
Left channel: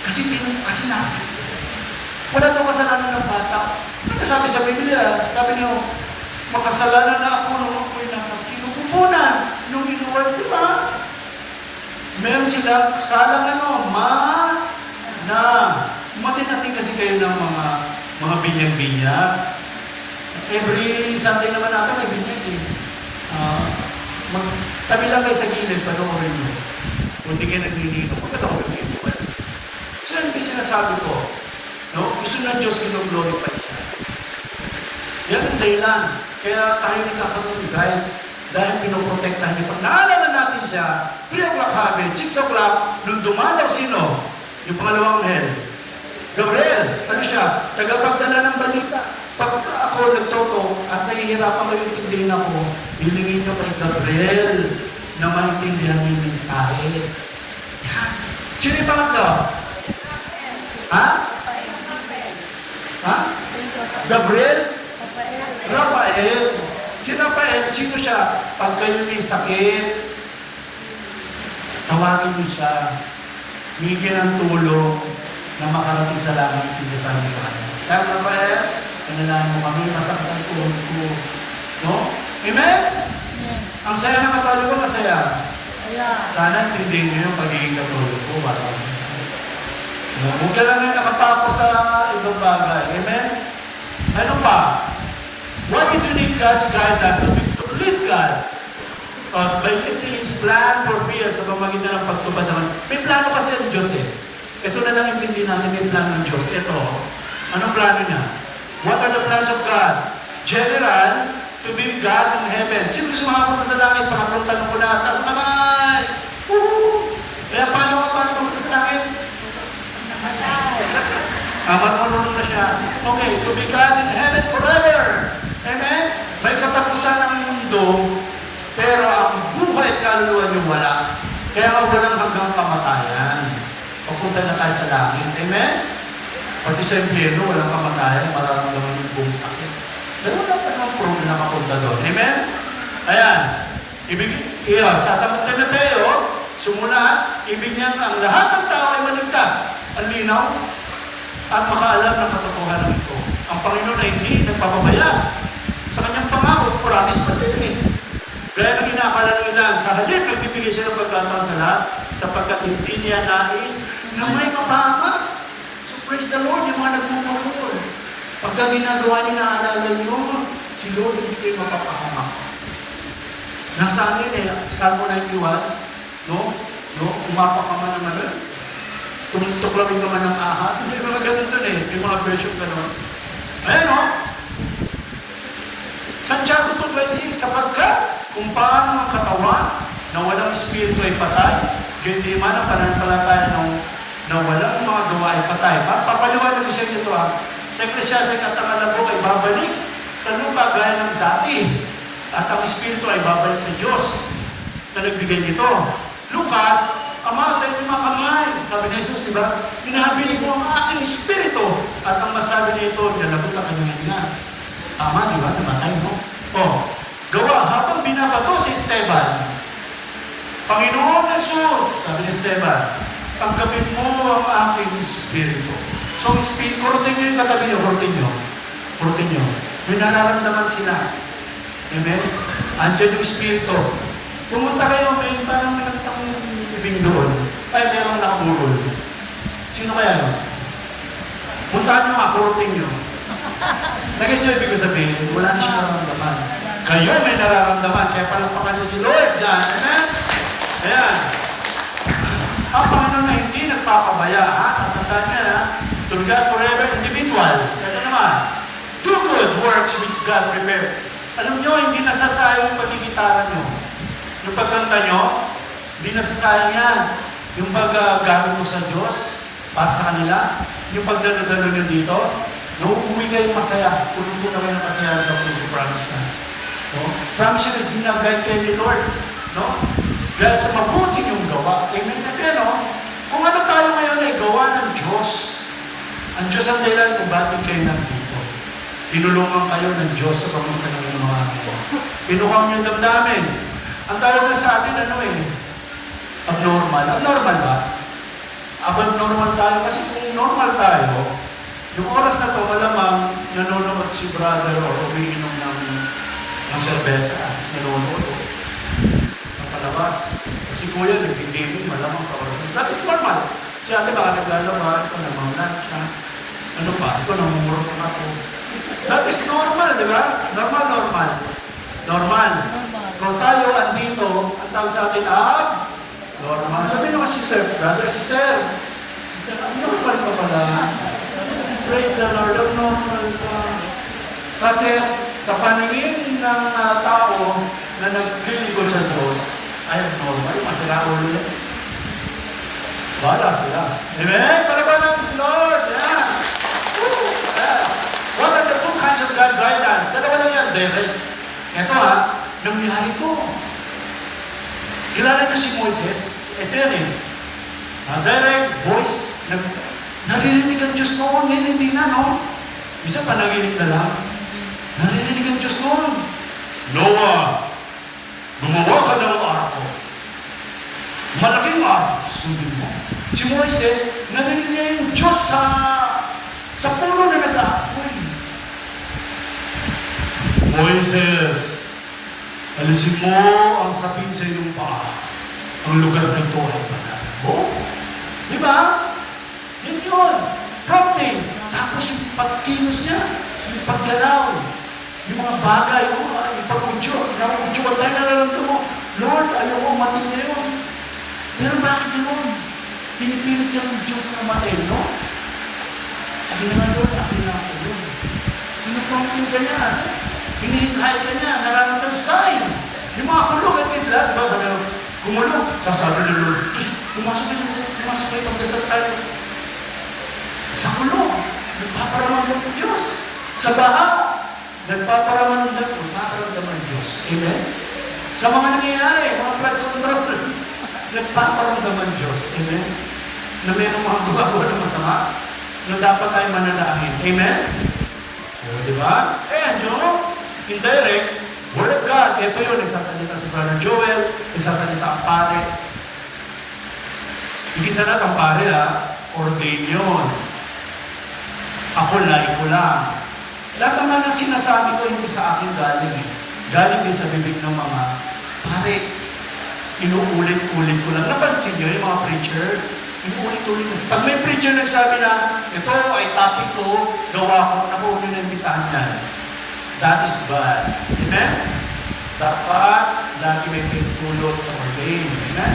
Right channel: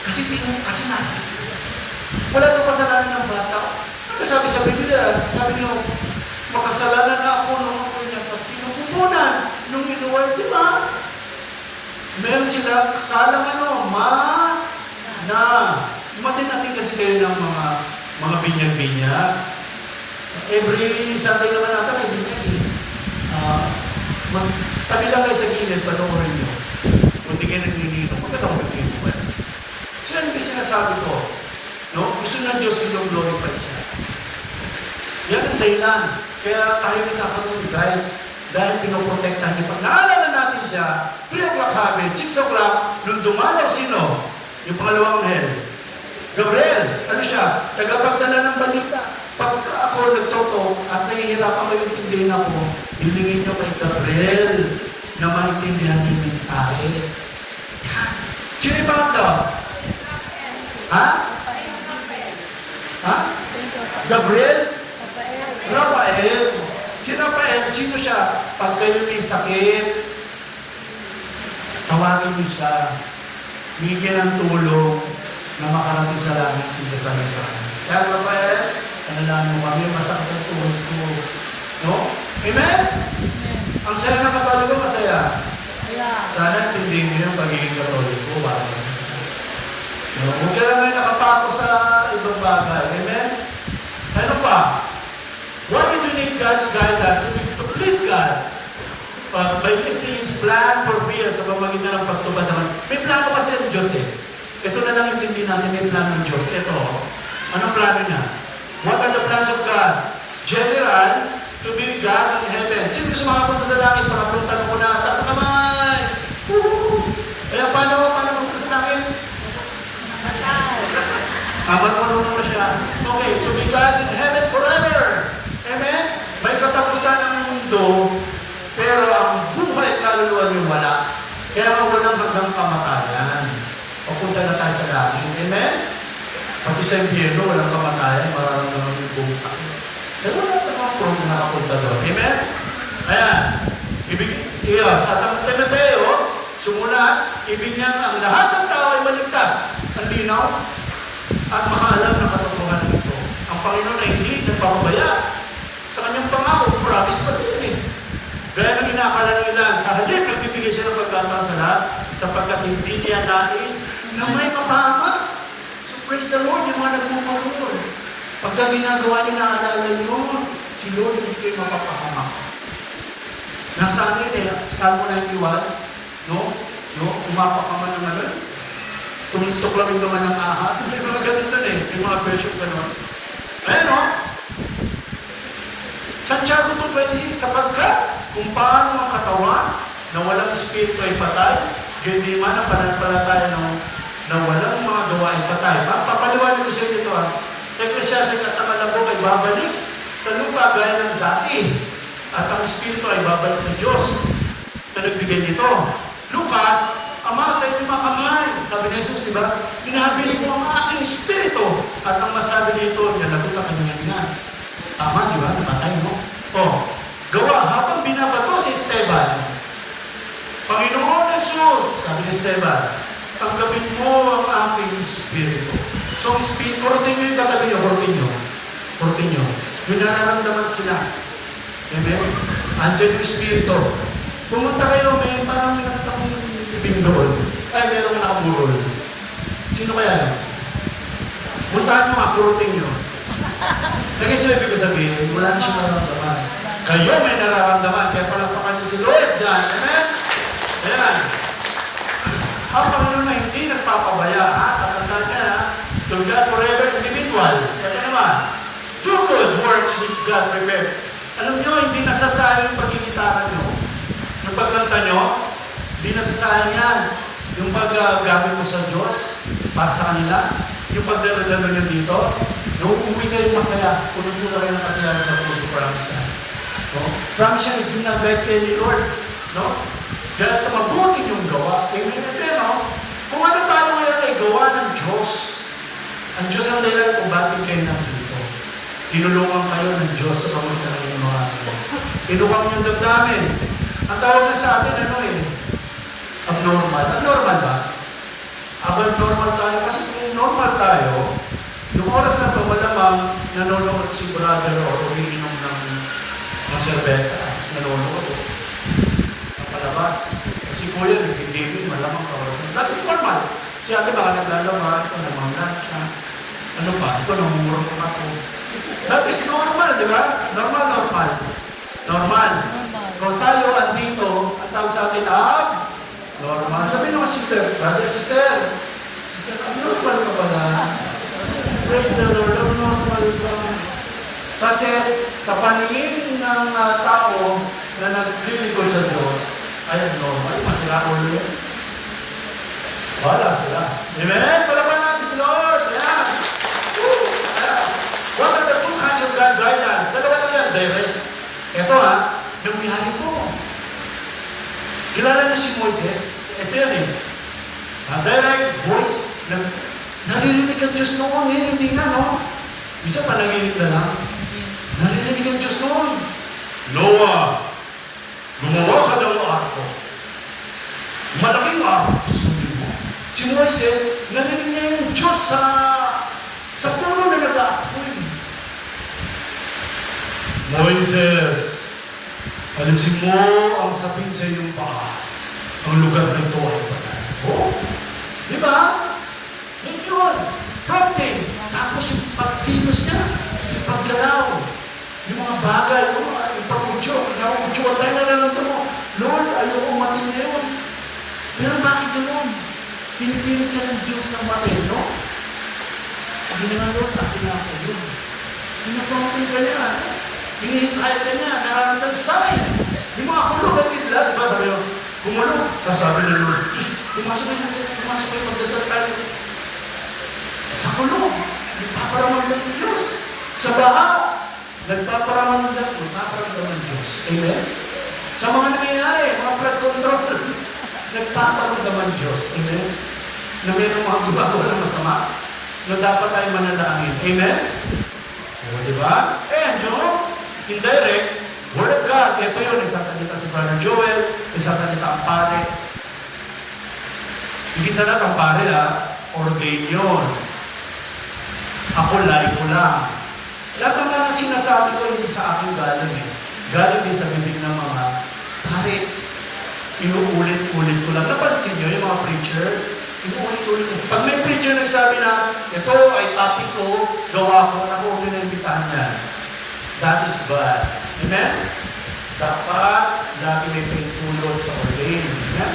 Kasi nasa sila. Wala itong kasalanan ng bata. Ano sabi sa Biblia? Sabi niyo, makasalanan na ako nung ako'y nasa sinukupunan nung inuway, di ba? Meron sila salang Matin kasi kayo ng mga binyag-binyag. Every Sunday naman natin may binyag eh. Tabi lang kayo sa gilid, panoorin nyo. Hindi kayo nag-unito. Panoorin nyo. Siya yung sinasabi ko. No? Gusto ng Diyos i-glorify siya. Yan ang dahilan. Kaya tayo nagkakaroon ng guide dahil pinoprotektahan niya. Pag naalala natin siya, 3 o'clock habit, 6 o'clock, nung dumalaw sino? Yung pangalawang hell. Gabriel, ano siya? Tagapagdala ng balita. Pag ako nagtoko at nahihirapan kayo intindihin ako, bilingin niyo kay Gabriel na maintindihan niyo yung mensahe. Yan. Sino yung pangatlo? Ha? Ha? Gabriel? Rafael. Si Rafael, sino siya? Pag kayo may sakit, tawagin niyo siya. Bigyan ng tulong na makarating sa langit at pinasama sa akin. San Rafael, ano lang mo kami, masakit ang tuhod ko. No? Amen? Ang saya ng Katoliko ko, masaya. Sana intindihin niyo ang pagiging Katoliko ko para masaya. Huwag ka lang nakapako sa ibang bagay. Amen? Ano pa? Why do you need God's guidance to please God? By listening His plan for fear sa pamagitan ng pagtupad naman. May plano kasi ang Diyos eh. Ito na lang intindi namin may plano ng Diyos. Ito, anong plano niya? What are the plans of God? General, to be God in heaven. Sino gusto makapunta sa langit? Makapunta ko na. Taas kamay! Woo! Kaya paano pumunta sa langit? Marunong na siya. Okay, to be God in heaven forever. Amen? May katapusan ang mundo, pero ang buhay at kaluluwa niyo wala. Kaya walang hanggang kamatayan. Papunta na tayo sa langit. Amen? Pati sa impyerno, walang kamatayan, mararamdaman yung buong sakit. Pero wala pa naman po na nakapunta doon. Amen? Ayan. Sa Timoteo, sumula, ibig niya ang lahat ng tao ay maligtas. Ang linaw at makaalam ng katotohanan nito. Ang Panginoon ay hindi nagpapabaya. Sa kanyang pangako, promise pa din eh. Gaya ng inakala nila, sa halip, nagbibigay siya ng pagkataon sa lahat, sapagkat hindi niya nais na may mapama. So praise the Lord, yung mga nagmumulong. Pagka ginagawa niya, naalala niyo, si Lord hindi kayo mapapahama. Nasa amin eh, Salmo 91, umapak ka man ng ano, tumutok lang yung naman ng ahas. May mga ganun dun eh, may mga version ganun. Ayan o, Santiago 2:20, sapagkat kung paano ang katawan na walang espiritu ay patay, hindi man ang pananampalataya na walang mga gawa ay patay. Papaliwanag ko sa inyo ito ha. Sa Ecclesiastes at ang alabok ay babalik sa lupa gaya ng dati. At ang espiritu ay babalik sa Diyos na nagbigay nito. Lucas, Ama, sa inyong mga kamay. Sabi ni Jesus, diba? Minabili ko ang aking espiritu. At ang masabi nito, nalagot ang kanyang ina. Tama, di ba? Namatay mo. Gawa, habang binabato si Esteban, Panginoon Jesus, sabi ni Esteban, tanggapin mo ang aking espiritu. So, espiritu, rotin nyo yung tanggapin nyo, rotin nyo. May nararamdaman sila. Amen? Andiyan yung espiritu. Pumunta kayo, may parang may ibing doon. Ay, meron nakamurol. Sino kaya no? Puntahan nyo nga, purutin nyo. Nag-enjoy ibig ko sabihin, wala na siya nararamdaman. Kayo may nararamdaman, kaya palakpakan nyo si Lord dyan. Amen? Ayan. Ang Panginoon na hindi nagpapabaya, ha? Tatandaan niya, ha? To God forever, individual. Ito naman, do good works which God prepared. Alam nyo, hindi nasasayang yung pagkikitaran nyo. Yung pagkanta nyo, hindi nasasayang yan. Yung paggamit mo sa Diyos, para sa kanila, yung pagdadalo nyo dito, yung uwi kayo masaya, puno-puno kayo ng masaya sa puso, promise na. No? Promise siya na ginaguide kayo ni Lord. No? Dahil sa mabuti yung gawa. Amen. And then, no? Kung ano tayo ngayon ay gawa ng Diyos, ang Diyos ang dahilan kung bakit kayo nandito. Tinulungan kayo ng Diyos sa pamuntan ng mga pinuhang niyong damdamin. Ang tawag na sa atin, ano eh? Abnormal. Abnormal ba? Abnormal tayo. Kasi kung normal tayo, yung oras na ito, malamang nanonood si brother o umiinom ng serbesa. Nanonood. Nakalabas. Kasi kuya, nag-gaming, malamang sa oras. That is normal. Si ate baka naglalabas, namangan siya. Ano ba? Ito, namumurong ako. That is normal, di ba? Normal. Normal. Kung tayo andito, ang tawag sa atin, normal. Sabi mo, sister, brother, sister, normal ka pala. Praise the Lord, normal ka. Kasi sa paningin ng tao na naglilingkod sa Diyos, ay normal, masira ulo yun. Wala sila. Amen? Paraban natin si Lord. Yeah. Woo! Yeah. What are the two kinds of God guidance? Dalawa lang yan, direct. Ito nangyari ito. Kilala niyo si Moises? Ito yan eh. Direct voice. Naririnig ang Diyos noon. Ngayon hindi na, no? Isa pa nanginig na lang. Naririnig ang Diyos noon. Noah, gumawa ka ng arko. Malaking arko. Sundin mo. Si Moises, narinig niya yung Diyos sa puno na nag-aapoy. Moises, alisin mo ang sapin sa iyong paa. Ang lugar na ito ay banal. Oh, di ba? Yan yun. Prompting. Tapos yung pagkilos niya, yung paggalaw, yung mga bagay, yung pag-utyo, tayo na lang ito mo. Lord, ayaw ko matin ngayon. Pero bakit gano'n? Pinipilit ka ng Diyos na matin, no? Sige naman, Lord, ako na ako yun. Pinaprompting ka niya. Hinihintay ka niya. Nararamdaman sign. Yung mga kulog at kidla, di ba? Sabi mo, gumulog. Sasabi ng Lord, Diyos, pumasok kayo, magdasal tayo. Sa kulog, nagpaparamang ng Diyos. Sa baha, nagpaparamang ng Diyos. Amen? Sa mga nangyayari, mga flood control, nagpaparamdaman Diyos. Amen? Na mayroong mga gumagawa ng masama, na dapat tayo manalangin. Amen? Di ba? Kaya nyo, indirect, Word of God, ito yun, isasalita si Brother Joel, isasalita ang pare. Hindi sana ang pare ordain yun. Ako laiko lang. Lahat naman ang sinasabi ko hindi sa akin galing eh. Galing din sa bibig ng mga pare. Inuulit-ulit ko lang. Napansin nyo yung mga preacher? Inuulit-ulit ko. Pag may preacher na sabi na, ito ay topic ko, gawa ko, ako huwag na imbitahan yan. That is God. Amen? Dapat lagi may pagtulog sa ordain. Amen?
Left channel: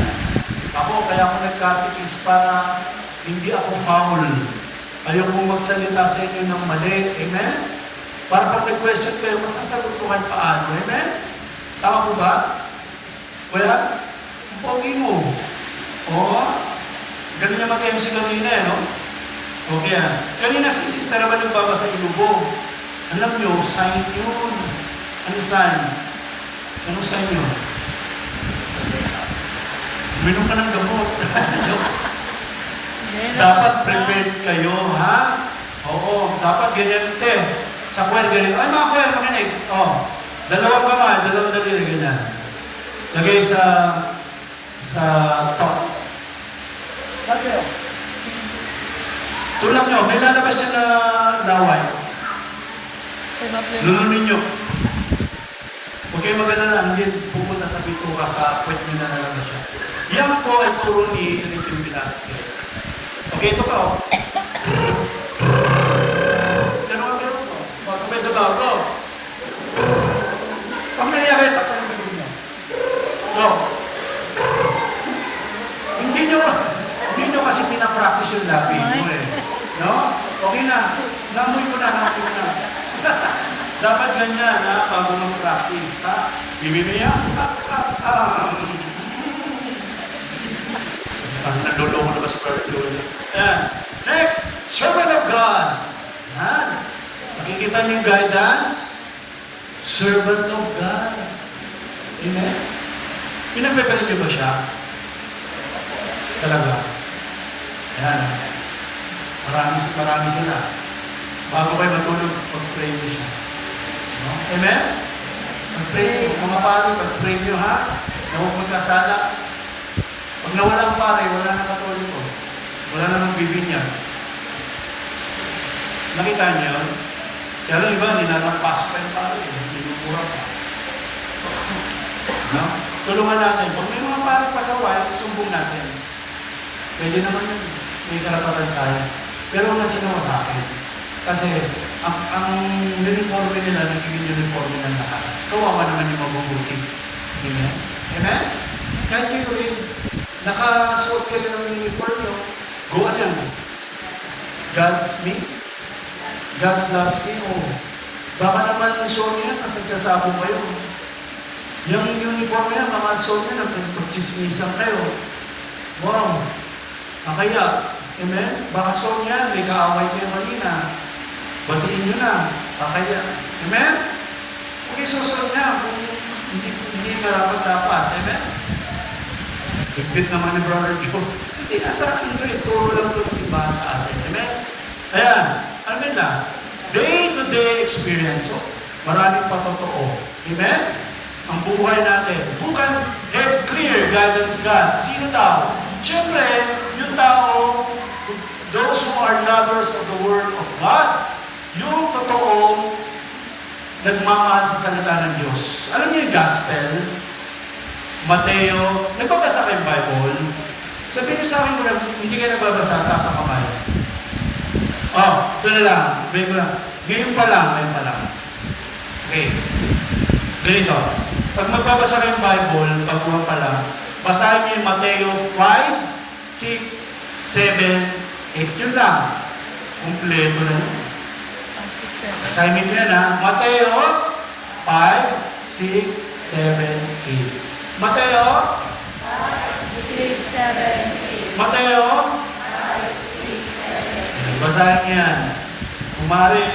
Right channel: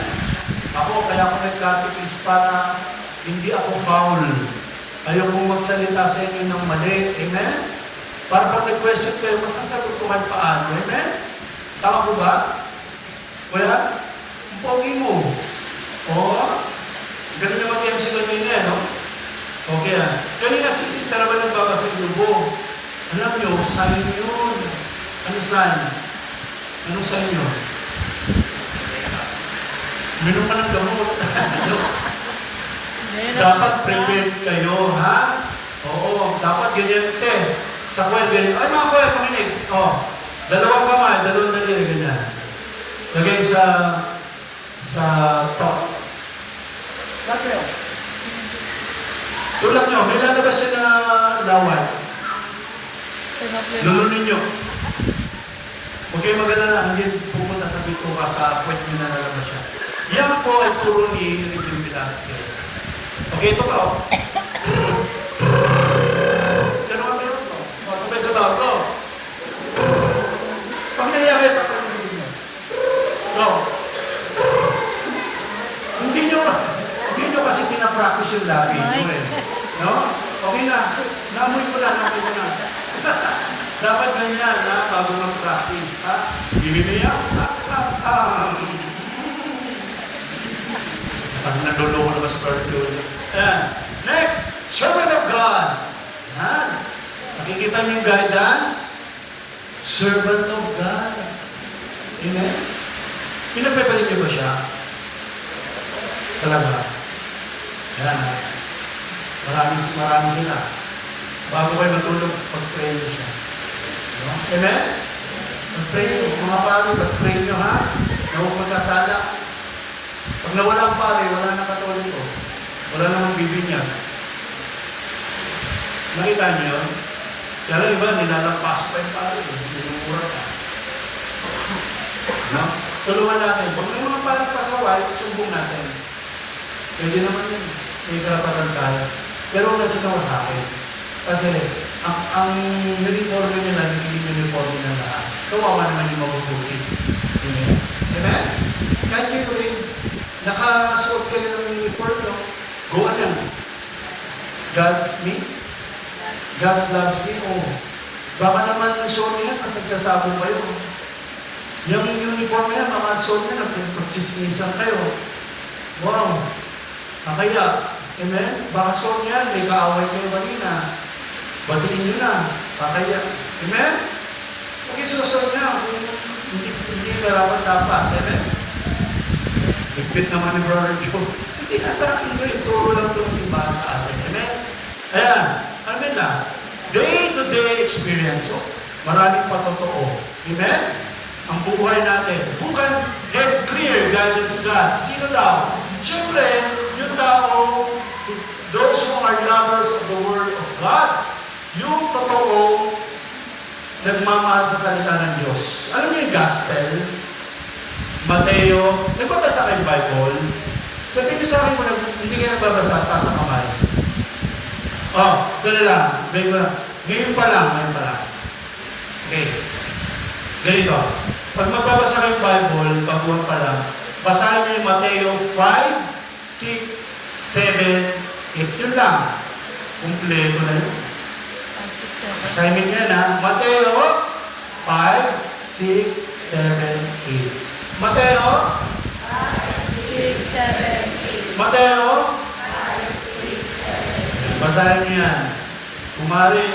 Ako, kaya ako nagkatikis para hindi ako foul. Ayoko magsalita sa inyo ng mali. Amen? Para pag may question kayo, masasagot ko kahit paano. Amen? Tama po ba? Kaya, ang pogi mo. Oo. Galing naman kayo si kanina, no? Okay, kanina si sister naman nagbabasa ilubo. Alam nyo, sign yun. Ano sign? Ano sign yun? Minom ka ng gamot. Dapat prepared kayo, ha? Oo, dapat ganyan. Sa kwel, ganyan. Ay, mga kwel, makinig. Dalawang kamay, dalawang daliri, ganyan. Lagay sa top. Bakit? Tulak nyo, may lalabas siya na laway. Lulunin nyo. Okay, maganda na, hindi pupunta sa bito ka sa kwet nyo na lalabas siya. Yan po ay turo ni Regine Velasquez. Okay, ito ka, Ganun ko. Sabay sa tao ko. Pag nangyari, patay mo. No. Hindi nyo kasi pinapractice yung labi mo eh. No? Okay na. Namoy ko na. Dapat ganyan, bago mag-practice, Bibili yan. Ang nalulungan mas pardon. Next, servant of God. Nakikita niyo yung guidance. Servant of God. Amen? Pinagpapalit niyo ba siya? Talaga. Ayan. Marami sila. Bago kayo matulog, pag-pray niyo siya. No? Amen? Pag-pray niyo. Mga pare, pag-pray niyo ha. Huwag magkasala. Pag nawala ang pare, wala na katoliko. Wala na magbibinyan. Nakita niyo yun? Pero iba, nilalampas pa yung pare. Binumura pa. No? Tulungan natin. Kung may mga pare pasaway, sumbong natin. Pwede naman yun. May karapatan tayo. Pero huwag na sinawa sa akin. Kasi, ang uniforme nila, nagiging uniforme ng lahat. Kawawa naman yung mabubuti. Amen? Amen? Kahit kayo rin, nakasuot kayo ng uniform nyo, go on yan. God's me? God's loves me? O baka naman yung suot niya, tapos nagsasabong kayo. Yung uniform niya, mga suot niya, nagpagchismisan kayo. Wow! Kaya, amen? Baka suot niya, may kaaway kayo kanina. Batiin nyo na. Kaya, amen? Huwag isusunod niya kung hindi karapat dapat. Amen? Bigpit naman ni Brother Joe. Hindi ka sa akin ito. Ituro lang ito ng simbahan sa atin. Amen? Ayan. Ano yung last? Day-to-day experience. So, maraming patotoo. Amen? Ang buhay natin. Bukan head clear, guidance God. Sino daw? Siyempre, yung tao, those who are lovers of the Word of God, yung totoo, nagmamahal sa salita ng Diyos. Ano yung gospel? Mateo, nagbabasa kayo ng Bible? Sabihin nyo sa akin kung hindi kayo nagbabasa, taas ang kamay. Oh, ito na lang. Ngayon pa lang. Okay. Ganito. Pag magbabasa kayo ng Bible, baguhan pa lang, basahin nyo yung Mateo 5, 6, 7, 8. Yun lang. Kumpleto na yun. Assignment nyo na, Mateo 5, 6, 7, 8. Mateo 6, 7, 8. Mateo 5, 6, 7, 8. basahin nyo yan. Kumari,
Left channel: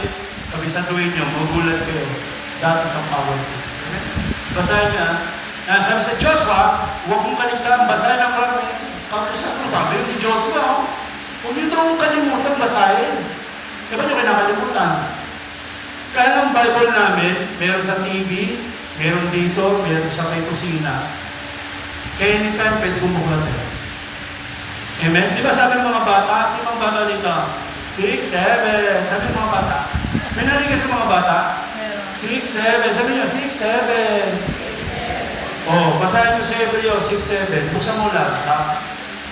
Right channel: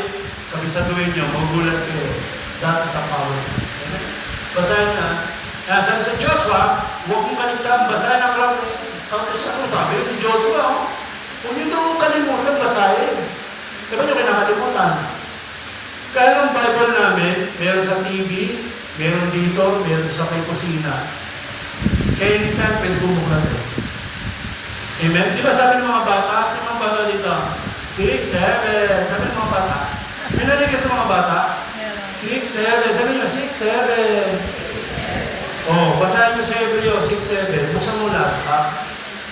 kabisaduhin nyo, magulat kayo. Dati sa power. Basahin nyo. Sabi sa Joshua, huwag mong kaligtaan, basahin ang kapusan mo. Sabi ni Joshua, huwag nyo daw kalimutan, basahin. Diba nyo kinakalimutan? Kaya ang Bible namin, meron sa TV, meron dito, meron sa may kusina. Kaya anytime, pwede bumukla tayo. Amen? Di ba sabi ng mga bata? Sino mga bata dito? 6, 7. Sabi ng mga bata. May narinig sa mga bata? 6, 7. Sabi nyo, 6, 7. Oh, basahin nyo sa Hebreo 6, 7. Buksan mo lang.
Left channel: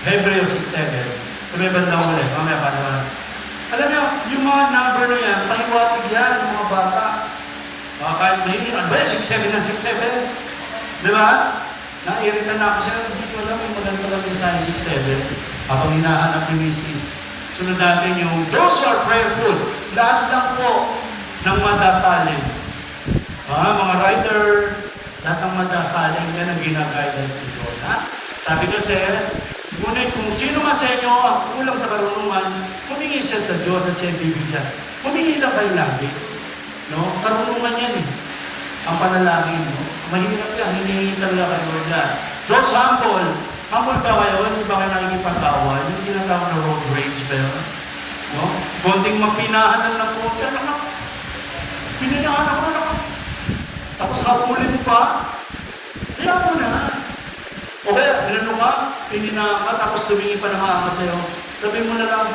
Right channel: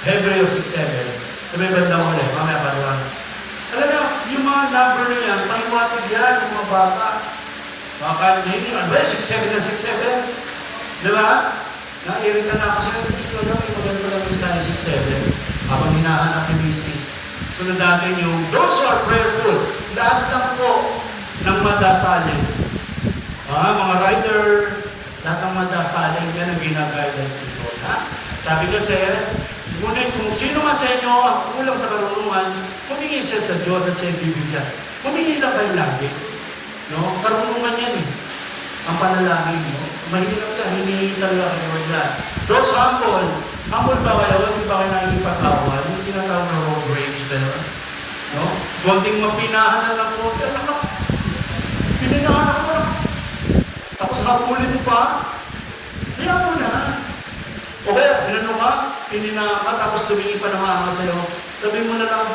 Hebreo 6, 7. Sabi yung bandang ulit. Mamaya panulan. Alam niyo, yung mga number na yan, pahiwatig yan, mga bata. Mga kahit may ano ba, 6-7 na 6-7. Di ba? Nairita na ako sila, gusto na may maganda lang yung sign 6-7. Habang hinahanap ni Mrs. Sunod natin yung, those who are prayerful, lahat lang po ng madasalin. Mga rider, lahat ng madasalin, yan ang ginaguidance nila. Sabi kasi, ngunit kung sino man sa inyo ang kulang sa karunungan, humingi siya sa Diyos at siya bibigyan. Humingi lang kayo lagi. No? Karunungan yan eh. Ang panalangin. No? Mahirap yan. Hinihingi lang kayo yan. Those humble. Humble ba kayo? Hindi ba kayo nakikipagkawan? Yung tinatawag na road rage there. No? Konting mapinahan lang ng konti. Alam mo, pininahan ako lang. Tapos hapulin pa. Bilang mo na. O kaya, binano ka, pinina ka, tapos tumingin pa ng maama sa'yo. Sabihin mo na lang,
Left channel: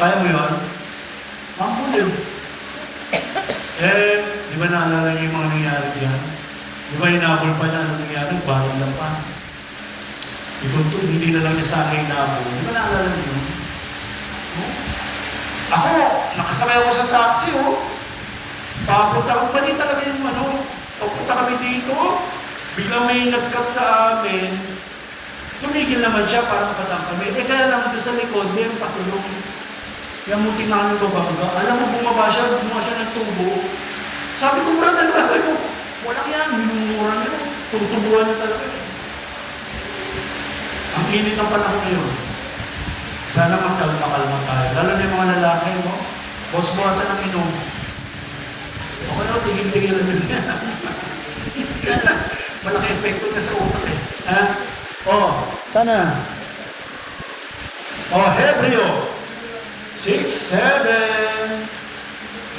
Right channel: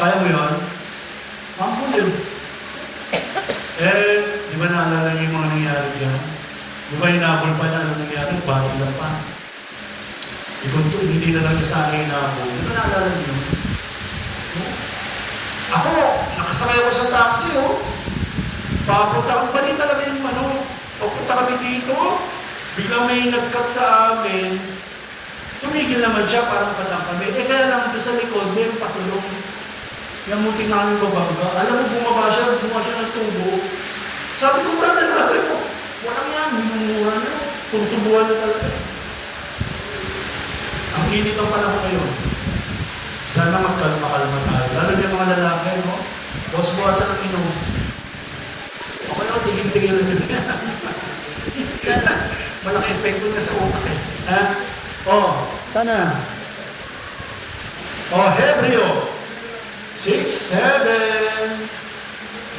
kaya mo yun? Mampun yun. Di ba naalala niyo yung mga nangyari dyan? Di ba hinabol pa niya anong nangyari? Bahay lang pa. Hindi na lang niya sana hinabol. Di ba naalala niyo? Ako, nakasakay ako sa taxi, Papunta ako, bali talaga yung papunta kami dito. Biglang may nag-cut sa amin, tumigil naman siya para makatang kami. Kaya lang doon sa likod, may pasulong. Yung muti namin bababa. Alam mo, bumaba siya ng tubo. Sabi ko, brother, walang yan, minumuran niyo. Tutubuhan niya talaga. Ang init ng panahon ngayon. Sana magkalma-kalma tayo. Lalo na yung mga lalaki, no? Bosbosa ng inom. Ako naman, tigil-tigil yun. Malaki epekto niya sa utak eh. Ha? Sana. Hebreo 6:7.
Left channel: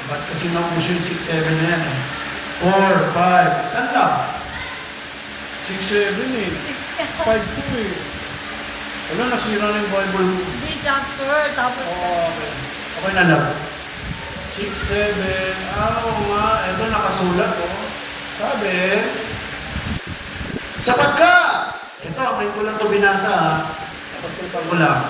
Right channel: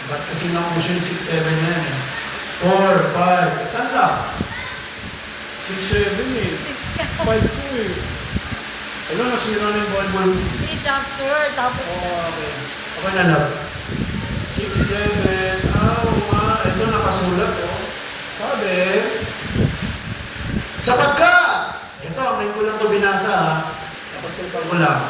Ba't kasi naman yung 6:7 yan? 4, 5. Saan ka? 6:7 eh. 5 ko eh. Wala, nasira na yung Bible. Hindi, chapter. Tapos, Okay. Okay na lang. 6:7. Oo nga. Ito nakasulat oh. Sabi, sapagkat, ito, may ko lang ito binasa ha. Kapagpapag ko lang.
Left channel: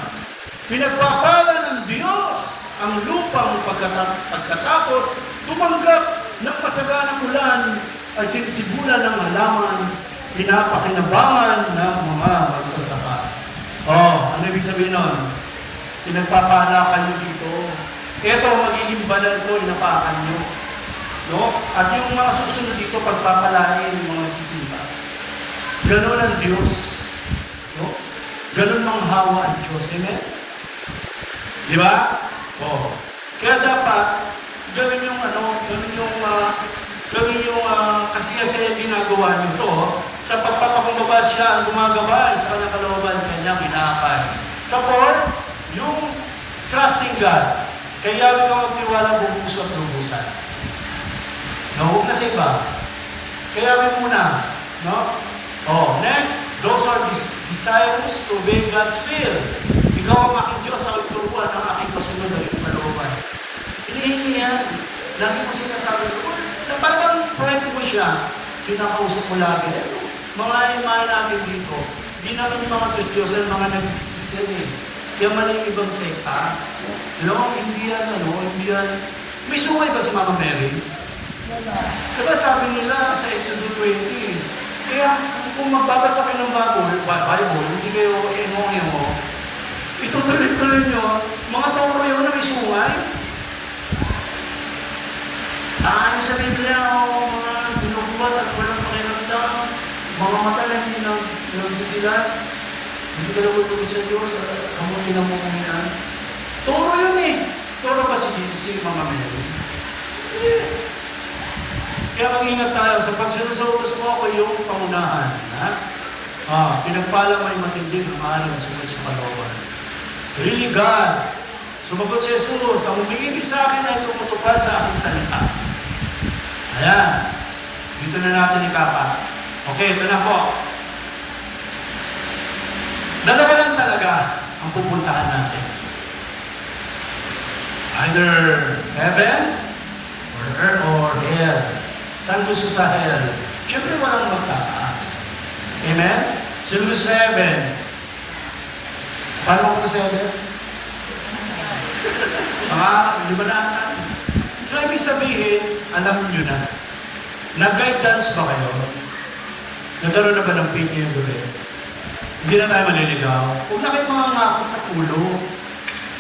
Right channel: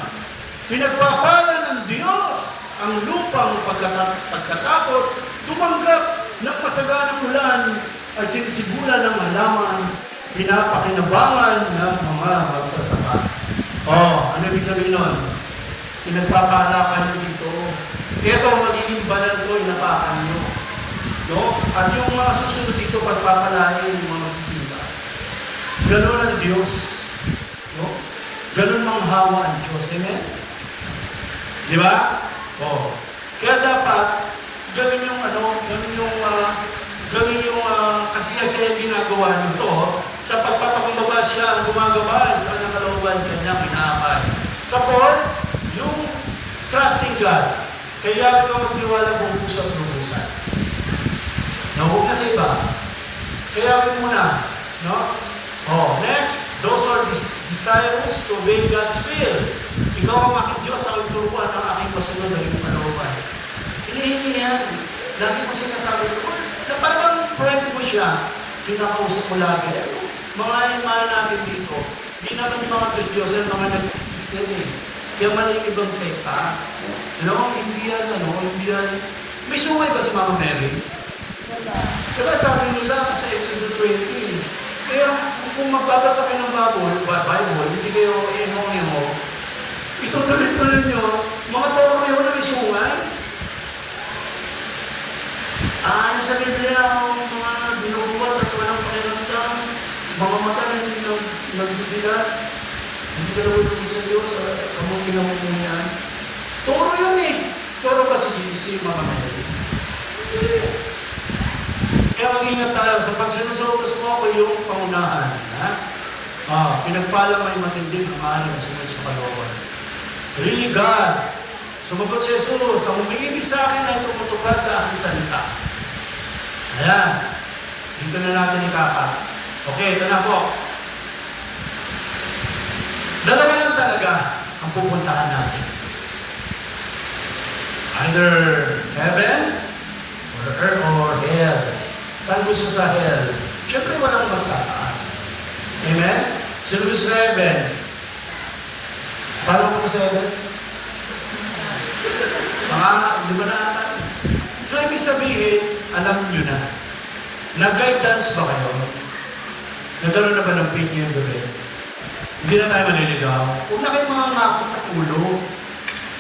Pinagpapala ng Diyos ang lupang pagkatapos tumanggap ng pasaganang ulan ay sinisibulan ng halaman, pinapakinabangan ng mga magsasaka. Ano ibig sabihin nun? Pinagpapala nyo dito. Ito, magiging banal ko, inapakan nyo. No? At yung mga susunod dito, pagpapalain yung mga magsisimba. Ganon ang Diyos. No? Ganon manghawa ang Diyos. Amen? Di ba? Kaya dapat, ganon yung kasi ginagawa nito, sa pagpapakumbaba siya ang gumagabay sa kanyang kalooban, kanyang inaakay. Sa fourth, yung trusting God. Kaya ka magtiwala bubusan at lubusan. Huwag na sa iba. Kaya muna. No? Next, those are desires to obey God's will. Ikaw ang aking Diyos, ang ituruan ng aking kasunod ng iyong kalooban. Hindi yan. Lagi mo sinasabi ko, na parang pride mo siya, kinakausap mo lagi. Mga imahan natin dito, di naman yung mga Diyos-Diyosan, mga nag-existen eh. Kaya mali yung ibang sekta. No, hindi yan. May sumay ba sa mga Mary? wala. Diba sabi nila sa Exodus 20, kaya kung magbabasa kayo ng Bible, hindi kayo mo, itutuloy-tuloy nyo, mga toro yun na may sungay. Yung sa Biblia, mga binubuhat at walang pakiramdam, mga mata na hindi nagdidilat, hindi ka naman tungkol sa Diyos, kamutin ang mumuhian. Toro yun eh. Toro ba si mga Mary? Hindi. Kaya mag-ingat tayo sa pagsinusutas mo ko yung pangunahan. Pinagpala mo yung matinding ang sunod sa kalooban. Really God, sumagot sa Jesus, ang umiibig sa akin ay tumutupad sa aking salita. Ayan. Dito na natin ikakat. Okay, ito na po. Dalawa lang talaga ang pupuntahan natin. Either heaven or earth or hell. Saan gusto sa hell? Siyempre walang magtataas. Amen? Sunod sa heaven. Paano ko sa heaven? Di ba natin? So, ibig sabihin, alam nyo na. Nag-guidance ba kayo? Nagkaroon na ba ng PTM doon? Hindi na tayo maliligaw. Huwag na kayo mga ngakot na ulo.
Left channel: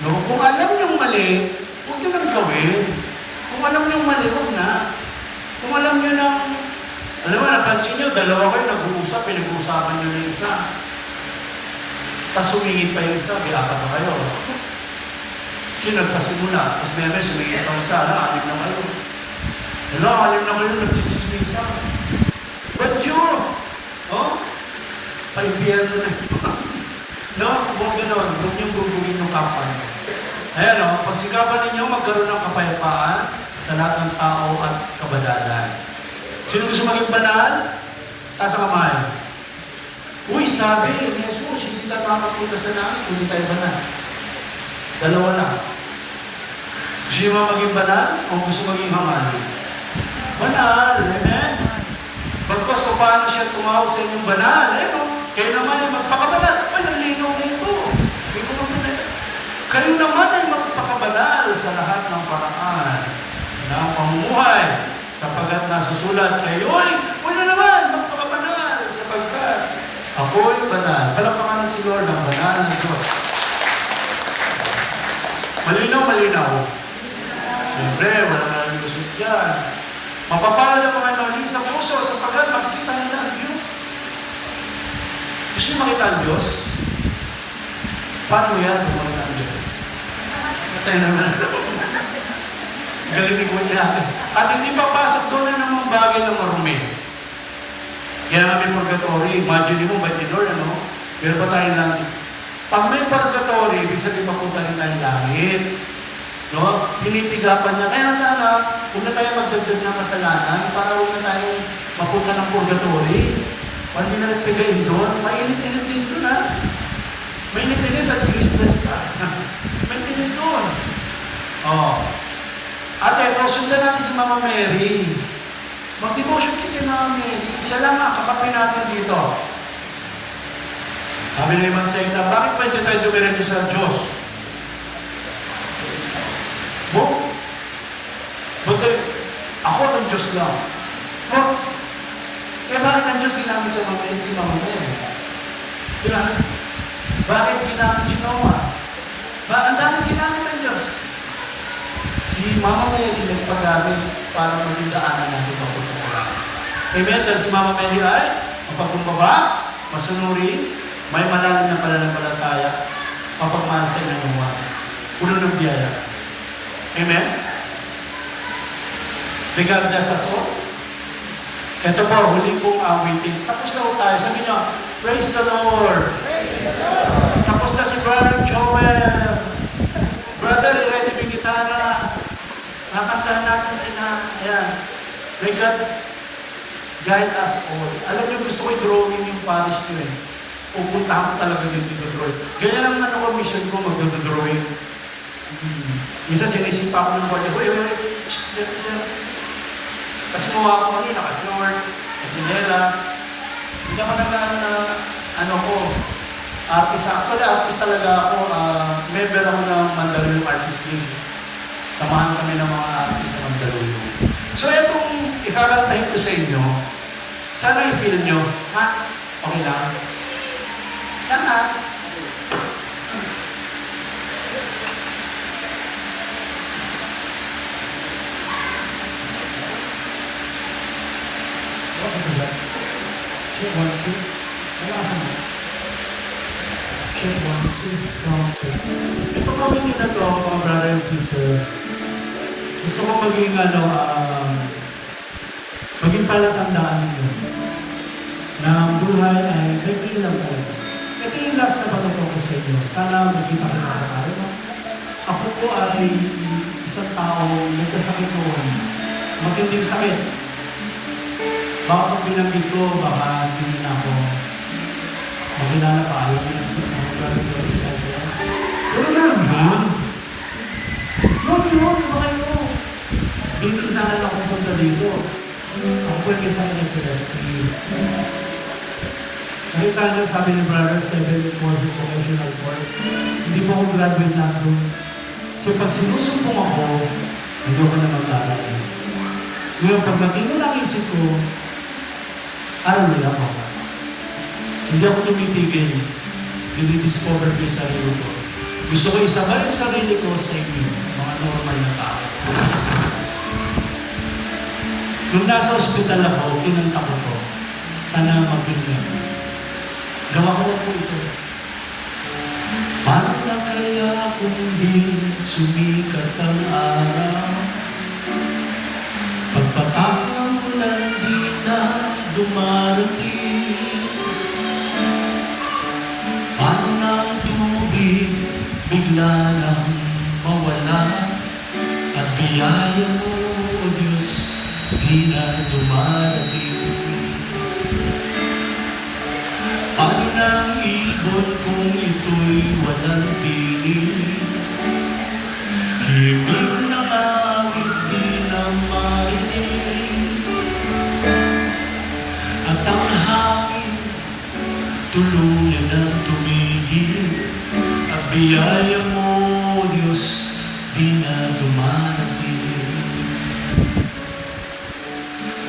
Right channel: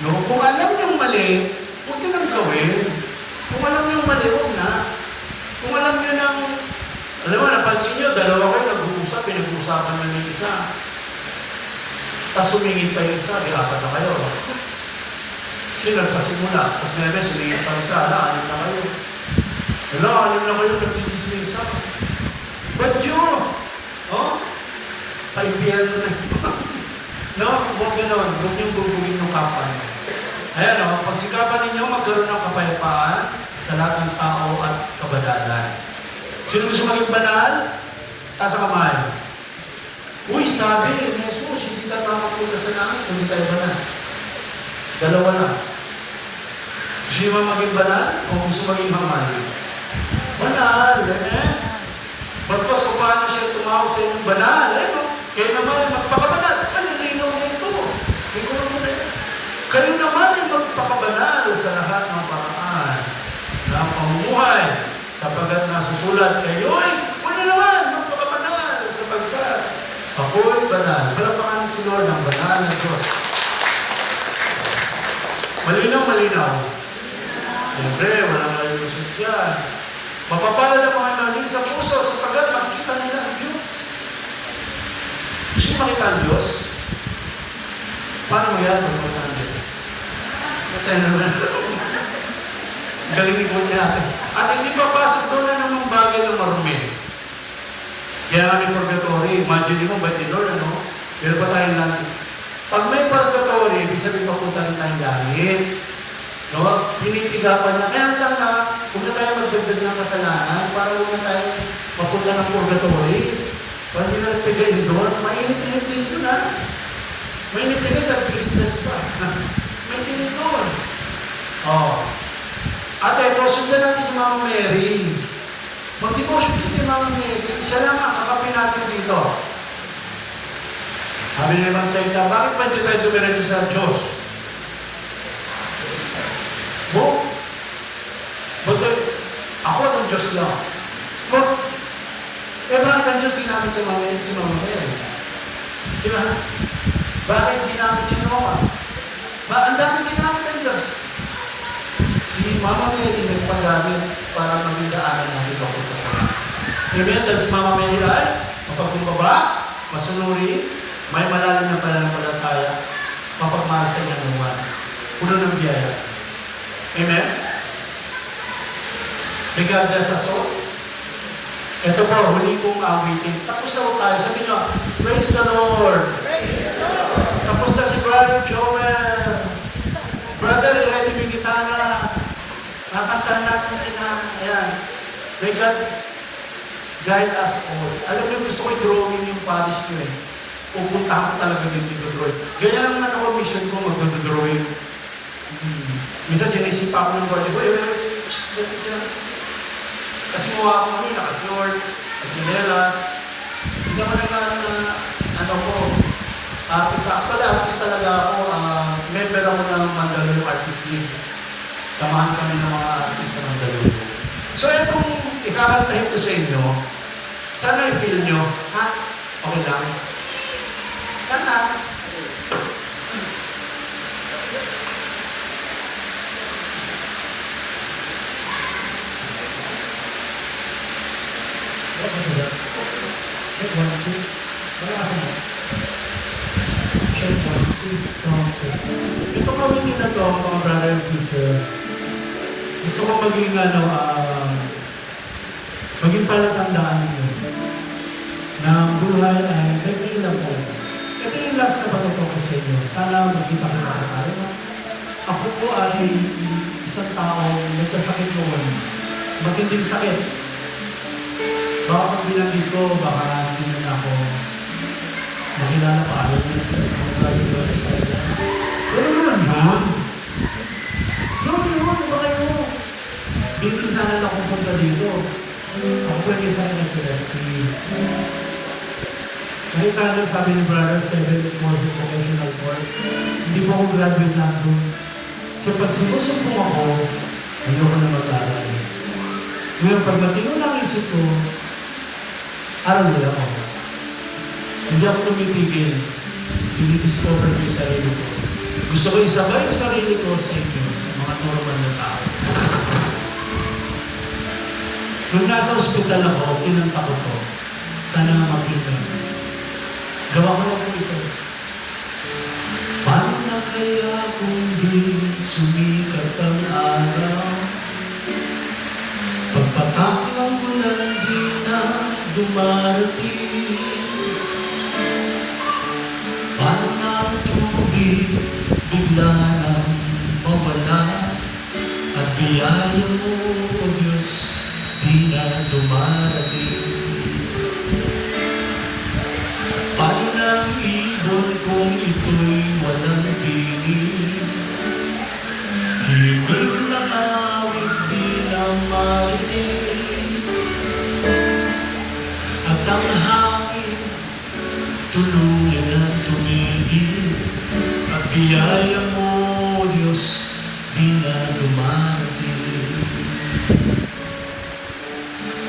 No? Kung alam nyo mali, huwag nyo nang gawin. Kung alam nyo mali, huwag na. Kung alam nyo nang, alam mo, napansin nyo, dalawa kayo nag-uusap, pinag-uusapan nyo ng isa. Tapos sumingit pa yung isa, bilata pa kayo. Sino nagpasimula? Tapos may sumingit pa yung isa, anim na kayo. Anim na kayo, nagchichismisa. But you, paibiyan ko na yun. Huwag gano'n, huwag niyong gugugin yung kapal. Ayan pagsikapan ninyo, magkaroon ng kapayapaan sa lahat ng tao at kabadalan. Sino gusto maging banal? Taas ang kamay. Uy, sabi ni Jesus, hindi tayo makapunta sa langit, hindi tayo banal. Dalawa lang. Gusto nyo ba maging banal? O gusto maging hamal? Banal, amen? Pagkas kung paano siya tumawag sa inyong banal, kayo naman ay magpakabanal. Ay, nalinaw nito. Kayo naman ay magpakabanal sa lahat ng paraan ng pamumuhay sapagkat nasusulat kayo ay wala naman magpakabanal sapagkat ako'y banal. Palakpakan si Lord ang banal ng Diyos. Malinaw. Siyempre, wala nalusot yan. Mapapala ang mga naling sa puso sapagkat makikita nila ang Diyos. Gusto nyo makita ang Diyos? Paano yan kung makita ang Diyos? Galing ni Kuya natin. At hindi papasok doon na ng mga bagay na marumi. Kaya namin purgatory. Imagine mo, ba't Lord, ano? Pero pa tayo lang. Pag may purgatory, ibig sabihin mapunta rin tayong langit. No? Pinitigapan niya. Kaya sana, huwag na tayo magdagdag ng kasalanan para huwag na tayo mapunta ng purgatory. Para hindi na nagpigain doon. Mainit-init din doon, ha? Mainit-init at Christmas pa. May pinit doon. Oh. Ate, sundan natin si Mama Mary. Mag-devotion din kay Mama Mary. Isa lang ang kakapin natin dito. Sabi na naman sa inyo, bakit ba hindi tayo dumiretso sa Diyos? Buti, ako ang Diyos lang. Bakit ang Diyos ginamit si Mama Mary? Diba? Bakit ginamit si Noah? Ang dami ginamit ang Diyos. Si Mama Mary nagpagamit para maging daanan natin papunta sa langit. Amen? Dahil si Mama Mary ay mapagkumbaba, masunuri, may malalim na pananampalataya, mapagmasay ng naman. Puno ng biyaya. Amen? Regardless sa soul. Ito po, huli kong awitin. Tapos na tayo. Sabi nyo, praise the Lord! Praise the Lord! Tapos na si Brother Joel. Brother, ready mo gitara. Nakantahan natin sila. Ayan. May God guide us all. Alam niyo, gusto ko i-drawing yung parish ko eh. Pupunta ko talaga dito i-drawing. Gaya naman ako, mission ko, mag-drawing. Minsan sinisipa ko ng body. Kasi mga ako kami, naka-floor, naka-ginelas. Hindi naman ano ko, artist talaga ako, member ako ng Mandaluyong Artist League. Samahan kami ng mga artist ng Mandaluyong. So itong ikakantahin ko sa inyo, sana i-feel nyo, ha? Okay lang? Sana? Ito kami nila to, mga brother and sister. Gusto ko maging maging palatandaan ninyo na buhay ay magiging lang talaga. Ito yung last na pagkato ko sa inyo. Sana magkita ko na tayo. Ako po ay isang tao nagkasakit noon. Magiging sakit. Baka kung binanggit ko, baka hindi na ako makilala pa. Ayaw na sa mga galing doon sa iyo. Pero yun lang. Yun, baka yun. Binigyan sana na akong punta dito. Ako pwede sana ng Philipsi. Nakita na sabi ni Brother 7 courses vocational course. Hindi po ako graduate na ako. So pag sinusumpong ako, hindi ako na mag-aaral. Ngayon, pag natingin ang isip ko, aral nila ako. Hindi ako tumitigil. Dinidiscover ko yung sarili ko. Gusto ko isabay yung sarili ko sa inyo, mga normal na tao. Nung nasa ospital ako, kinanta ko to. Sana magpinta. Gawa ko lang po ito. Paano na kaya kung di sumikat ang araw? Pagpatak ng ulan di na dumarating. Paano na ang tubig bigla nang mawala? At biyaya mo, O Diyos, di na dumarating. Paano na ang ibon kung ito'y walang tinig? Himig na awit di na marinig. At ang hangin tuluyan ang tumigil. At biyaya mo, Diyos, di na dumarating.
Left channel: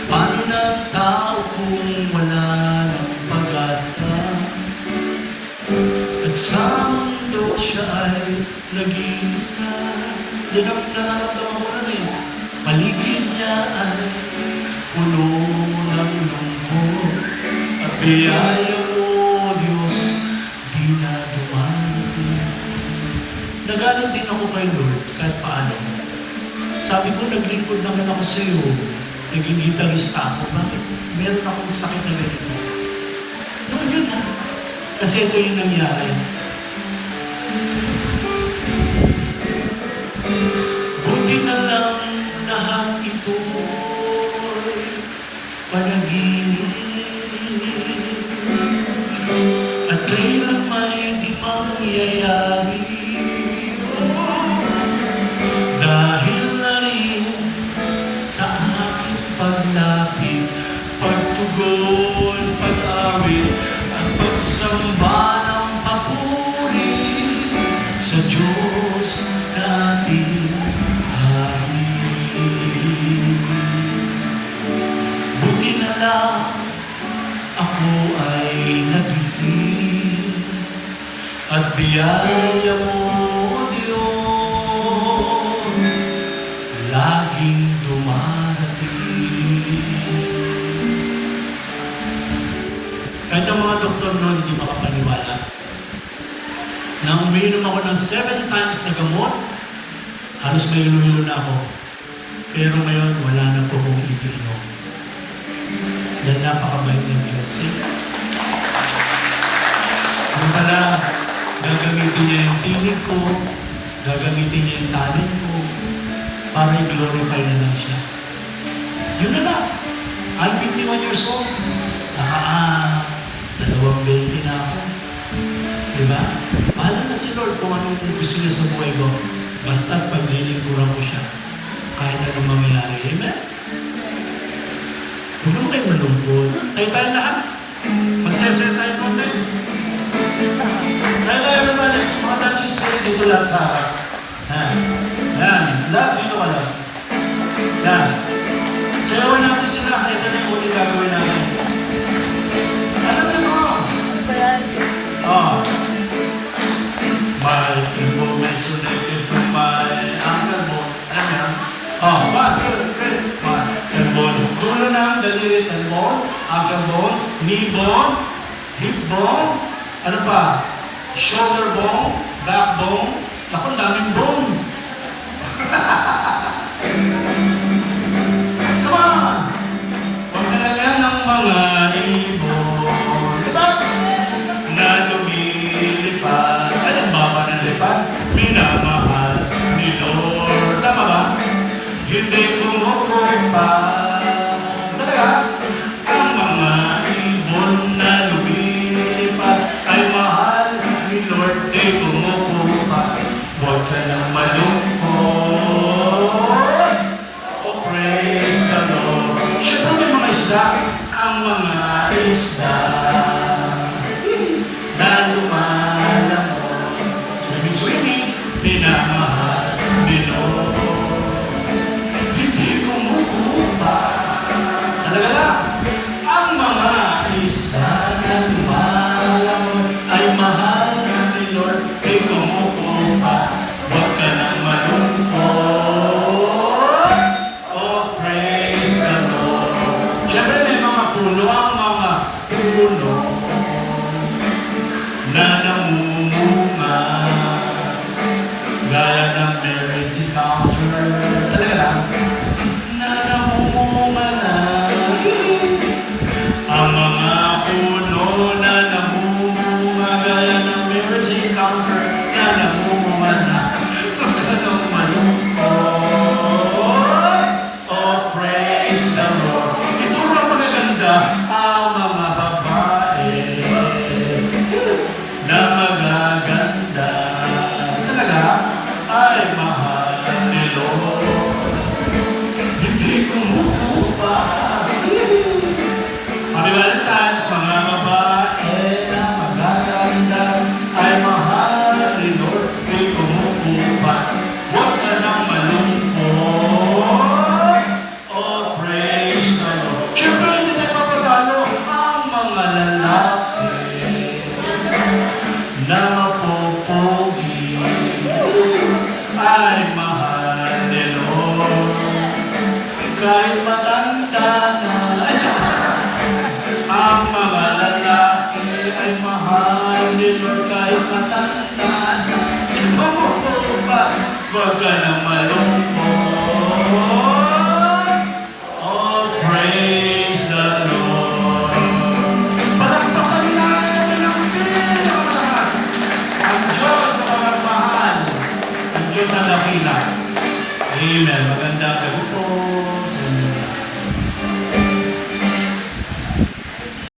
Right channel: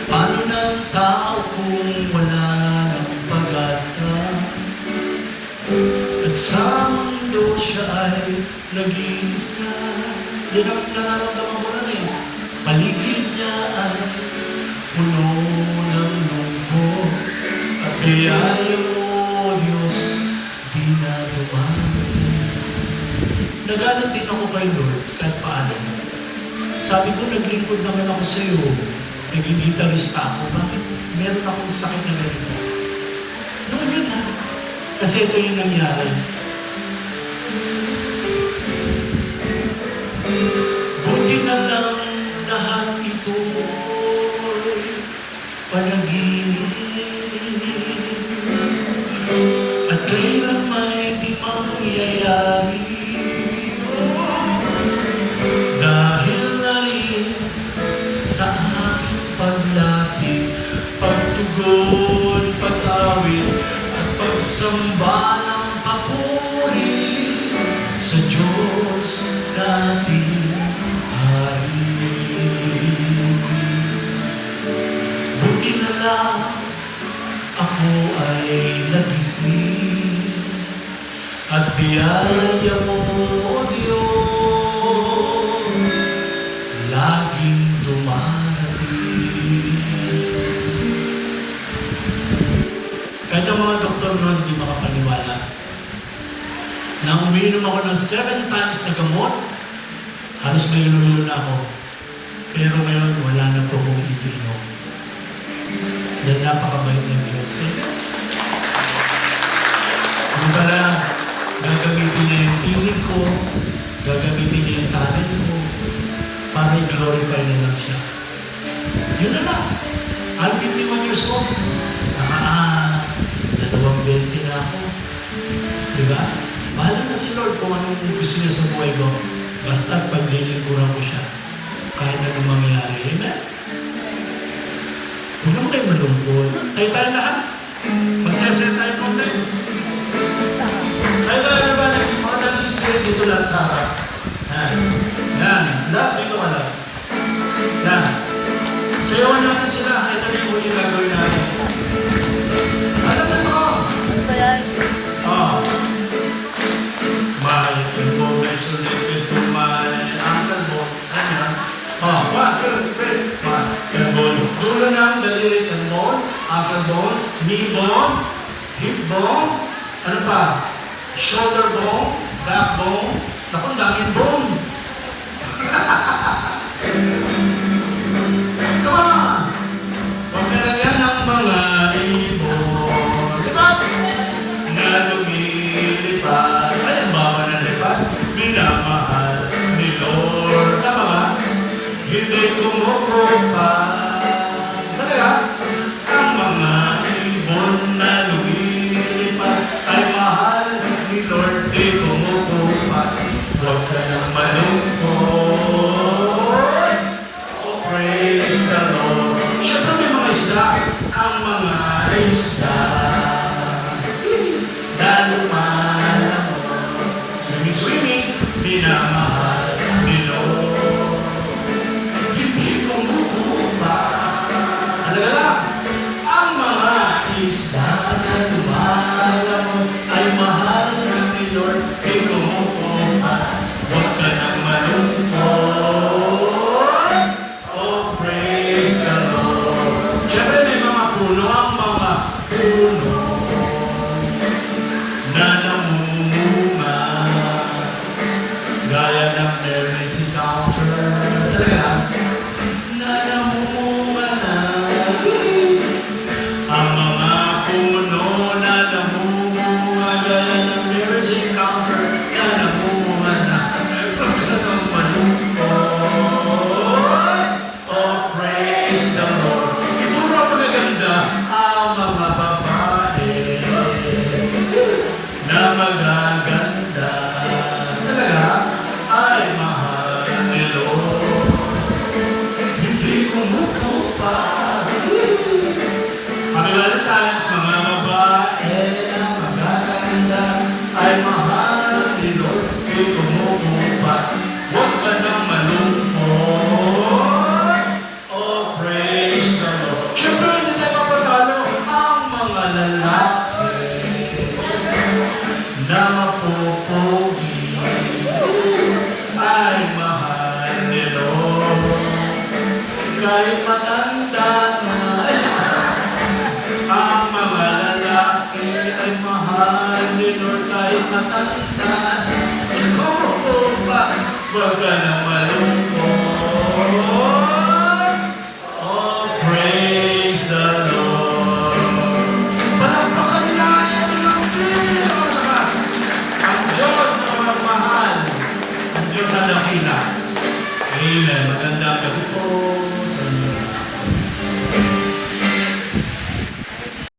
Paano na ang tao kung wala ng pag-asa? At sa mundo siya ay nag-iisa. Yan ang nararamdaman ko na eh. Paligid niya ay puno ng lungkot. At biyaya mo, Diyos, di na dumarating. Nagalit din ako kay Lord kahit paano. Sa Sabi ko, naglingkod naman ako sa iyo. Naging gitarista ako. Bakit meron akong sakit na ganito? Noon yun na. Kasi ito yung nangyari. Buti na lang lahat ito panaginip. At kailan may di pangyayari. Dahil na rin sa aking paglapit, pagtugon, pag-awit, at pagsamba ng papuri sa Diyos nating Hari. Buti na lang ako ay nagising at biyaya mo, O Diyos, laging dumarating. Kahit ang mga doktor na hindi makapaniwala na uminom ako ng 7 times na gamot, halos na hilo na ako. Pero ngayon, wala na po kong ipinom. Yan napakabait ng Diyos. Kung pala, gagamitin niya yung tinig ko, gagamitin niya yung talent ko, para i-glorify na lang siya. Yun na lang. I'm 51 years old. 20 na ako. Diba? Mahal na si Lord kung anong gusto niya sa buhay ko. Basta paglilingkuran ko siya. Kahit anong mangyayari. Amen? Huwag mo kayo malungkot. Tayo tayo lahat. Magsesel tayo pa tayo. Tayo tayo ba na mga dancing spirit dito lahat sa harap. Yan. Lahat dito ka lang. Yan. Sayawan natin sila. Kahit anong huli gagawin natin. Alam mo mo? Oh. My information is to my uncle mo. Ano? Oh, bakit? Bone. Dulo ng daliri ng bone, ankle bone, knee bone, hip bone, ano pa? Shoulder bone, back bone, naku, daming bone. Come on! Pagkalaga ng mga ibon, diba? Na lumilipad, ay, ang baba ng lipad, minamahal ni Lord. Tama ba? Hindi kumukupa. Ang mga ibon na lumilipad ay mahal ni Lord, di kumukupas. Huwag ka nang malungkot. Oh, praise the Lord. Siyempre may mga isda. Ang mga isda na lumalangon. Swimming, minamahal ni Lord. Hindi kumukupas. Talaga, ang mga isda na lumalangon ay mahal ni Lord, di kumukupas. Huwag ka nang malungkot. Oh, praise the Lord. Siyempre may mga puno, ang mga puno na namumunga gaya ng marriage encounter. Talaga, na namumunga na. Ang mga puno na namumunga gaya ng marriage encounter na namumunga na. Huwag ka nang malungkot. Oh, praise the Lord. Ito na magaganda ang mga babae na magaganda. Talaga ay mahal ni Lord. Hindi kumukupas. Happy Valentine's, mga babae na magaganda ay mahal ni Lord. Hindi kumukupas. Huwag ka nang malungkot. Oh, praise the Lord. Siyempre, hindi tayo papagano ang mga lalaki na mapupugi ay mahal ni Lord. Kahit mata